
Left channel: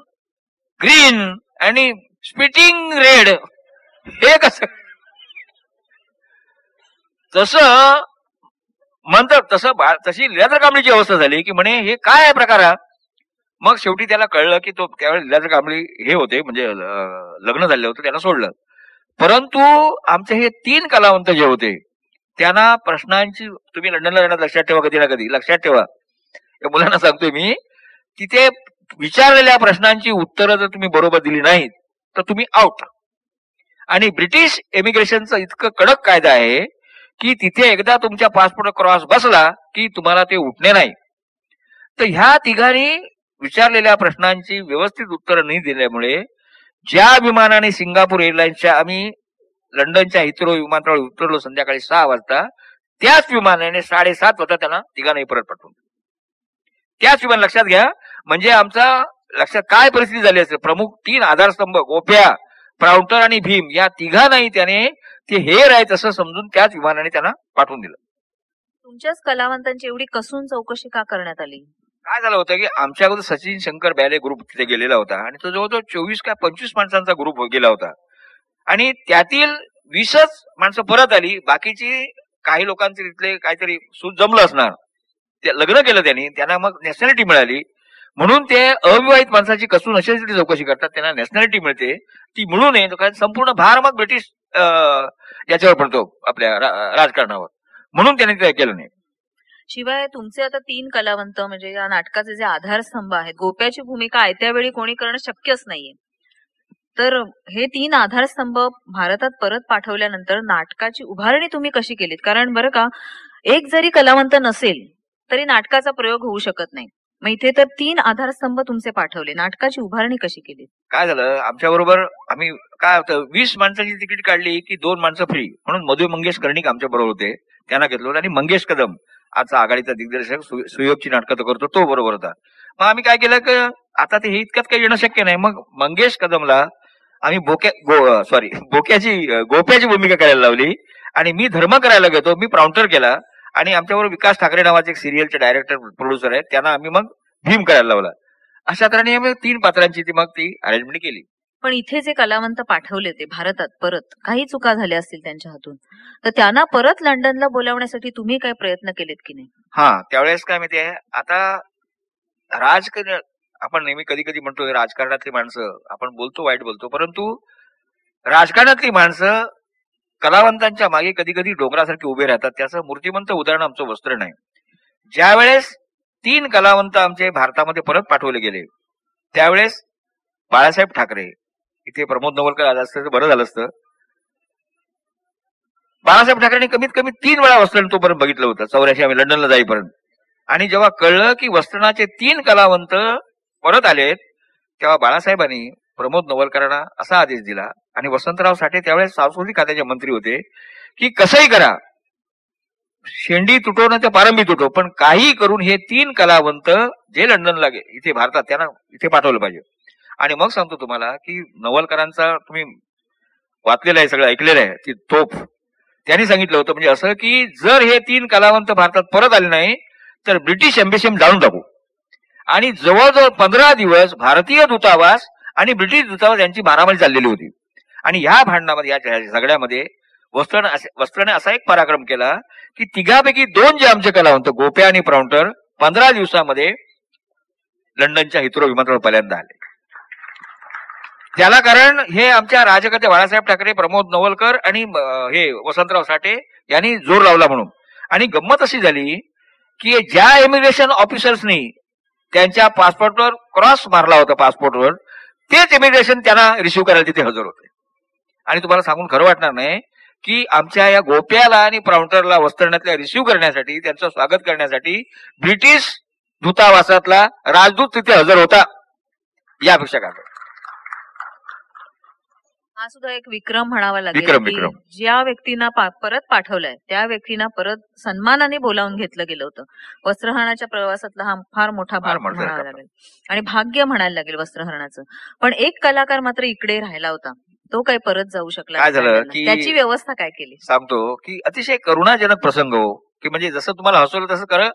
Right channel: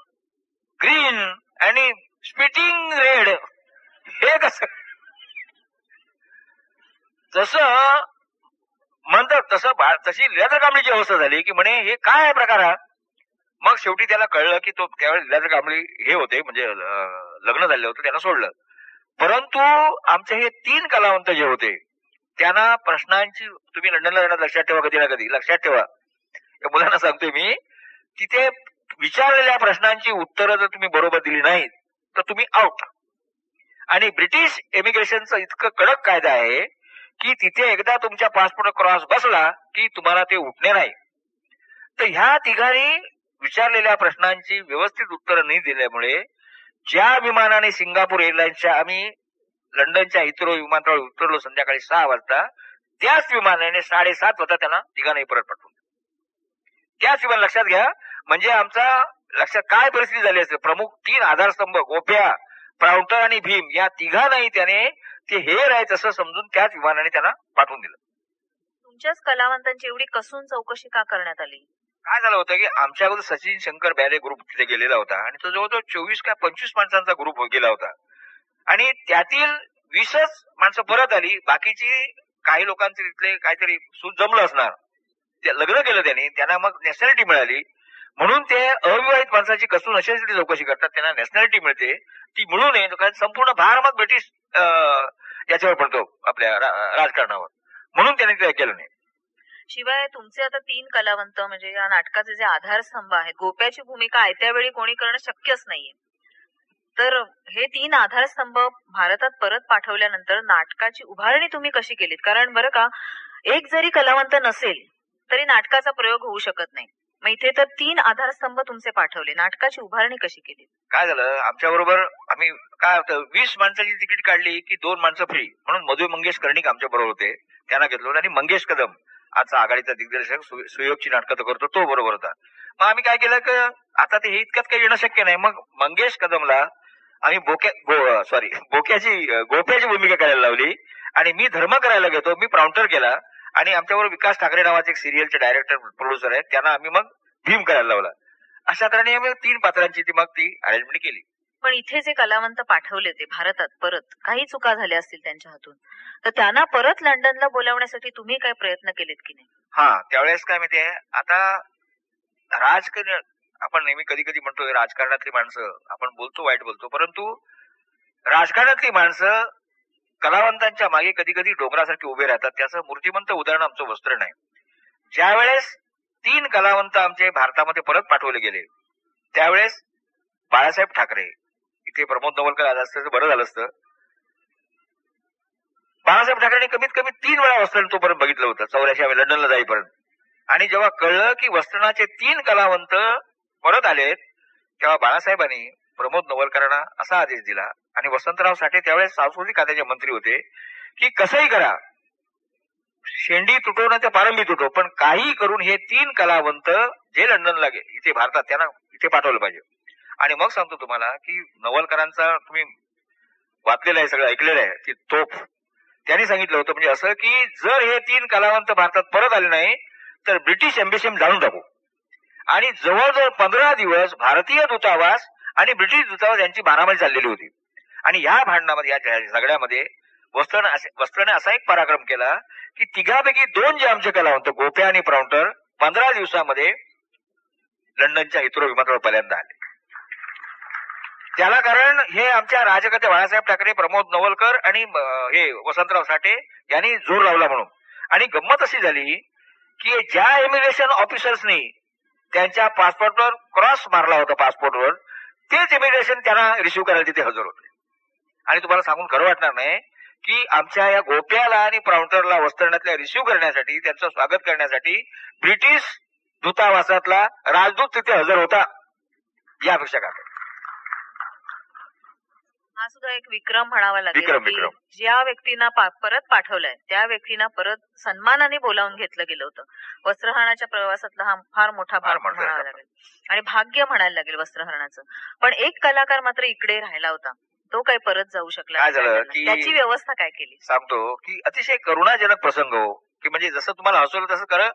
green आणि स्पिटिंग रेड, हे कसं. तसं म्हणतात तशी लीलाधर कांबळीची अवस्था झाली की म्हणे हे काय आहे प्रकार. मग शेवटी त्याला कळलं की तो त्यावेळी लीलाधर कांबळी हे होते, म्हणजे लग्न झाले होते, त्यांना सोडलं. परंतु आमचे हे 3 कलावंत जे होते त्यांना प्रश्नांची, तुम्ही लंडनला जाणार लक्षात ठेवा, कधी ना कधी लक्षात ठेवा, या मुलांना सांगतोय मी, तिथे विचारलेल्या प्रश्नांची उत्तरं जर तुम्ही बरोबर दिली नाहीत तर तुम्ही आउट. आणि ब्रिटिश इमिग्रेशनचा इतकं कडक कायदा आहे की तिथे एकदा तुमच्या पासपोर्ट क्रॉस बसला की तुम्हाला ते उठणे नाही. तर ह्या तिघांनी विचारलेल्या प्रश्नांची व्यवस्थित उत्तरं नाही दिल्यामुळे ज्या विमानाने सिंगापूर एअरलाईन्सच्या आम्ही लंडनच्या हिथ्रो विमानतळावर उतरलो संध्याकाळी 6 वाजता, त्याच विमानाने 7:30 वाजता त्यांना तिघांनाही परत पाठवून. त्याच विमान लक्षात घ्या, म्हणजे आमचा लक्षात काय परिस्थिती झाली असेल. प्रमुख 3 आधारस्तंभ गोप्या, प्राउंटर आणि भीम या तिघांनाही त्याने ते हेर आहेत असं समजून त्याच विमानाने त्यांना पाठवून दिलं. तुमच्याच कलावंतांची एवढी कसून चौकशी का करण्यात आली? काय झालं होतं की आमच्या अगोदर सचिन शंकर बॅले ग्रुप तिथे गेलेला होता आणि तो जवळजवळ 24 का 25 माणसांचा ग्रुप गेला होता आणि त्यातील 20च माणसं परत आली. बाकीची काही लोकांचे तिथले काहीतरी सूत जमलं असणार, ते लग्न केलं त्यांना मग नॅशनॅलिटी मिळाली. म्हणून ते अविवाहित माणसाची कसून अशासाठी चौकशी करतात, त्यांना नॅशनॅलिटी मिळते, ती मिळू नये कारण संपूर्ण भार मग ब्रिटिश याच्यावर पडतो आपल्या राजकारणावर, म्हणून त्यांनी ते केलं नाही. शिवाय तुमचे आता 3 कलावंत म्हणजे या नाटकाचे जे आधारस्तंभ आहेत, गोप्याची भूमिका आयत्या वेळी कोणी करणं शक्यच नाहीये. तर हे 3 आधारस्तंभ भारतात परत पाठवल्यानंतर नाटकाची उभारणी तुम्ही कशी केलीत? कारण बरं का, एक जरी कलावंत नसेल तरी नाटकाचा प्रयोग होऊ शकत नाही. मग इथे तर 3 आधारस्तंभ तुमचे पाठवले, नाटकाची उभारणी कशी केली? काय झालं, आमच्या बरोबर आम्ही काय होतं 20 माणसांची तिकीट काढली की 2 माणसं फ्री, म्हणून मधु मंगेश कर्णिक आमच्या बरोबर होते, त्यांना घेतलं. आणि मंगेश कदम आजचा आघाडीचा दिग्दर्शक, सुयोगची नाटकं करतो, तो बरोबर होता. मग आम्ही काय केलं की आता ते हे इतक्यात काही येणं शक्य नाही, मग मंगेश कदमला आम्ही गोप्याची भूमिका करायला लावली आणि मी धर्म करायला घेतो, मी प्राउंटर केला. आणि आमच्याबरोबर विकास ठाकरे नावाचे एक सिरियलचे डायरेक्टर प्रोड्युसर आहेत, त्यांना आम्ही मग भीम करायला लावला. अशा तऱ्हेने आम्ही 3 पात्रांची ती अरेंजमेंट केली. पण इथे जे कलावंत पाठवले ते भारतात परत काही चुका झाल्या असतील त्यांच्या हातून, तर त्यांना परत लंडनला बोलावण्यासाठी तुम्ही काय प्रयत्न केलेत की नाही? त्यावेळेस काय माहितीये, आता राजकारण आपण नेहमी कधी कधी म्हणतो राजकारणातली माणसं, आपण बोलतो वाईट बोलतो, परंतु राजकारणातली माणसं कलावंतांच्या मागे कधी कधी डोंगरासारखे उभे राहतात. त्याचं मूर्तिमंत उदाहरण आमचं वस्त्र नाही. ज्या वेळेस 3 कलावंत आमचे भारतामध्ये परत पाठवले गेले त्यावेळेस बाळासाहेब ठाकरे, इथे प्रमोद नवलकर आला असतं तर बरं झालं असतं. बाळासाहेब ठाकरेंनी कमीत कमी 3 वेळा वस्त्रण तोपर्यंत बघितलं होतं 84 आम्ही लंडनला जाईपर्यंत. आणि जेव्हा कळलं की वस्त्रणाचे 3 कलावंत परत आलेत, तेव्हा बाळासाहेबांनी प्रमोद नवलकरांना असा आदेश दिला आणि वसंतराव साठे त्यावेळेस सांस्कृतिक खात्याचे मंत्री होते की कसंही करा, शेंडी तुटो ना ते पारंबी तुटो, पण काही करून हे 3 कलावंत जे लंडनला इथे भारतात त्यांना इथे पाठवलं पाहिजे. आणि मग सांगतो तुम्हाला की नवलकरांचा तुम्ही वाचलेलं आहे, सगळं ऐकलेलं आहे, ती तोफ त्यांनी सांगितलं होतं म्हणजे असं की जर हे 3 कलावंत भारतात परत आले नाही तर ब्रिटिश एम्बेसी जाणून टाकू. आणि जवळजवळ 15 दिवस भारतीय दूतावास आणि ब्रिटिश दूतावास यांची मारामारी चाललेली होती. आणि ह्या भांडणामध्ये, या झगड्यामध्ये वस्त्रने असा एक पराक्रम केला की तिघापैकी 2 जे आमचे कलावंत गोप्या आणि प्राउंटर 15 दिवसामध्ये लंडनच्या हिथ्रो विमानतळावर पहिल्यांदा आले. त्याला कारण हे आमच्या राजकर्ते बाळासाहेब ठाकरे, प्रमोद नवलकर आणि हे वसंतराव साठे यांनी जोर लावला म्हणून. आणि गंमत अशी झाली की ज्या इमिग्रेशन ऑफिसर्सनी त्यांच्या पासपोर्टवर क्रॉस मारला होता पासपोर्टवर, तेच इमिग्रेशन त्यांना रिसिव्ह करायला तिथे हजर होते. आणि तुम्हाला सांगून खरं वाटणार नाही की आमच्या या गोप्याला आणि प्राउंटरला वस्त्रण्यातल्या रिसिव्ह करण्यासाठी, त्यांचं स्वागत करण्यासाठी ब्रिटिश दूतावासातला राजदूत तिथे हजर होता. यापेक्षा काय, हा सुद्धा एक विक्रम म्हणावा लागेल. विक्रम. ज्या व्यक्तींना परत पाठवलंय त्या व्यक्तींना परत सन्मानाने बोलावून घेतलं गेलं होतं. वस्त्रहरणाच्या प्रवासातला हा फार मोठा भाग म्हणावा लागेल आणि भाग्य म्हणायला लागेल वस्त्रहरणाचं. पण एक कलाकार मात्र इकडे राहिला होता, तो काही परत जाऊ शकला. काय झालं की त्याची व्यवस्था काय केली? सांगतो की अतिशय करुणाजनक प्रसंग हो, की म्हणजे जसं तुम्हाला हसवलं तसं कर.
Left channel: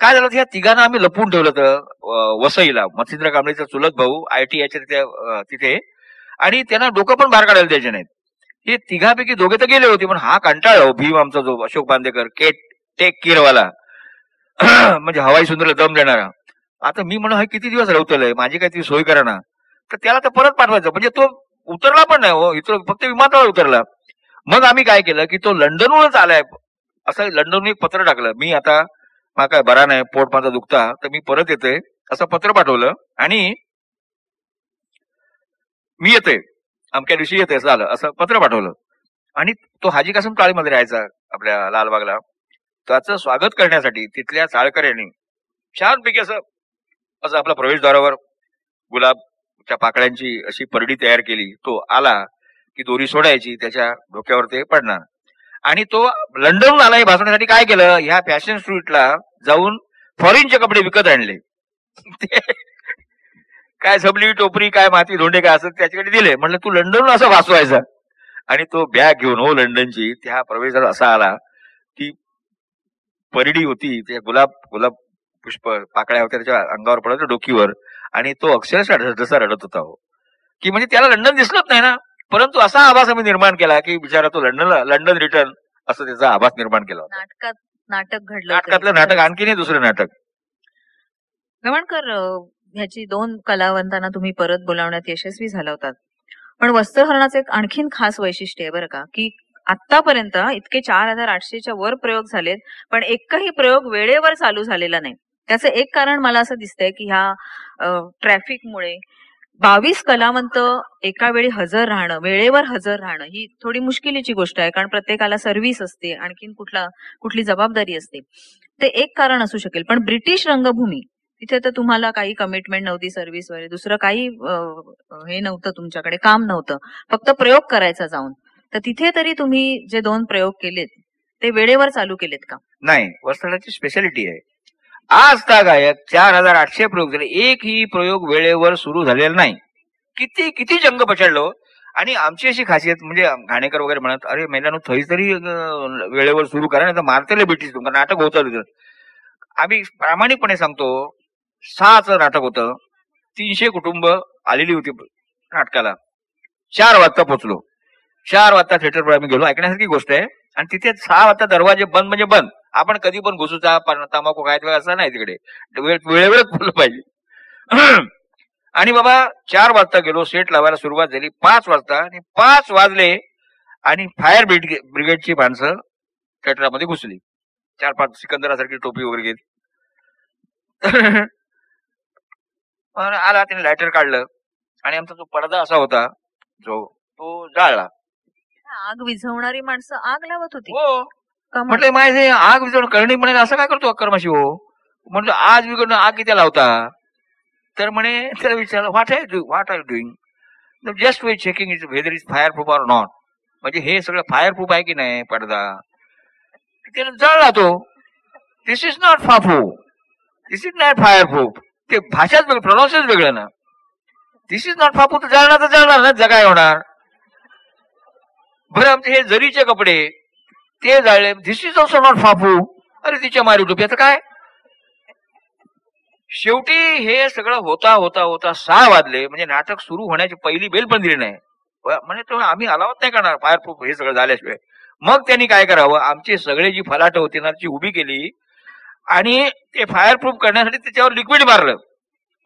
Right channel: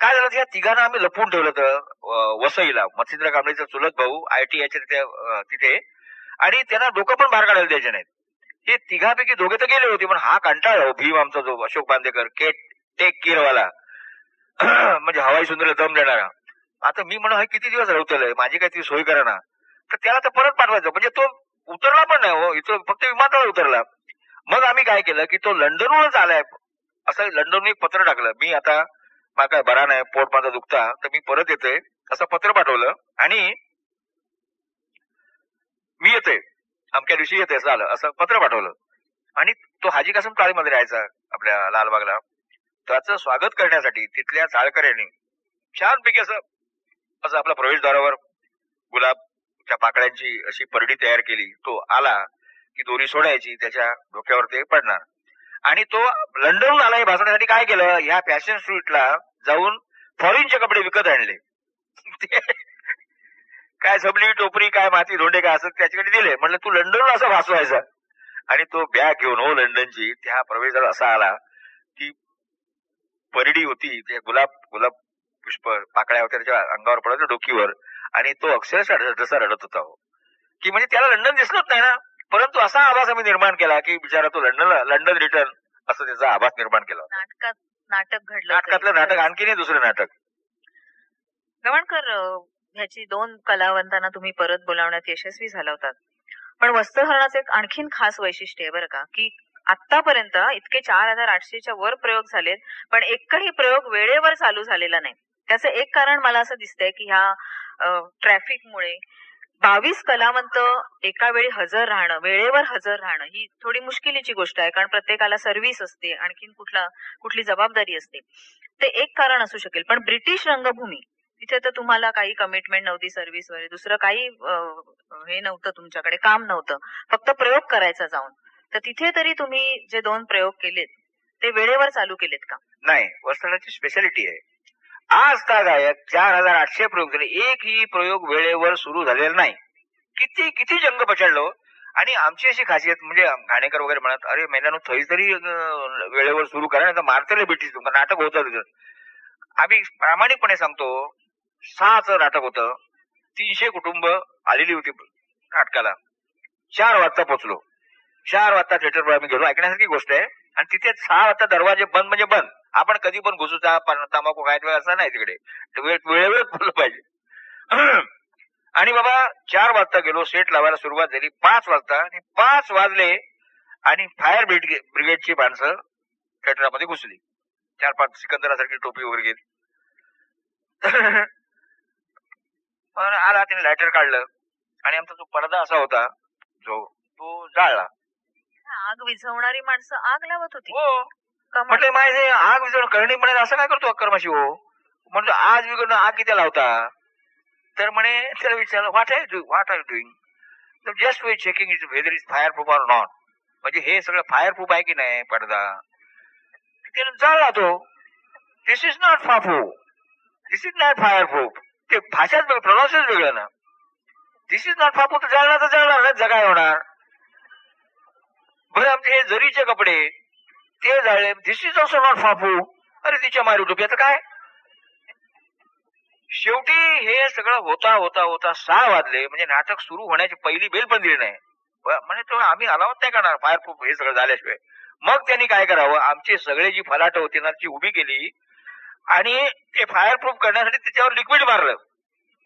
काय झालं, या तिघांना आम्ही लपवून ठेवलं होतं वसईला. मच्छिंद्र कांबळेचा चुलत भाऊ ITI तिथे, आणि त्यांना डोकं पण बाहेर काढायला द्यायचे नाहीत. हे तिघापैकी 2 तर गेले होते, पण हा कंटाळला भीम आमचा जो अशोक बांदेकर टेक केअरवाला म्हणजे हवाई सुंदर दम देणारा. आता मी म्हणून हे किती दिवस रवतलंय, माझी काहीतरी सोय करा ना, तर त्याला तर परत पाठवायचं. म्हणजे तो उतरला पण नाही हो, इथं फक्त विमानतळावर उतरला. मग आम्ही काय केलं की तो लंडनहूनच आलाय असं लंडनहून एक पत्र टाकलं, मी आता मला काय बरा नाही, पोट माझा दुखता, तर मी परत येते असं पत्र पाठवलं आणि मी येते अमक्या दिवशी येते असं आलं, असं पत्र पाठवलं. आणि तो हाजी कासम काळीमध्ये राहायचा आपल्या लालबागला. त्याचं स्वागत करण्यासाठी तिथल्या चाळकर यांनी छानपैकी असं असं आपल्या प्रवेशद्वारावर गुलाबच्या पाकळ्यांची अशी परडी तयार केली. तो आला की दोरी सोडायची, त्याच्या डोक्यावर ते पडणार. आणि तो लंडनहून आला हे भासवण्यासाठी काय केलं, ह्या फॅशन स्ट्रीटला जाऊन फॉरेनचे कपडे विकत आणले. ते काय झबली टोपरी काय माती धोंडे काय असं त्याच्याकडे दिले. म्हणलं तू लंडनहून असं वाचवायचा. आणि तो बॅग घेऊन हो लंडनची त्या प्रवेशात असा आला. ती परडी होती, त्या गुलाब गुलाब पुष्प पाकळ्या होत्या त्याच्या अंगावर पडत डोकीवर. आणि तो अक्षरशः जसा रडत होता हो, की म्हणजे त्याला लंडन दिसलंच नाही ना. परंतु असा आभास आम्ही निर्माण केला की बिचारा तो लंडन रिटर्न असं त्याचा आभास निर्माण केला. नाटक घडलं. नाटकातलं नाटक आणखी नाही दुसरं नाटक. गवाणकर, ह्याची 2 कलावंतांना तुम्ही परत बोलावण्यात यशस्वी झाला होतात. पण वस्त्रहरणाचं एक आणखीन खास वैशिष्ट्य आहे बरं का, की आतापर्यंत इतके 4800च्या वर प्रयोग झालेत, पण एकही प्रयोग वेळेवर चालू झालेला नाही. त्याचं एक कारण मला असं दिसतंय की ह्या ट्रॅफिकमुळे 22 कलावंत एका वेळी हजर राहणं, वेळेवर हजर राहणं ही थोडी मुश्किलीची गोष्ट आहे, कारण प्रत्येकाला सर्व्हिस असते, आणखीन कुठली जबाबदारी असते. ते एक कारण असू शकेल. पण ब्रिटिश रंगभूमी, तिथे तर तुम्हाला काही कमिटमेंट नव्हती सर्व्हिसवर, दुसरं काही हे नव्हतं, तुमच्याकडे काम नव्हतं, फक्त प्रयोग करायचा जाऊन. तर तिथे तरी तुम्ही जे 2 प्रयोग केलेत ते वेळेवर चालू केलेत का? नाही, वस्त्राची स्पेशालिटी आहे. आज गायक 4800 प्रयोग झाले, एकही प्रयोग वेळेवर सुरू झालेला नाही. किती किती जंग पछाडलो. आणि आमची अशी खासियत म्हणजे घाणेकर वगैरे म्हणत, अरे महिलांनो थैस तरी वेळेवर सुरू करा, नाही तर मारतेले ब्रिटिश तुमचं नाटक होतं. आम्ही प्रामाणिकपणे सांगतो, 6चं नाटक होतं, 300 कुटुंब आलेली होती नाटकाला. 4 वाजता पोहोचलो. 4 वाजता थिएटरवर आम्ही गेलो, ऐकण्यासारखी गोष्ट आहे. आणि तिथे 6 वाजता दरवाजे बंद म्हणजे बंद. आपण कधी पण घुसूचा तंबाखू खायचा असं नाही, तिकडे वेळेवरच बोललं पाहिजे. आणि बाबा 4 वाजता गेलो, सेट लावायला सुरुवात झाली 5 वाजता. आणि 5 वाजले आणि फायर ब्रिगेडची माणसं थिएटरमध्ये घुसली, 4-5 सिकंदरासारखी टोपी वगैरे घेत. आला, त्याने लायटर काढलं आणि आमचा जो पडदा असा होता जो तो जाळला. आग विझवणारी माणसं आग लावत होती. हो, म्हटलं माझे आग विझवणं कळणी म्हणे असं काय करतो अक्करमाशी हो. म्हटलं आज विघडणं आग किती लावता. तर म्हणे त्याला विचारलं what are you doing. Just way checking it whether is fireproof or not. म्हणजे हे सगळं फायर प्रूफ आहे की नाही पडदा. त्याने जळला तो. दिस इज नॉट फाफू, this is not fireproof. ते भाषाच वेगळं, प्रोनाउन्सेस वेगळं ना. दिस इज नॉट फाफू तर जळणार ना, जगाय होणार. बरं आमचे हे जरीचे कपडे ते जाळले, दिस इज ऑल्सो नॉट फाफू. अरे तिच्या मारी टोपी, आता काय. शेवटी हे सगळं होता होता होता 6 वाजले. म्हणजे नाटक सुरू होण्याची पहिली बेल पण दिली नाही. म्हणजे तो आम्ही अलावत नाही करणार फायर प्रूफ हे सगळं झाल्याशिवाय. मग त्यांनी काय करावं, आमची सगळे जी फलाट होती ना ती उभी केली आणि ते फायर प्रूफ करण्यासाठी त्याच्यावर लिक्विड मारलं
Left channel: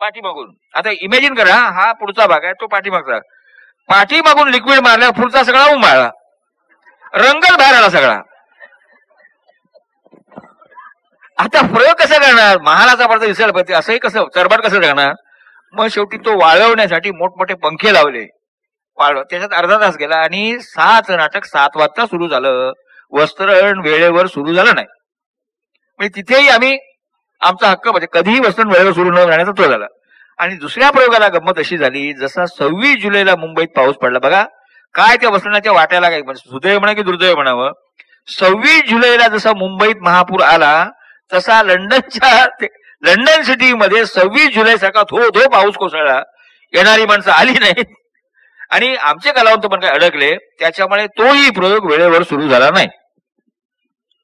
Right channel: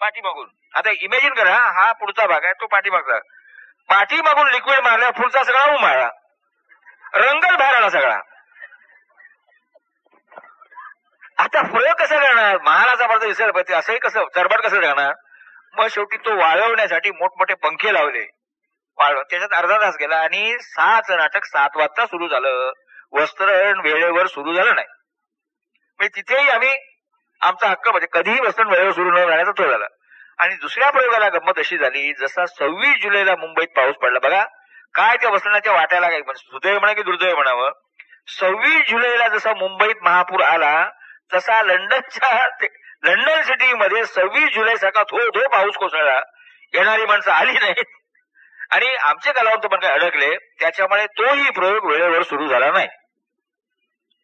पाठीमागून. आता इमॅजिन करा, हा पुढचा भाग आहे, तो पाठीमागचा. पाठीमागून लिक्विड मारल्या, पुढचा सगळा उमाळला, रंगच बाहेर आला सगळा. आता प्रयोग कसा करणार, महालाचा पडदा दिसायला पाहिजे, असंही कसं चरबाट कसं करणार. मग शेवटी तो वाळवण्यासाठी मोठमोठे पंखे लावले, वाळव. त्याच्यात अर्धा तास गेला आणि 6चं नाटक 7 वाजता सुरू झालं. वस्त्रहरण वेळेवर सुरू झालं नाही. म्हणजे तिथेही आम्ही आमचा हक्क, म्हणजे कधीही वस्त्रहरण वेळेवर सुरू न झाल्याचा तो झाला. आणि दुसऱ्या प्रयोगाला गंमत अशी झाली, जसा 26 जुलैला मुंबईत पाऊस पडला बघा, काय त्या वस्त्रहरणाच्या वाट्याला काय सुदैव म्हणा की दुर्दैव म्हणावं, 26 जुलैला जसा मुंबईत महापूर आला तसा लंडन सिटीमध्ये 26 जुलै सारखा धो पाऊस कोसळला. येणारी माणसं आली नाहीत आणि आमचे कलावंत पण काय अडकले. त्याच्यामुळे तोही प्रयोग वेळेवर सुरू झाला नाही.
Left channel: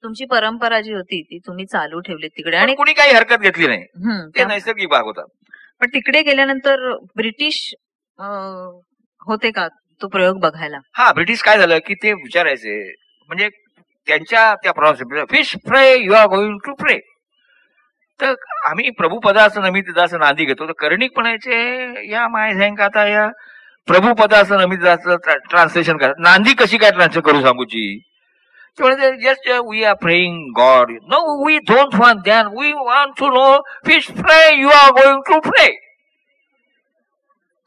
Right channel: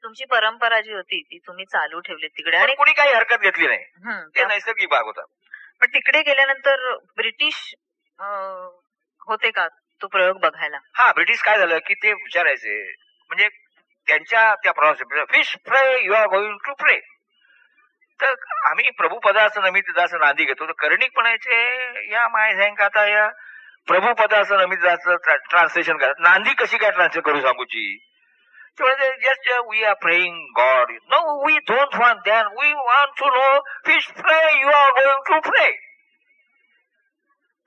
तुमची परंपरा जी होती ती तुम्ही चालू ठेवली तिकडे आणि कुणी काही हरकत घेतली नाही. ते नैसर्गिक भाग होता. पण तिकडे गेल्यानंतर ब्रिटिश होते का तो प्रयोग बघायला? हा, ब्रिटिश काय झालं की ते विचारायचे, म्हणजे त्यांच्या त्या fish fry you are going to pray. तर आम्ही प्रभुपदाचं नमितदाचं नांदी घेतो, तर कर्णिक म्हणायचे या माय झँक आता या प्रभुपदाचं नमितदाचं ट्रान्सलेशन करा. नांदी कशी काय ट्रान्सलेट करू सांगूची. Just we are praying God. No, we don't want that, we want to know fish fry you are going to pray.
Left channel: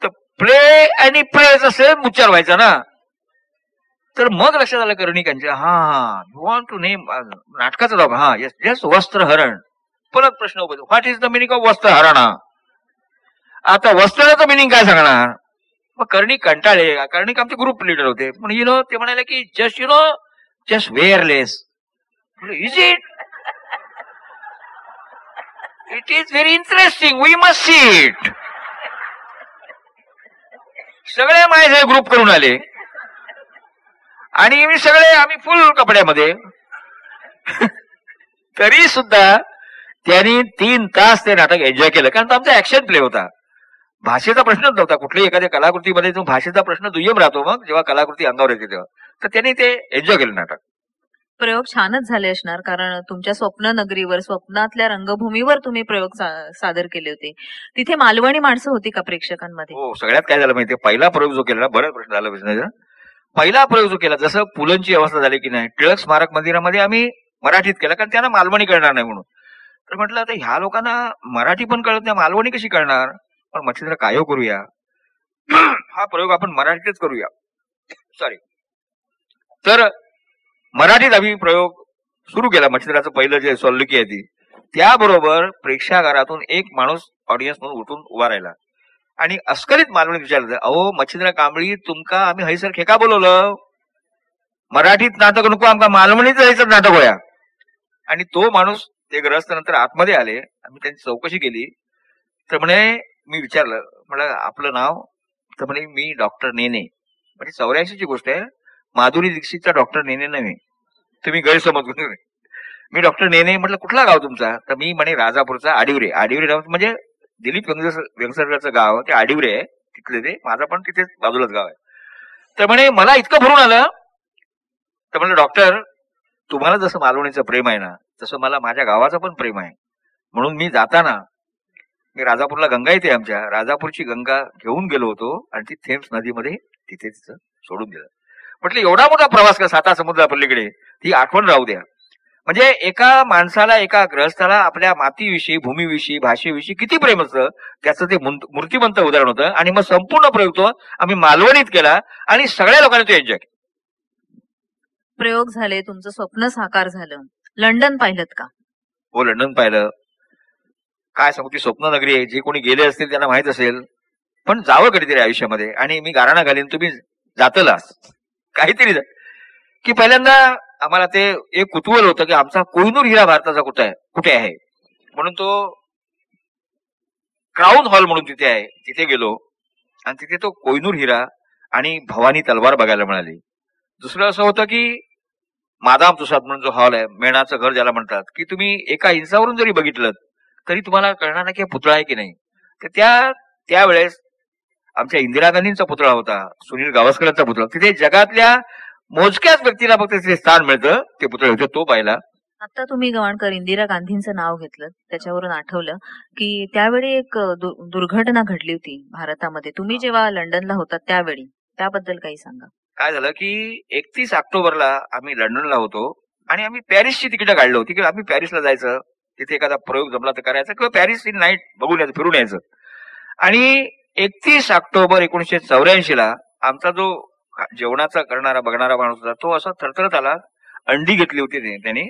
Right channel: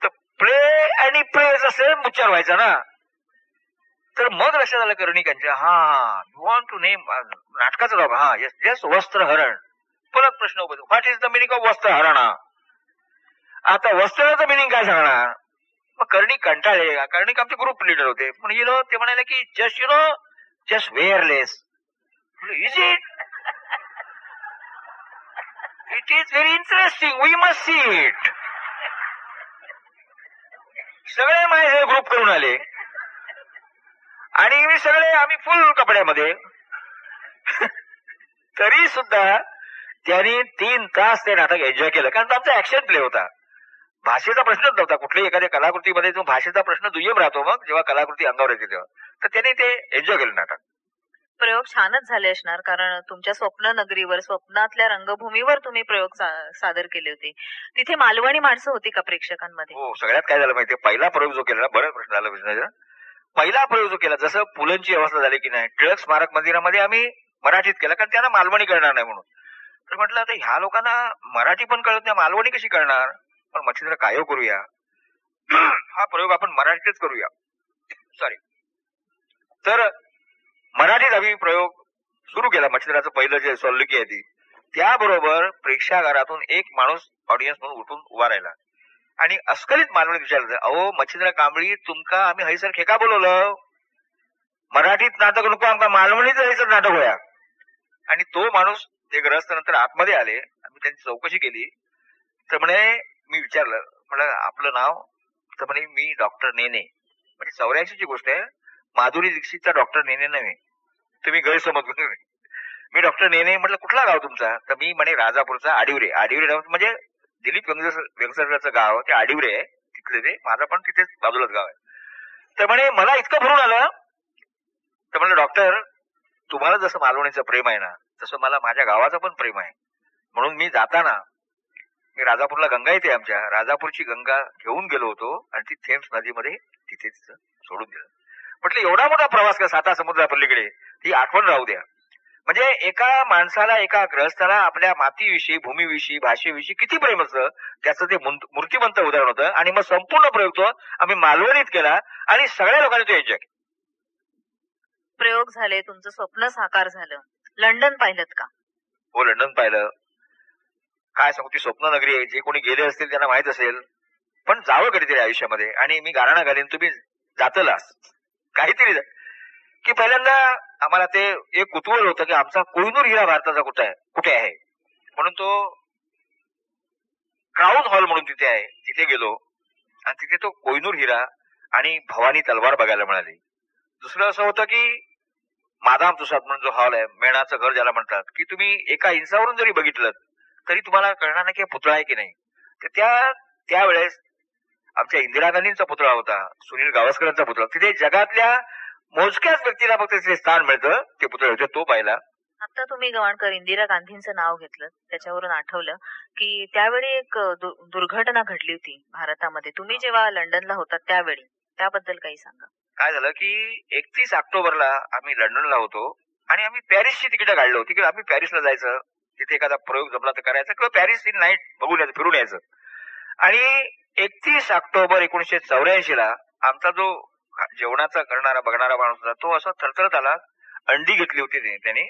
तर प्ले आणि प्रेचा सेम उच्चार व्हायचा ना. तर मग लक्षात आलं कर्णिकांच्या, हा यू वॉन्ट टू नेम नाटकाचं नाव, हा येस येस वस्त्रहरण. परत प्रश्न उभा, what is the meaning of वस्त्रहरणा. आता वस्त्राचं मिनिंग काय सांगणार. मग कर्णिक कंटाळले. कर्णिक आमचे ग्रुप लिडर होते. पण ते म्हणाले की just wireless. Is it? It is very interesting. We must see it. सगळे माझे ग्रुप करून आले आणि आम्ही फुल कपड्यामध्ये. तरी सुद्धा त्यांनी 3 तास ते नाटक एन्जॉय केलं. कारण तो आमचा ऍक्शन प्ले होता. भाषेचा प्रश्नच नव्हता. कुठल्याही एखाद्या कलाकृतीमध्ये जो भाषेचा प्रश्न दुय्यम राहतो मग जेव्हा कलाकृती अंगावर येते तेव्हा. तर त्यांनी ते एन्जॉय केलं नाटक. प्रयोग छानच झाले असणार, कारण तुमच्या स्वप्न नगरीवर, स्वप्नातल्या रंगभूमीवर तुम्ही प्रयोग सादर केले होते. तिथे मालवणी माणसं होती का प्रेक्षकांमध्ये? हो. सगळ्यात काय झालं माहितीये, पहिला प्रयोग जो केला, बराच प्रश्न झाला प्रश्नाचा. पहिला प्रयोग जो केला, जसं पुलंची अवस्था झाली की नाही, टिळक स्मारक मंदिरामध्ये आम्ही मराठीत केला, कारण त्यांना मालवणी कळणार नाही म्हणून. तर म्हटलं आता ह्या लोकांना मराठी पण कळत नाही, मालवणी कशी कळणार. पण मच्छिंद्र काय करूया, हा प्रयोग आपण मराठीतच करूया. सॉरी. तर मराठीत आम्ही प्रयोग सुरू केला. मच्छिंद्राचं पहिलं जे सोल्लुकी आहे ती, त्याबरोबर प्रेक्षागारातून एक माणूस ऑडियन्स म्हणून उठून उभा राहिला आणि अस्खलित मालवणीत विचारलं, अहो मच्छिंद्र कांबळी, तुमका आम्ही हैसर खेका बोलवलं, मराठीत नाटक नको, आमका मालवणीच हैसर नाटक होया. आणि तो माणूस ते ग्रस्त नंतर आतमध्ये आले. आम्ही त्यांची चौकशी केली. तर म्हणे, मी विचारलं, म्हटलं आपलं नाव. तर म्हणे मी डॉक्टर नेने. म्हणजे 84ची गोष्ट आहे. माधुरी दीक्षितचा डॉक्टर नेने नव्हे, तुम्ही गैरसमज करू नये. मी डॉक्टर नेने. म्हटलं कुठला गाव तुमचा. तर मी म्हणे राजापूरचा आडिवरे. आडिवरे नाव म्हणजे दिलीप व्यंगसरकरचं गाव ते आडिवरे आहे, तिथले ते. माझा पण तिथे बाजूलाच गाव आहे. तर म्हणे मला इतकं भरून आलं. तर म्हणलं डॉक्टर, तुम्हाला जसं मालवणीचं प्रेम आहे ना, तसं मला माझ्या गावाचं पण प्रेम आहे. म्हणून मी जाताना मी राजापूरला गंगा येते, आमच्या राजापूरची गंगा घेऊन गेलो होतो आणि ती थेम्स नदीमध्ये तिथे तिचं सोडून दिलं. म्हटलं एवढा मोठा प्रवास का साता समुद्रापलीकडे, ती आठवण राहू द्या. म्हणजे एका माणसाला, एका ग्रहस्थाला आपल्या मातीविषयी, भूमीविषयी, भाषेविषयी किती प्रेम असतं, त्याचं ते मूर्तिमंत उदाहरण होतं. आणि मग संपूर्ण प्रयोग तो आम्ही मालवणीत केला आणि सगळ्या लोकांनी तो एन्जॉय केला. प्रयोग झाले, तुमचं स्वप्न साकार झालं. लंडन पाहिलं का? हो, लंडन पाहिलं. काय सांगू, ती स्वप्न नगरी आहे. जे कोणी गेले असतील त्यांना माहित असेल. पण जावं कधीतरी आयुष्यामध्ये. आणि मी गाराणा घालीन, तुम्ही जातलास काहीतरी की पहिल्यांदा आम्हाला ते एक कुतूहल होतं की आमचा कोहिनूर हिरा भारताचा कुठे आहे म्हणून. तो क्राऊन हॉल म्हणून तिथे आहे, तिथे गेलो आणि तिथे तो कोहिनूर हिरा आणि भवानी तलवार बघायला मिळाली. दुसरं असं होतं की मादाम तुसाद म्हणून जो हॉल आहे, मेणाचं घर ज्याला म्हणतात, की तुम्ही एका इंचावरून जरी बघितलं तरी तुम्हाला कळणार नाही की पुतळा आहे की नाही. तर त्यावेळेस आमच्या इंदिरा गांधींचा पुतळा होता, सुनील गावस्करांचा पुतळा. तिथे जगातल्या मोजक्याच व्यक्तीला फक्त तिथे स्थान मिळतं, ते पुतळे होते, तो पाहिला. आता तुम्ही गवाणकर इंदिरा गांधींचं नाव घेतलं, त्याच्यावरून आठवलं की त्यावेळी एक दुर्घटना घडली होती भारतामध्ये. तुम्ही जेव्हा लंडनला होता त्यावेळी, त्याबद्दल काही सांगा. काय झालं की 31 ऑक्टोबरला आम्ही लंडनला होतो आणि आम्ही पॅरिसची तिकीट काढली होती की आम्ही पॅरिसला जायचं, तिथे एखादा प्रयोग जमला तर करायचा किंवा पॅरिस इन नाईट बघून यायचं, फिरून यायचं. आणि 31 ऑक्टोबर 1984ला आमचा जो जेवणाचा करणारा बघणारा माणूस होता, तो असा थरथरत आला. अंडी घेतली होती त्याने.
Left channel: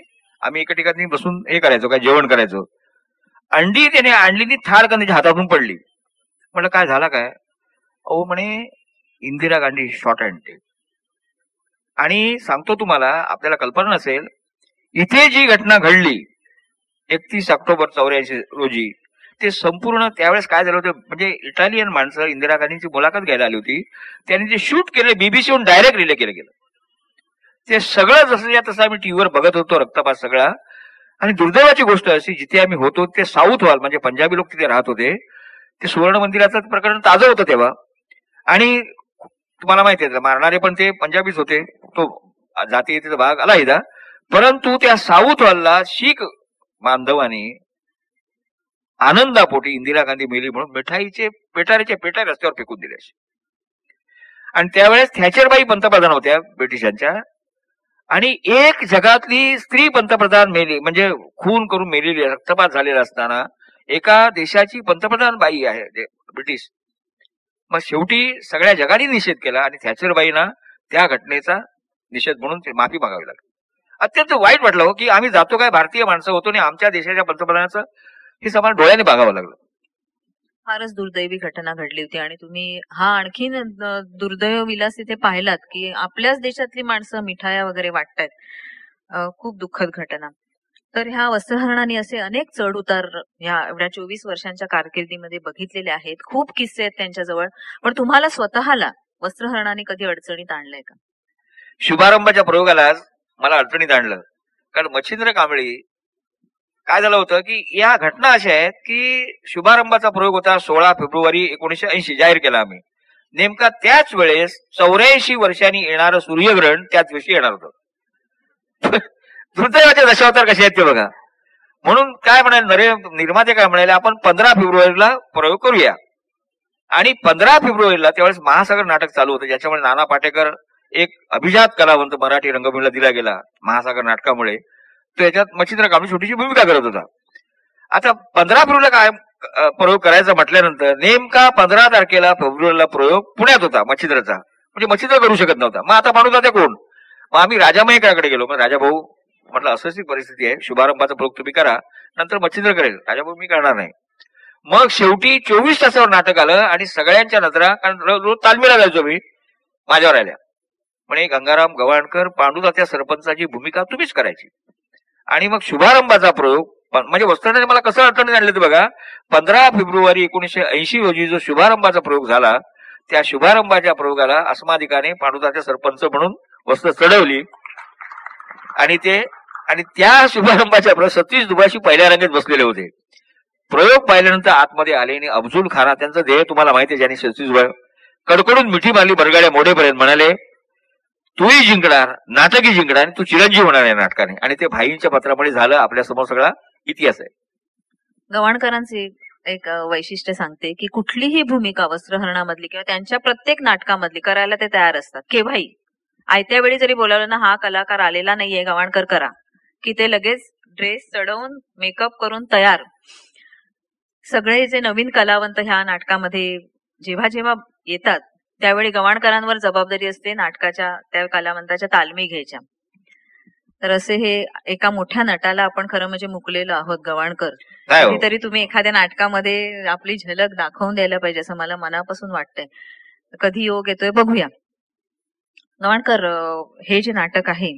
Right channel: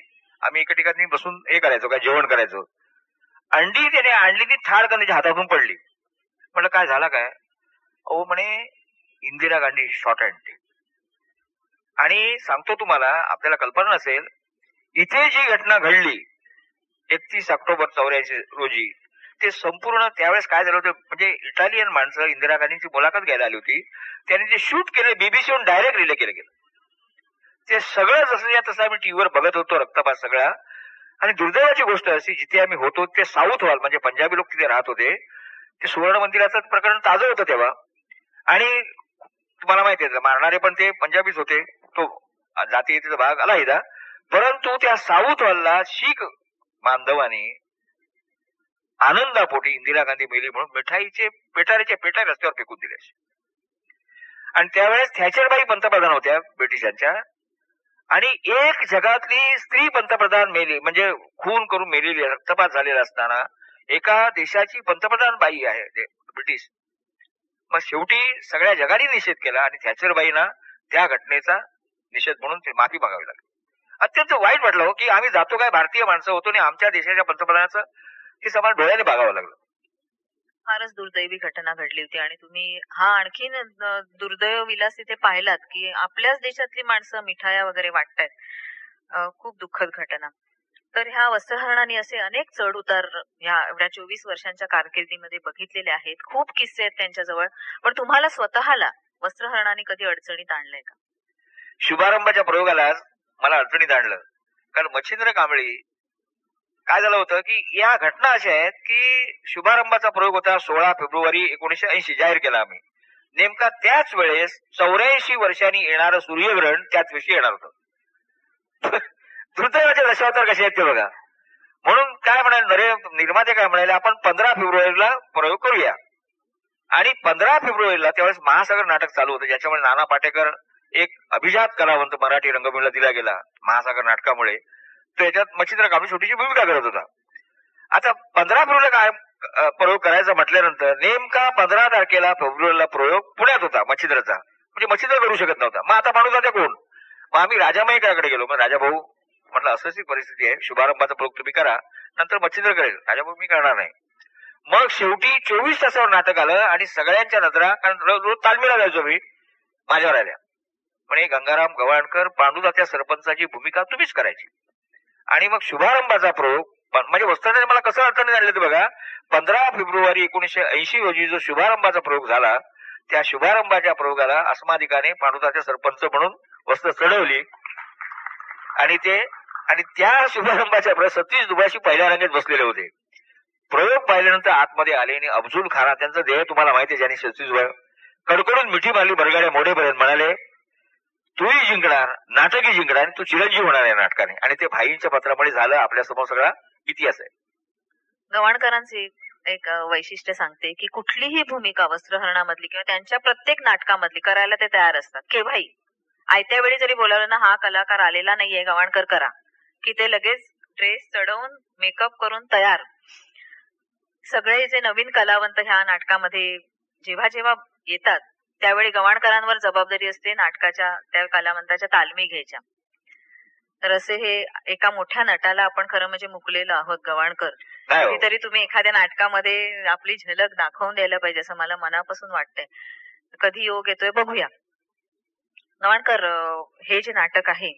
आम्ही एका ठिकाणी बसून हे करायचो, काय जेवण करायचो. अंडी त्याने आणलेली थार त्याच्या हातातून पडली. म्हटलं काय झाला काय. अहो म्हणे Indira Gandhi short and dead. आणि सांगतो तुम्हाला, आपल्याला कल्पना नसेल, इथे जी घटना घडली 31 ऑक्टोबर 84 रोजी, ते संपूर्ण त्यावेळेस काय झालं होतं, म्हणजे इटालियन माणसं इंदिरा गांधींची मुलाखत घ्यायला आली होती. त्यांनी जे शूट केले बीबीसीहून डायरेक्ट रिले केलं गेलं. ते सगळं जसं तसं आम्ही टीव्हीवर बघत होतो, रक्तपात सगळा. आणि दुर्दैवाची गोष्ट अशी, जिथे आम्ही होतो ते साऊथ हॉल, म्हणजे पंजाबी लोक तिथे राहत होते. ते सुवर्ण मंदिराचं प्रकरण ताजं होतं तेव्हा. आणि तुम्हाला माहिती आहे, मारणारे पण ते पंजाबीच होते. तो जातीयतेचा भाग आला इथं. परंतु त्या साऊथ हॉलला शीख बांधवांनी आनंदापोटी इंदिरा गांधी मेली म्हणून मिठाईचे पेटाऱ्याच्या पेटा रस्त्यावर फेकून दिले. आणि त्यावेळेस थॅचरबाई पंतप्रधान होत्या ब्रिटिशांच्या. आणि एक जगातली स्त्री पंतप्रधान मेली, म्हणजे खून करून मेलेली, रक्तपात झालेला असताना एका देशाची पंतप्रधान बाई आहे ब्रिटिश. मग शेवटी सगळ्या जगाने निषेध केला आणि थॅचरबाईंना त्या घटनेचा निषेध म्हणून ते माफी मागावी लागली. अत्यंत वाईट वाटलं हो, की आम्ही जातो काय भारतीय माणसं होतो आणि आम्च्या देशाच्या पंतप्रधानाचं हे समान डोळ्याने बघावं लागलं. फारच दुर्दैवी घटना घडली होती आणि तुम्ही हा आणखीन दुर्दैव विलास इथे पाहिलात की आपल्याच देशातली माणसं मिठाया वगैरे वाटतायत. खूप दुःखद घटना. तर ह्या वस्त्रहरणाने असे अनेक चढ उतार ह्या एवढ्या 24 वर्षांच्या कारकिर्दीमध्ये बघितलेले आहेत. खूप किस्से आहेत त्यांच्याजवळ. पण तुम्हाला स्वतःला वस्त्रहरणाने कधी अडचणीत आणलंय का? शुभारंभाच्या प्रयोगालाच मला अडचणीत आणलं. कारण मच्छिंद्र कांबळी काय झालं होतं की या घटना अशा आहेत की शुभारंभाचा प्रयोग होता 16 फेब्रुवारी 1980 जाहीर केला आम्ही. नेमका त्याच वेळेस 84 वर्षांनी येणारं सूर्यग्रहण त्याच दिवशी येणार होतं. दुर्दैवाचे दशावतार कसे आहेत ते बघा. म्हणून काय म्हणाले निर्माते काय म्हणाले, आपण 15 फेब्रुवारीला प्रयोग करूया. आणि 15 फेब्रुवारीला त्यावेळेस महासागर नाटक चालू होतं, ज्याच्यामुळे नाना पाटेकर एक अभिजात कलावंत मराठी रंगभूमीला दिला गेला महासागर नाटकामुळे. त्याच्यात मच्छिंद्र कांबळी छोटीशी भूमिका करत होता. आता 15 फेब्रुवारीला काय प्रयोग करायचा म्हटल्यानंतर नेमका 15 तारखेला फेब्रुवारीला प्रयोग पुण्यात होता मच्छिंद्रचा. म्हणजे मच्छिंद्र करू शकत नव्हता. मग आता पांडू दादा कोण? मग आम्ही राजा मयेकरांकडे गेलो. मग राजा भाऊ म्हटलं असंच परिस्थिती आहे, शुभारंभाचा प्रयोग तुम्ही करा, नंतर मच्छिंद्र करेल. राजा भाऊ मी करणार नाही. मग शेवटी 24 तासावर नाटक आलं आणि सगळ्यांच्या नजरा, कारण रोज तालमीला जायचो मी, माझ्यावर आल्या. म्हणे गंगाराम गवाणकर, पांडुदात्या सरपंचाची भूमिका तुम्हीच करायची. आणि मग शुभारंभाचा प्रयोग म्हणजे वस्त्राने मला कसं अडचणीत आणलं ते बघा. 15 फेब्रुवारी 1980 रोजी जो शुभारंभाचा प्रयोग झाला, त्या शुभारंभाच्या प्रयोगाला अस्मादिकाने पांडुदात्या सरपंच म्हणून वस्त्र चढवली. आणि त्या शुभारंभाच्या प्रयोग सतीश दुभाषी पहिल्या रांगेत बसलेले होते. प्रयोग पाहिल्यानंतर आतमध्ये आले आणि अफजूल खाना, त्यांचं ध्येय तुम्हाला माहिती आहे, ज्यांनी सतीश दुभाष कडकडून मिठी मारली बरगाड्या मोडेपर्यंत, म्हणाले तूही जिंकणार, नाटकही जिंकणार आणि तू चिरंजीव होणार या नाटकाने. आणि ते भाईंच्या पत्रामुळे झालं. आपल्या समोर सगळा इतिहास आहे. गवाणकरांचे एक वैशिष्ट्य सांगते की कुठलीही भूमिका वस्त्रहरणामधली किंवा त्यांच्या प्रत्येक नाटकामधली करायला ते तयार असतात. केव्हाही आयत्या वेळी जरी बोलावलं ना, हा कलाकार आलेला नाहीये गवाणकर करा, की ते लगेच ड्रेस चढवून मेकअप करून तयार. सगळे जे नवीन कलावंत ह्या नाटकामध्ये जेव्हा जेव्हा येतात त्यावेळी गवाणकरांवर जबाबदारी असते नाटकाच्या त्या कलावंताच्या तालमी घ्यायच्या. तर असे हे एका मोठ्या नटाला आपण खरं म्हणजे मुकलेलो आहोत गवाणकर. कधीतरी तुम्ही एखाद्या नाटकामध्ये आपली झलक दाखवून द्यायला पाहिजे असं मला मनापासून वाटतंय. कधी योग येतोय बघूया. गवाणकर, हे जे नाटक आहे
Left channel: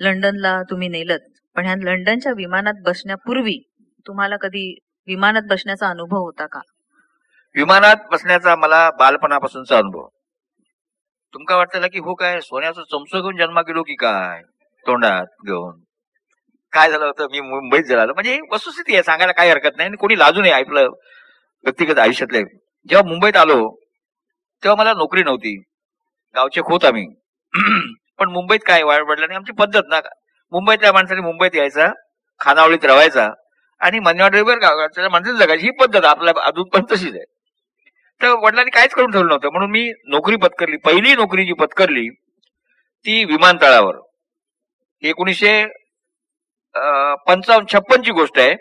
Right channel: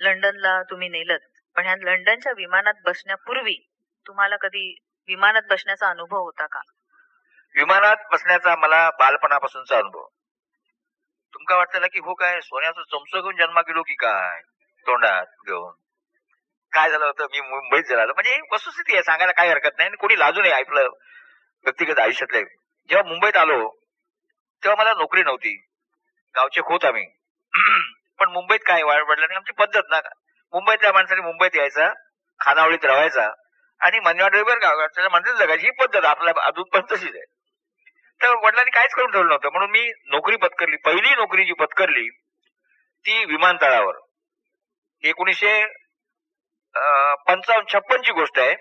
लंडनला तुम्ही नेलत, पण ह्या लंडनच्या विमानात बसण्यापूर्वी तुम्हाला कधी विमानात बसण्याचा अनुभव होता का? विमानात बसण्याचा मला बालपणापासूनचा अनुभव. तुमका वाटतं की हो काय सोन्याचं चमचो घेऊन जन्मा गेलो की काय तोंडात घेऊन? काय झालं होतं, मी मुंबईत झालो, म्हणजे वस्तुस्थिती आहे, सांगायला काही हरकत नाही आणि कोणी लाजू नये आपलं व्यक्तिगत आयुष्यातले. जेव्हा मुंबईत आलो तेव्हा मला नोकरी नव्हती, गावचे खोत आम्ही. पण मुंबईत काय वडिलांनी आमची पद्धत ना, मुंबईतल्या माणसाने मुंबईत यायचा, खानावळीत रवायचा आणि मनवाडीवर गावाच्या माणसाची जगायची ही पद्धत आपल्या अजून पण तशीच आहे. तर वडिलांनी काहीच करून ठेवलं नव्हतं. म्हणून मी नोकरी पत्करली. पहिली नोकरी जी पत्करली ती विमानतळावर. 1956 ची गोष्ट आहे.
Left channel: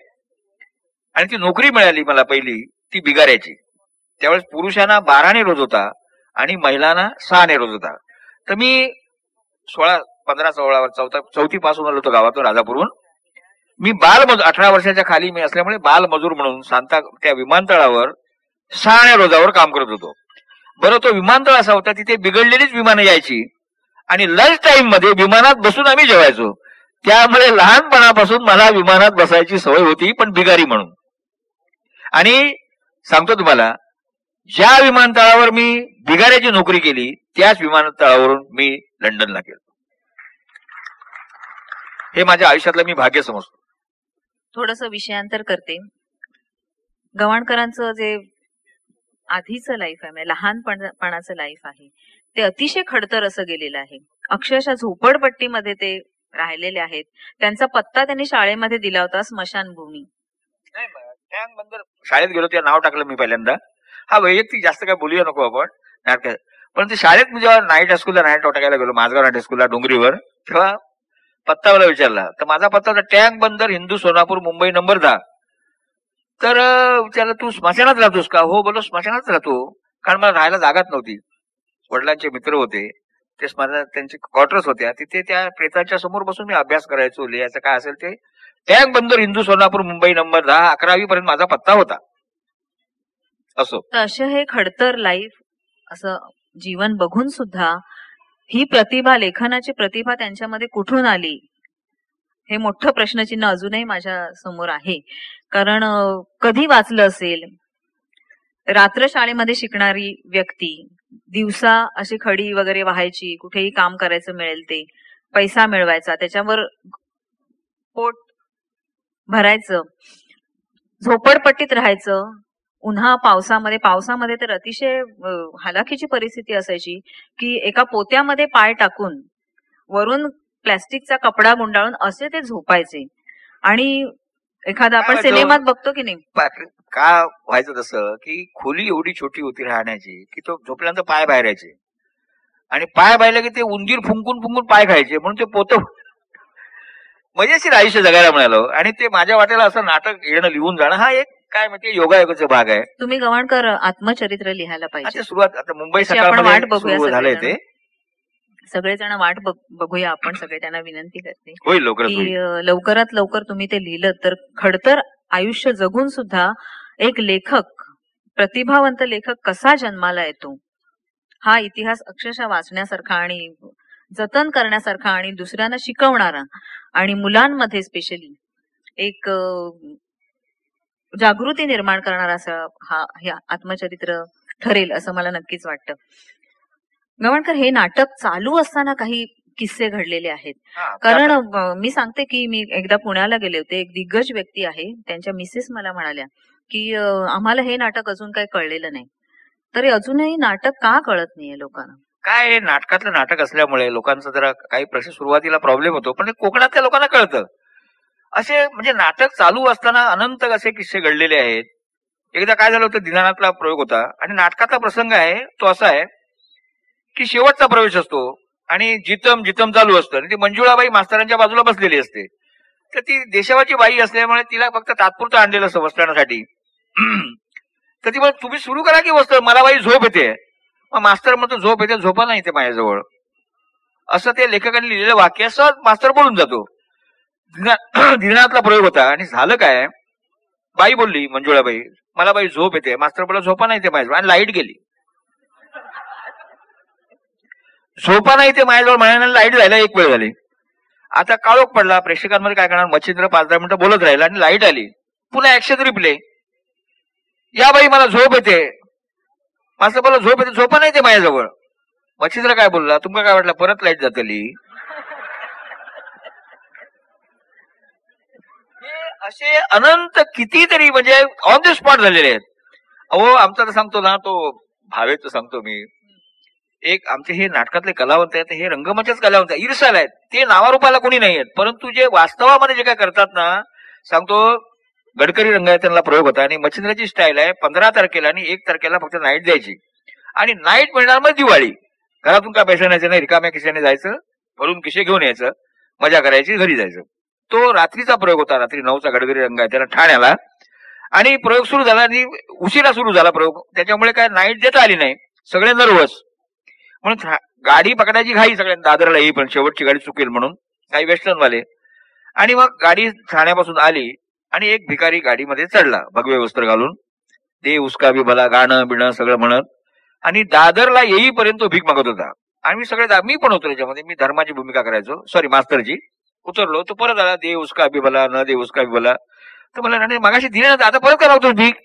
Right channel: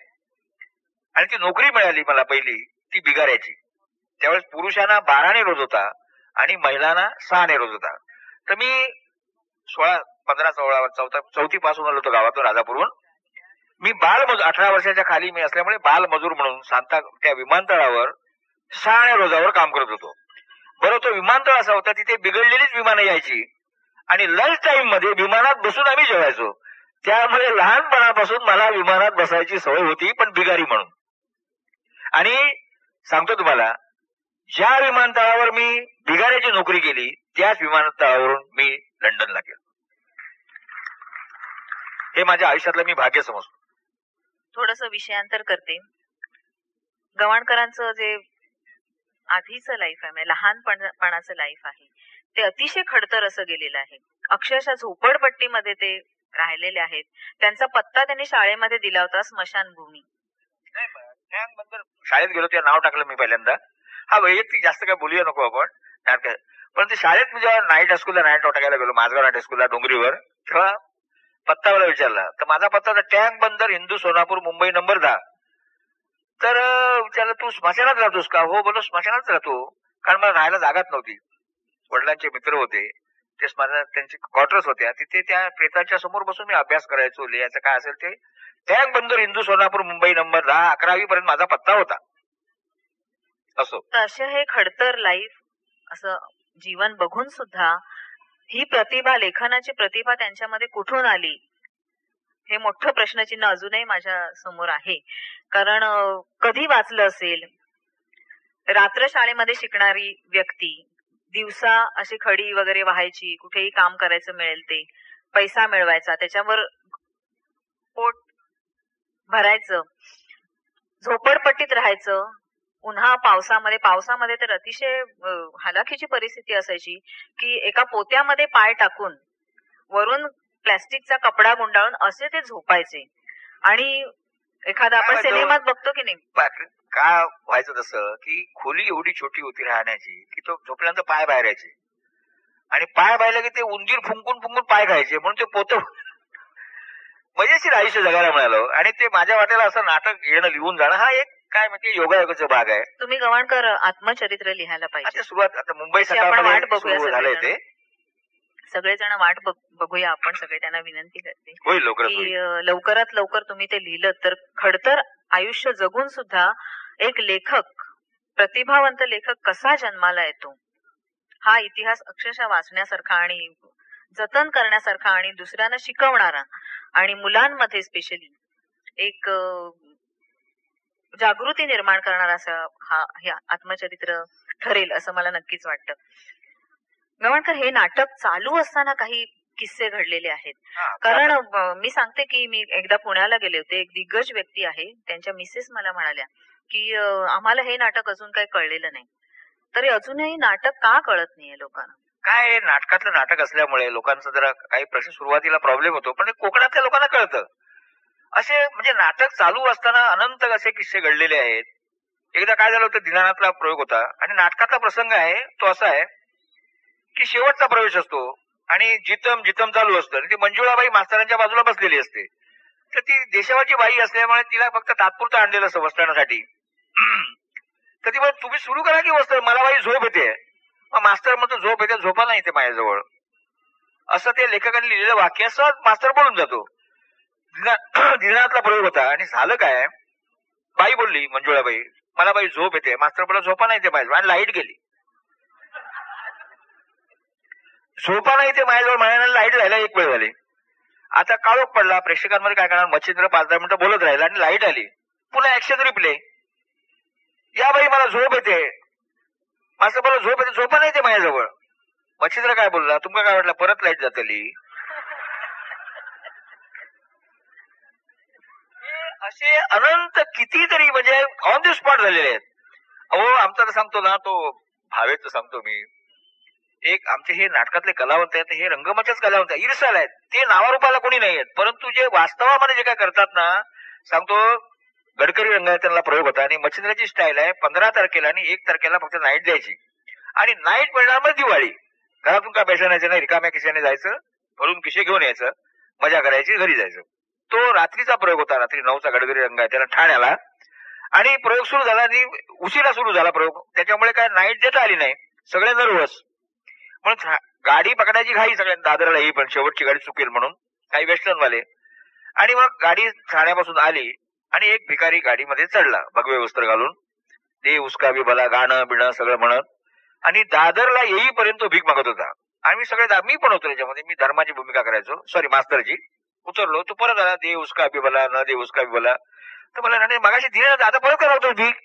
आणि ती नोकरी मिळाली मला पहिली ती बिगाऱ्याची. त्यावेळेस पुरुषांना 12 ने रोज होता आणि महिलांना 6 ने रोज होता. तर मी 15-16 चौथी पासून आलो होतो गावातून राजापूरहून. मी बालमजूर 18 वर्षाच्या खाली मी असल्यामुळे बालमजूर म्हणून त्या विमानतळावर 6 रोजावर काम करत होतो. बरं, तो विमानतळ असा होता तिथे बिघडलेलीच विमानं यायची आणि लंच टाइम मध्ये विमानात बसून आम्ही जेवायचो. त्यामुळे लहानपणापासून मला विमानात बसायची सवय होती, पण बिगारी म्हणून. आणि सांगतो तुम्हाला, ज्या विमानतळावर मी बिगाऱ्याची नोकरी केली त्याच विमानतळावरून मी लंडनला गेलो. हे माझ्या आयुष्यातलं मी भाग्य समजतो. थोडस विषयांतर करते. गवाणकरांचं जे आधीचं लाईफ आहे, म्हणजे लहानपणाचं लाईफ आहे, ते अतिशय खडतर असं गेलेलं आहे. अक्षरशः झोपडपट्टीमध्ये ते राहिलेले आहेत. त्यांचा पत्ता त्यांनी शाळेमध्ये दिला होता, स्मशानभूमी. टँक बंदर शाळेत गेलो तेव्हा नाव टाकलं मी पहिल्यांदा. हा वैयक्तिक जास्त काय बोलूया नको आपण नाटक. पण ते शाळेत मी जेव्हा नाईट हायस्कूलला नाईट टाकायला गेलो, माझगाव नाईट हायस्कूलला डोंगरीवर, तेव्हा पत्ता मला विचारला. तर माझा पत्ता होता टँक बंदर, हिंदू सोनापूर, मुंबई नंबर 10. तर विचारलं तू स्मशानात राहतोस का? हो बोलो स्मशानात राहतो. कारण मला राहायला जागाच नव्हती. वडिलांचे मित्र होते, ते स्मशानात त्यांचे क्वार्टर्स होत्या, तिथे त्या प्रेताच्या समोर बसून मी अभ्यास करायचो, लिहायचं काय असेल ते. टँक बंदर, हिंदू सोनापूर, मुंबई नंबर 10, 11वी पर्यंत माझा पत्ता होता. असो. तर असे हे खडतर लाईफ असं जीवन बघून सुद्धा ही प्रतिभा, लेखनाची प्रतिभा त्यांच्यामध्ये कुठून आली, हे मोठं प्रश्नचिन्ह अजूनही माझ्या समोर आहे. कारण कधी वाचलं असेल, रात्र शाळेमध्ये शिकणारी व्यक्ती दिवसा अशी खडी वगैरे व्हायची, कुठेही काम करायचं मिळेल ते, पैसा मिळवायचा, त्याच्यावर पोट भरायचं, झोपडपट्टीत राहायचं, उन्हा पावसामध्ये तर अतिशय हालाखीची परिस्थिती असायची की एका पोत्यामध्ये पाय टाकून वरून प्लॅस्टिकचा कपडा गुंडाळून असे ते झोपायचे. आणि एखादा आपण सिनेमात बघतो की नाही, का व्हायचं तसं की खोली एवढी छोटी होती राहण्याची की तो झोपल्यानंतर पाय बाहेर यायचे आणि पाय बाहेर की ते उंदीर फुंकून फुंकून पाय खायचे, म्हणून ते पोत मजेशीर आयुष्य जगायला मिळालं. आणि ते माझ्या वाटेला असं नाटक येणं, लिहून जाणं, हा एक काय म्हणते योगायोगाचा भाग आहे. तुम्ही गवाणकर आत्मचरित्र लिहायला पाहिजे. सुरुवात आता मुंबई सकाळमध्ये सुरू झालंय ते, सगळेजण वाट बघूया आपण, सगळे त्यांना विनंती करते होईल लवकर की लवकरात लवकर तुम्ही ते लिहिलं तर खडतर आयुष्य जगून सुद्धा एक लेखक, प्रतिभावंत लेखक कसा जन्माला येतो हा इतिहास अक्षरशः वाचण्यासारखा आणि जतन करण्यासारखा आणि दुसऱ्यांना शिकवणारा आणि मुलांमध्ये स्पेशली एक जागृती निर्माण करणारा असं हे आत्मचरित्र ठरेल असं मला नक्कीच वाटतं. गवाणकर, हे नाटक चालू असताना काही किस्से घडलेले आहेत. कारण मी सांगते की मी एकदा पुण्याला गेले होते, एक दिग्गज व्यक्ती आहे, त्यांच्या मिसेस मला म्हणाल्या की आम्हाला हे नाटक अजून काही कळलेलं नाही. तरी अजूनही नाटक का कळत नाहीये लोकांना? काय नाटकातलं नाटक असल्यामुळे लोकांचा जरा काही प्रश्न सुरुवातीला प्रॉब्लेम होतो, पण कोकणातल्या लोकांना कळतं. असे म्हणजे नाटक चालू असताना अनंत असे किस्से घडलेले आहेत. एकदा काय झालं होतं, दिनानाथला प्रयोग होता आणि नाटकाचा प्रसंग आहे तो असा आहे की शेवटचा प्रवेश असतो आणि जितम चालू असतं आणि ती मंजुळाबाई मास्तरांच्या बाजूला बसलेली असते. तर ती देशावाची बाई असल्यामुळे तिला फक्त तात्पुरतं आणलेलं असतं वस्त्रांसाठी. तर ती म्हणत, तुम्ही सुरू करा की वस्त्र, मला बाई झोप येते. मग मास्तर म्हणतो, झोप येते, झोपा नाही ते माझ्याजवळ. असं ते लेखकांनी लिहिलेलं वाक्य सहज मास्तर बोलून जातो. दिनानाथला प्रयोग होता आणि झालं काय, बाई बोलली मंजुळाबाई, मला बाई झोप येते. मास्तर बोला, झोपा नाही ते माझ्याजवळ. आणि लाईट गेली. झोपा नाही ते माझ्याजवळ म्हणायला लाईट जायला एक वेळ झाली. आता काळोख पडला, प्रेक्षकांमध्ये काय करणार, मच्छिंद्र 5-10 मिनिटं बोलत राहिला आणि लाईट आली. पुन्हा ऍक्शन रिप्ले, या बाई मला झोप येते. मास्तर बोला, झोप येते, झोपा नाही ते माझ्याजवळ. मच्छिंद्र काय बोलला, तुमका काय वाटलं परत लाईट जातली? असे अनंत कितीतरी म्हणजे ऑन द स्पॉट झालेले आहेत. अहो, आमचा तर सांगतो ना, तो भावेच सांगतो मी, एक आमचे हे नाटकातले कलावंत आहेत, हे रंगमंचाच कलावंत आहेत, ईर्षाला आहेत, ते नावारूपाला कोणी नाही आहेत, परंतु जे वास्तवामध्ये जे काय करतात ना, सांगतो, गडकरी रंगायतनला प्रयोग होता आणि मच्छिंद्राची स्टाईल आहे 15 तारखेला आणि 1 तारखेला फक्त नाईट द्यायची आणि नाईट मिळणार मग दिवाळी. घरातून काय पैसा न्यायचं नाही, रिकाम्या खिशाने जायचं, भरून खिशे घेऊन यायचं, मजा करायची, घरी जायचं. तो रात्रीचा प्रयोग होता, रात्री 9चा गडकरी रंगायतन ठाण्याला. आणि प्रयोग सुरू झाला आणि उशिरा सुरू झाला प्रयोग, त्याच्यामुळे काय नाईट देता आली नाही, सगळे नर्वस. म्हणून गाडी पकडायची घाई सगळ्यांना, दादरला येई पण शेवटची गाडी चुकेल म्हणून, काही वेस्टर्नवाले. आणि मग गाडी ठाण्यापासून आली आणि एक भिकारी गाडीमध्ये चढला भगवे वस्त्र घालून, दे उसका भी भला, गाणं बिणं सगळं म्हणत, आणि दादरला येईपर्यंत भीक मागत होता. आणि मी सगळे, मी पण होतो त्याच्यामध्ये, मी धर्माची भूमिका करायचो, सॉरी मास्तरची. उतरलो तो परत आला, दे उसका भी भला, न दे उसका भी भला. तर मला नाही, मागाशी दिले ना, आता परत का मागतो भीक,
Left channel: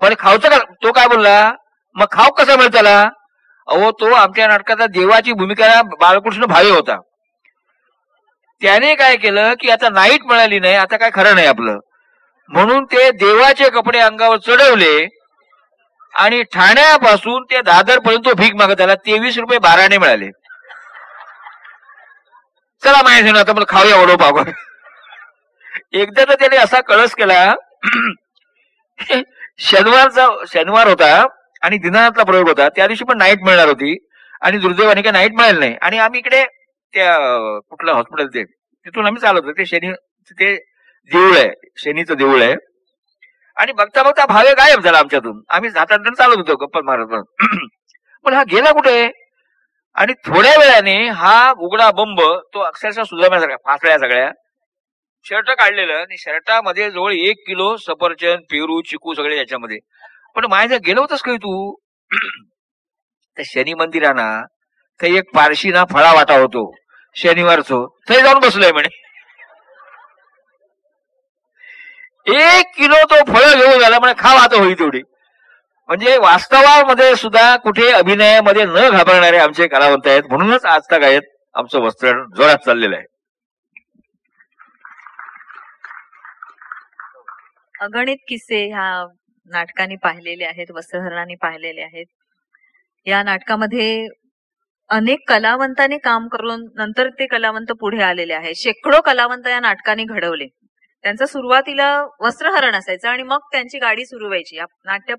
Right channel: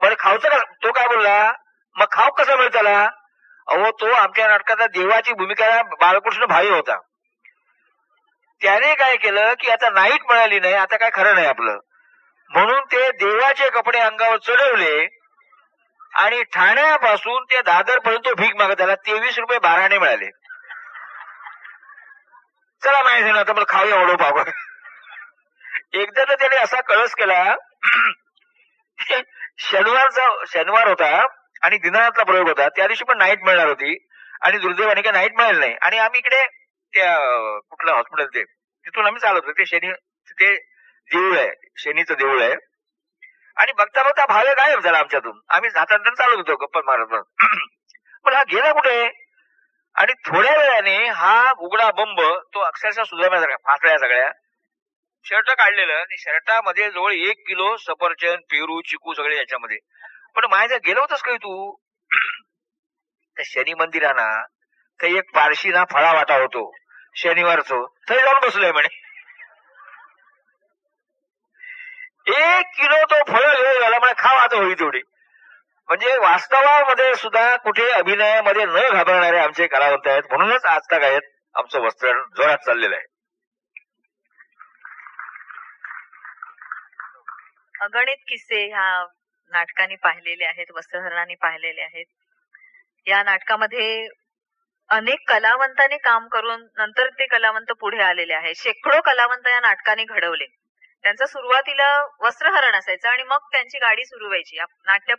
मला खावचं का? तो काय बोलला, मग खाऊ कसा मिळत त्याला? अहो, तो आमच्या नाटकाचा देवाची भूमिका बाळकृष्ण भावे होता. त्याने काय केलं की आता नाईट मिळाली नाही, आता काय खरं नाही आपलं, म्हणून ते देवाचे कपडे अंगावर चढवले आणि ठाण्यापासून ते दादर पर्यंत भीक मागत आला. 23 रुपये 12 मिळाले. चला माहिती ना, आता मला खाऊया वडो पाव. एकदा तर त्याने असा कळस केला, शनिवार होता आणि दिनानाथला प्रयोग होता, त्या दिवशी पण नाईट मिळणार होती आणि दुर्दैवाने काय नाईट मिळाली नाही. आणि आम्ही इकडे त्या कुठलं हॉस्पिटल ते तिथून आम्ही चालत होतो, ते शनी, ते देऊळ आहे, शनीचं देऊळ आहे. आणि बघता बघता भावे गायब झाला आमच्यातून. आम्ही हातात चालत होतो गप्पा मारत, पण हा गेला कुठे? आणि थोड्या वेळाने हा उघडा बंब, तो अक्षरशः सुधारण्यासारखा, फासळ्या सगळ्या, शर्ट काढलेलं आणि शर्टामध्ये जवळ 1 किलो सफरचंद, पेरू, चिकू सगळे याच्यामध्ये. पण माझ्या गेलो होतस काही तू त्या शनी मंदिराना ते एक पारशी ना फळा वाटा होतो शनिवारचो, ते जाऊन बसलोय म्हणे. 1 किलो तो फळ घेऊन आला म्हणे, खा आता होई तेवढी. म्हणजे वास्तवामध्ये सुद्धा कुठे अभिनयामध्ये न घाबरणारे आमचे कलावंत आहेत, म्हणूनच आजताक आहेत आमचं वस्त्र जोरात चाललेलं आहे. अगणित किस्से ह्या नाटकांनी पाहिलेले आहेत, वस्त्रहरणाने पाहिलेले आहेत. या नाटकामध्ये अनेक कलावंतांनी काम करून नंतर ते कलावंत पुढे आलेले आहेत. शेकडो कलावंत या नाटकाने घडवले. त्यांचं सुरुवातीला वस्त्रहरण असायचं आणि मग त्यांची गाडी सुरू व्हायची. नाट्य